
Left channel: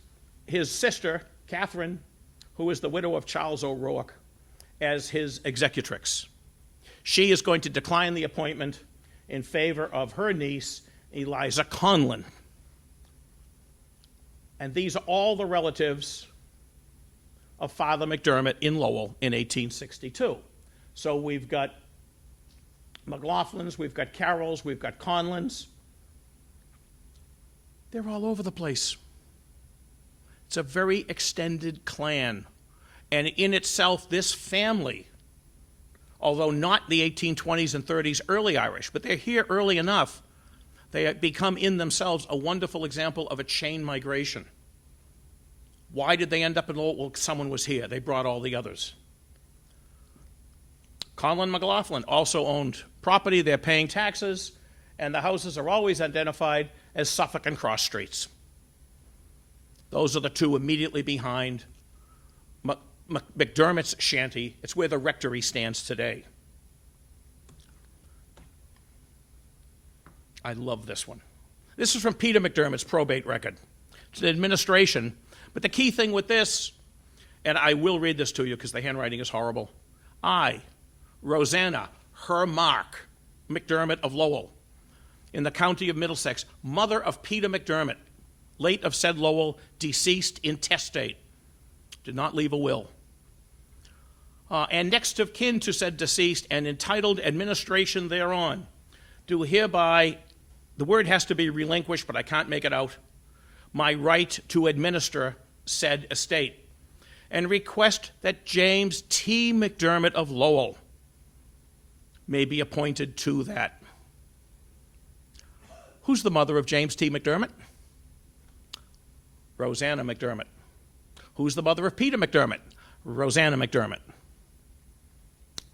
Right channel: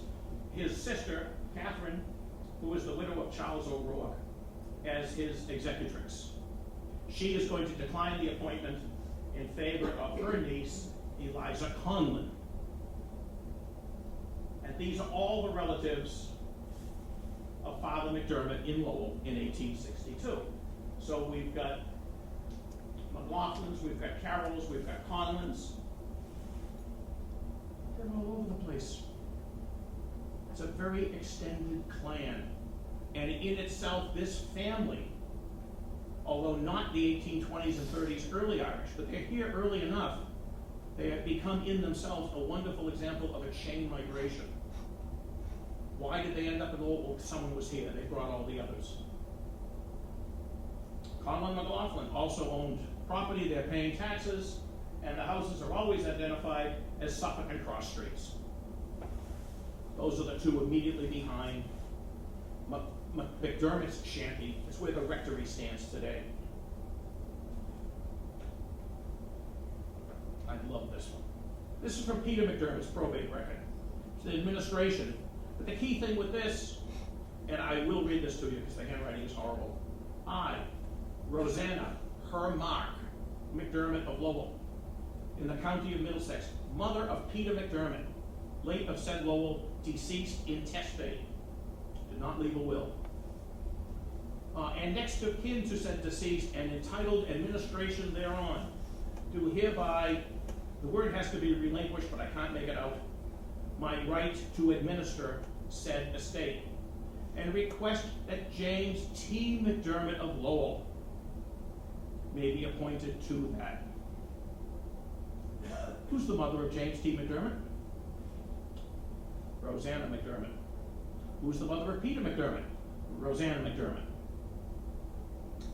his sister, Catherine, who is the widow of Charles O'Rourke, as his executrix. She is going to decline the appointment in favor of her niece, Eliza Conlon. And these are all the relatives of Father McDermott in Lowell in 1862. So we've got McLaughlins, we've got Carrolls, we've got Conlons. They're all over the place. It's a very extended clan. And in itself, this family, although not the 1820s and 30s early Irish, but they're here early enough, they have become in themselves a wonderful example of a chain migration. Why did they end up in Lowell? Well, someone was here. They brought all the others. Conlon McLaughlin also owned property. They're paying taxes, and the houses are always identified as Suffolk and Cross Streets. Those are the two immediately behind McDermott's shanty. It's where the rectory stands today. I love this one. This is from Peter McDermott's probate record. It's an administration, But the key thing with this, and I will read this to you because the handwriting is horrible. I, Rosanna, her Mark, McDermott of Lowell, in the county of Middlesex, mother of Peter McDermott, late of said Lowell, deceased intestate, did not leave a will, and next of kin to said deceased and entitled administration thereon, do hereby, the word has to be relinquished, but I can't make it out, my right to administer said estate, and request that James T. McDermott of Lowell may be appointed to that. Who's the mother of James T. McDermott? Rosanna McDermott. Who's the mother of Peter McDermott? Rosanna McDermott.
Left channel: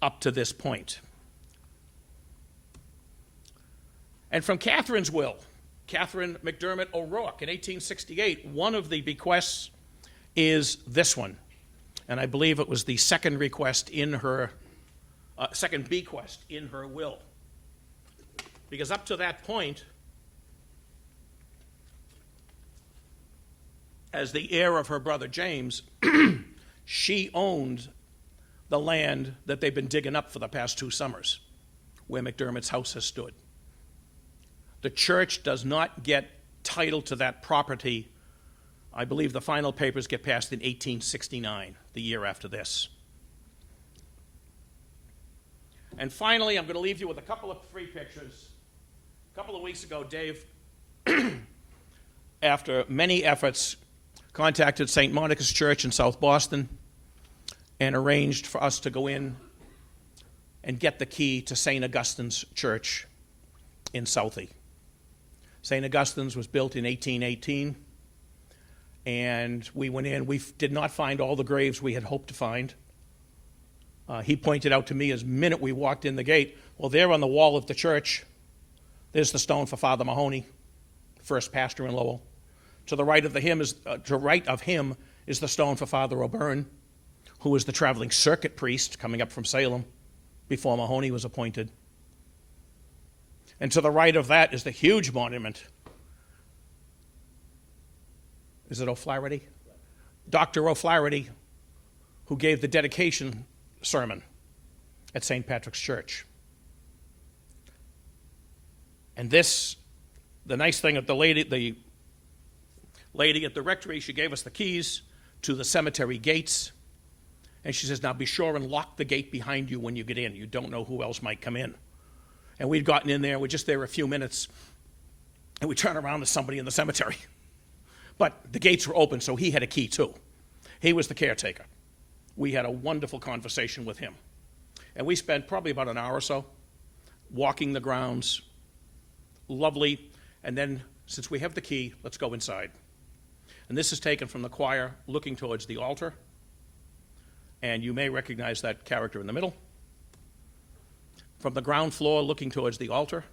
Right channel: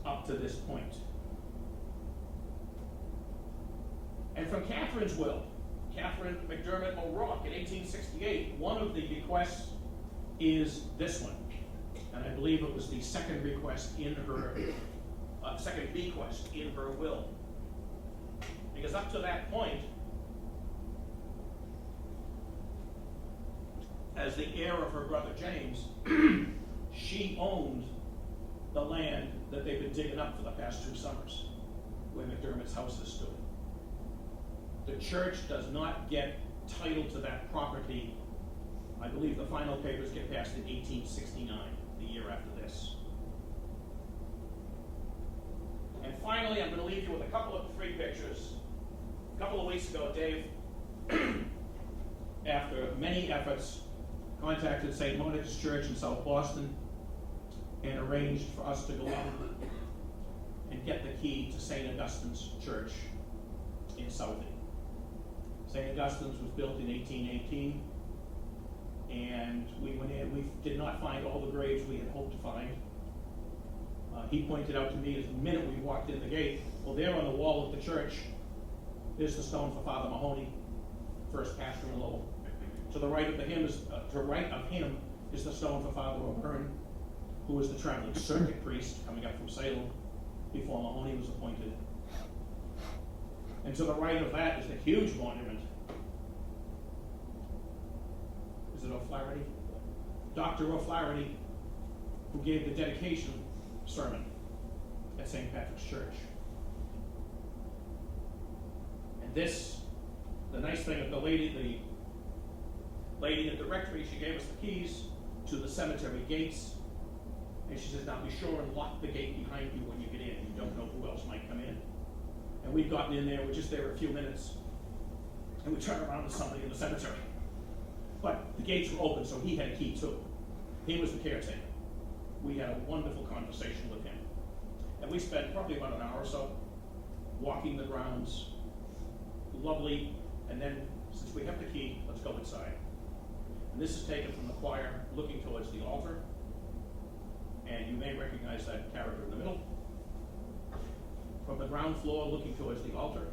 Up to this point. And from Catherine's will, Catherine McDermott O'Rourke in 1868, one of the bequests is this one. And I believe it was the second request in her, second bequest in her will. Because up to that point, as the heir of her brother James, she owned the land that they've been digging up for the past 2 summers, where McDermott's house has stood. The church does not get title to that property. I believe the final papers get passed in 1869, the year after this. And finally, I'm going to leave you with a couple of 3 pictures. A couple of weeks ago, Dave, after many efforts, contacted St. Monica's Church in South Boston and arranged for us to go in and get the key to St. Augustine's Church in Southie. St. Augustine's was built in 1818, and we went in. We did not find all the graves we had hoped to find. He pointed out to me as minute we walked in the gate, well, there on the wall of the church, there's the stone for Father Mahoney, first pastor in Lowell. To the right of him is the stone for Father O'Byrne, who was the traveling circuit priest coming up from Salem before Mahoney was appointed. And to the right of that is the huge monument. Is it O'Flaherty? Dr. O'Flaherty, who gave the dedication sermon at St. Patrick's Church. And this, the nice thing of the lady at the rectory, she gave us the keys to the cemetery gates. And she says, now be sure and lock the gate behind you when you get in. You don't know who else might come in. And we'd gotten in there, and we're just there a few minutes, and we turn around to somebody in the cemetery. But the gates were open, so he had a key too. He was the caretaker. We had a wonderful conversation with him. And we spent probably about an hour or so walking the grounds. Lovely. And then, since we have the key, let's go inside. And this is taken from the choir looking towards the altar. And you may recognize that character in the middle. From the ground floor looking towards the altar.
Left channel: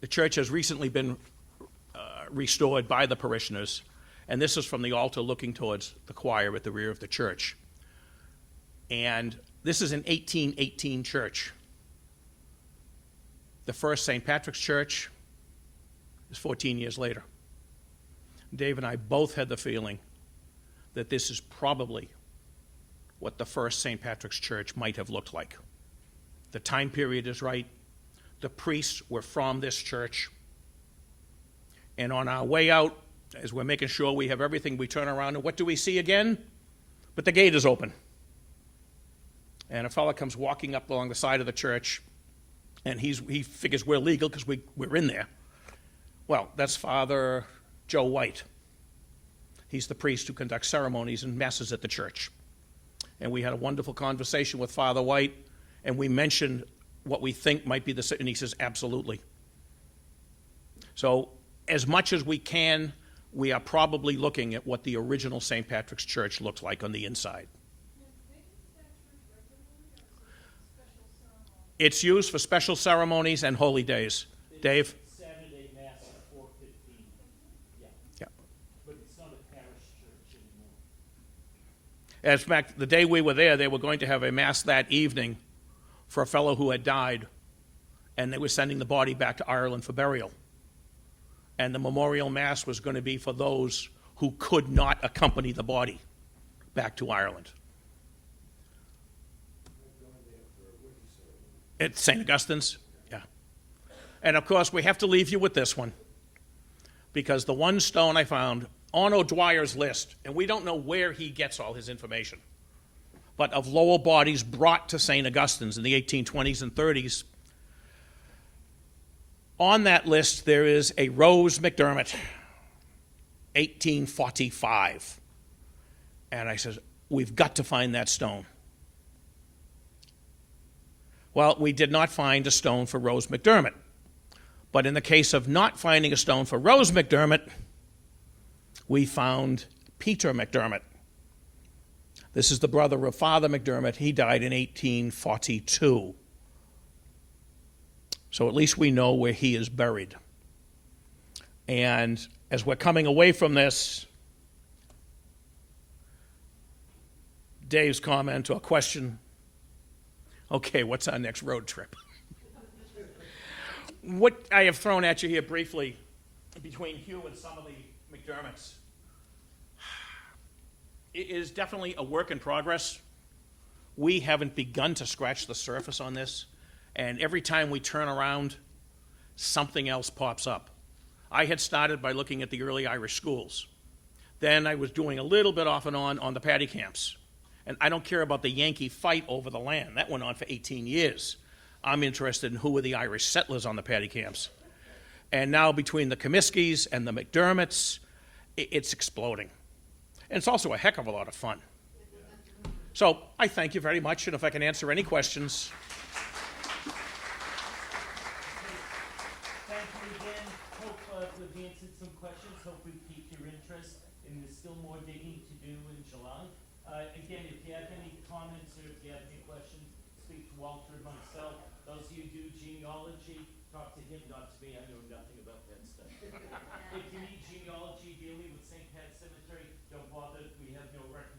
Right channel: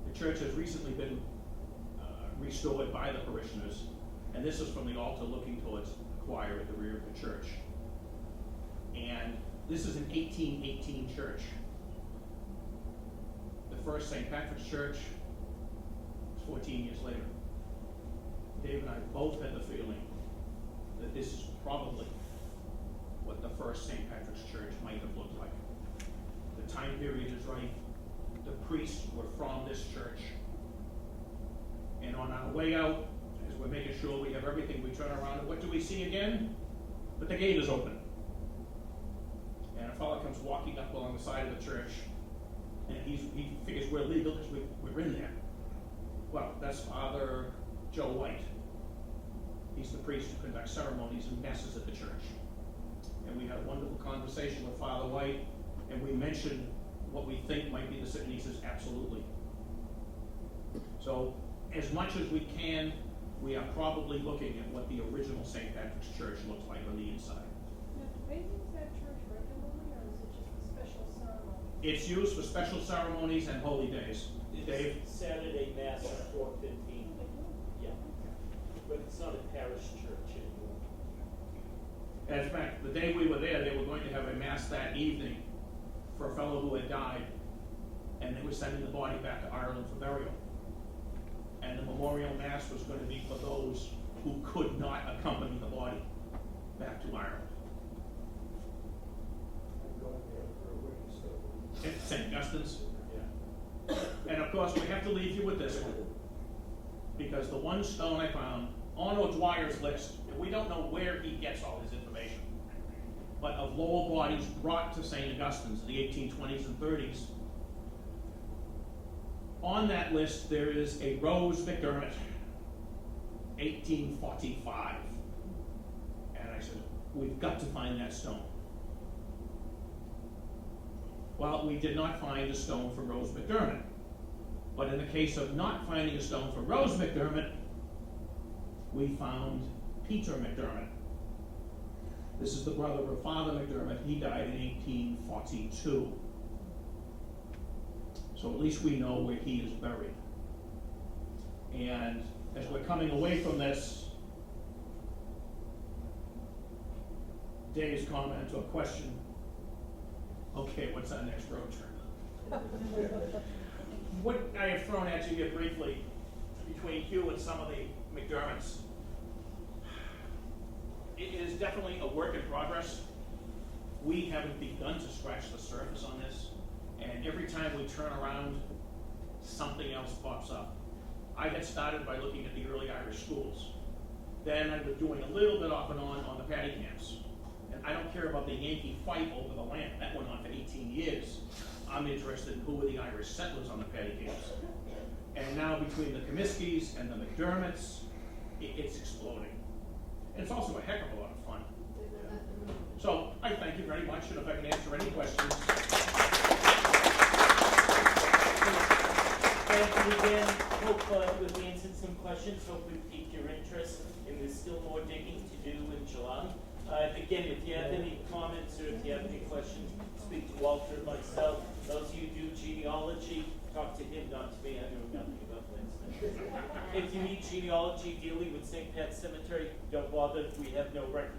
The church has recently been restored by the parishioners, and this is from the altar looking towards the choir at the rear of the church. And this is an 1818 church. The first St. Patrick's Church is 14 years later. Dave and I both had the feeling that this is probably what the first St. Patrick's Church might have looked like. The time period is right. The priests were from this church. And on our way out, as we're making sure we have everything, we turn around and what do we see again? But the gate is open. And a fellow comes walking up along the side of the church, and he figures we're legal because we're in there. Well, that's Father Joe White. He's the priest who conducts ceremonies and masses at the church. And we had a wonderful conversation with Father White, and we mentioned what we think might be and he says, absolutely. So, as much as we can, we are probably looking at what the original St. Patrick's Church looked like on the inside. Now, do they use that church regularly, or is it just a special ceremony? It's used for special ceremonies and holy days. Dave? Saturday Mass at 4:15. Yeah. But it's not a parish church anymore. In fact, the day we were there, they were going to have a mass that evening for a fellow who had died, and they were sending the body back to Ireland for burial. and the memorial mass was going to be for those who could not accompany the body back to Ireland. At St. Augustine's, yeah. And of course, we have to leave you with this one, because the one stone I found on O'Dwyer's list, and we don't know where he gets all his information, but of Lowell bodies brought to St. Augustine's in the 1820s and 30s, on that list there is a Rose McDermott, 1845. And I said, we've got to find that stone. Well, we did not find a stone for Rose McDermott. But in the case of not finding a stone for Rose McDermott, we found Peter McDermott. This is the brother of Father McDermott. He died in 1842. So at least we know where he is buried. And as we're coming away from this, Dave's comment or question, okay, what's our next road trip? What I have thrown at you here briefly between Hugh and some of the McDermotts, it is definitely a work in progress. We haven't begun to scratch the surface on this, and every time we turn around, something else pops up. I had started by looking at the early Irish schools. Then I was doing a little bit off and on the paddy camps. And I don't care about the Yankee fight over the land. That went on for 18 years. I'm interested in who were the Irish settlers on the paddy camps. And now between the Comiskys and the McDermotts, it's exploding. And it's also a heck of a lot of fun. So I thank you very much, and if I can answer any questions. And again, hope we've answered some questions. Hope we've piqued your interest, and there's still more digging to do in July. Again, if you have any comments or if you have any questions, speak to Walter and myself. Those of you who do genealogy, talk to him, not to me. I know nothing about this. If you need genealogy dealing with St. Pat's Cemetery, don't bother. We have no record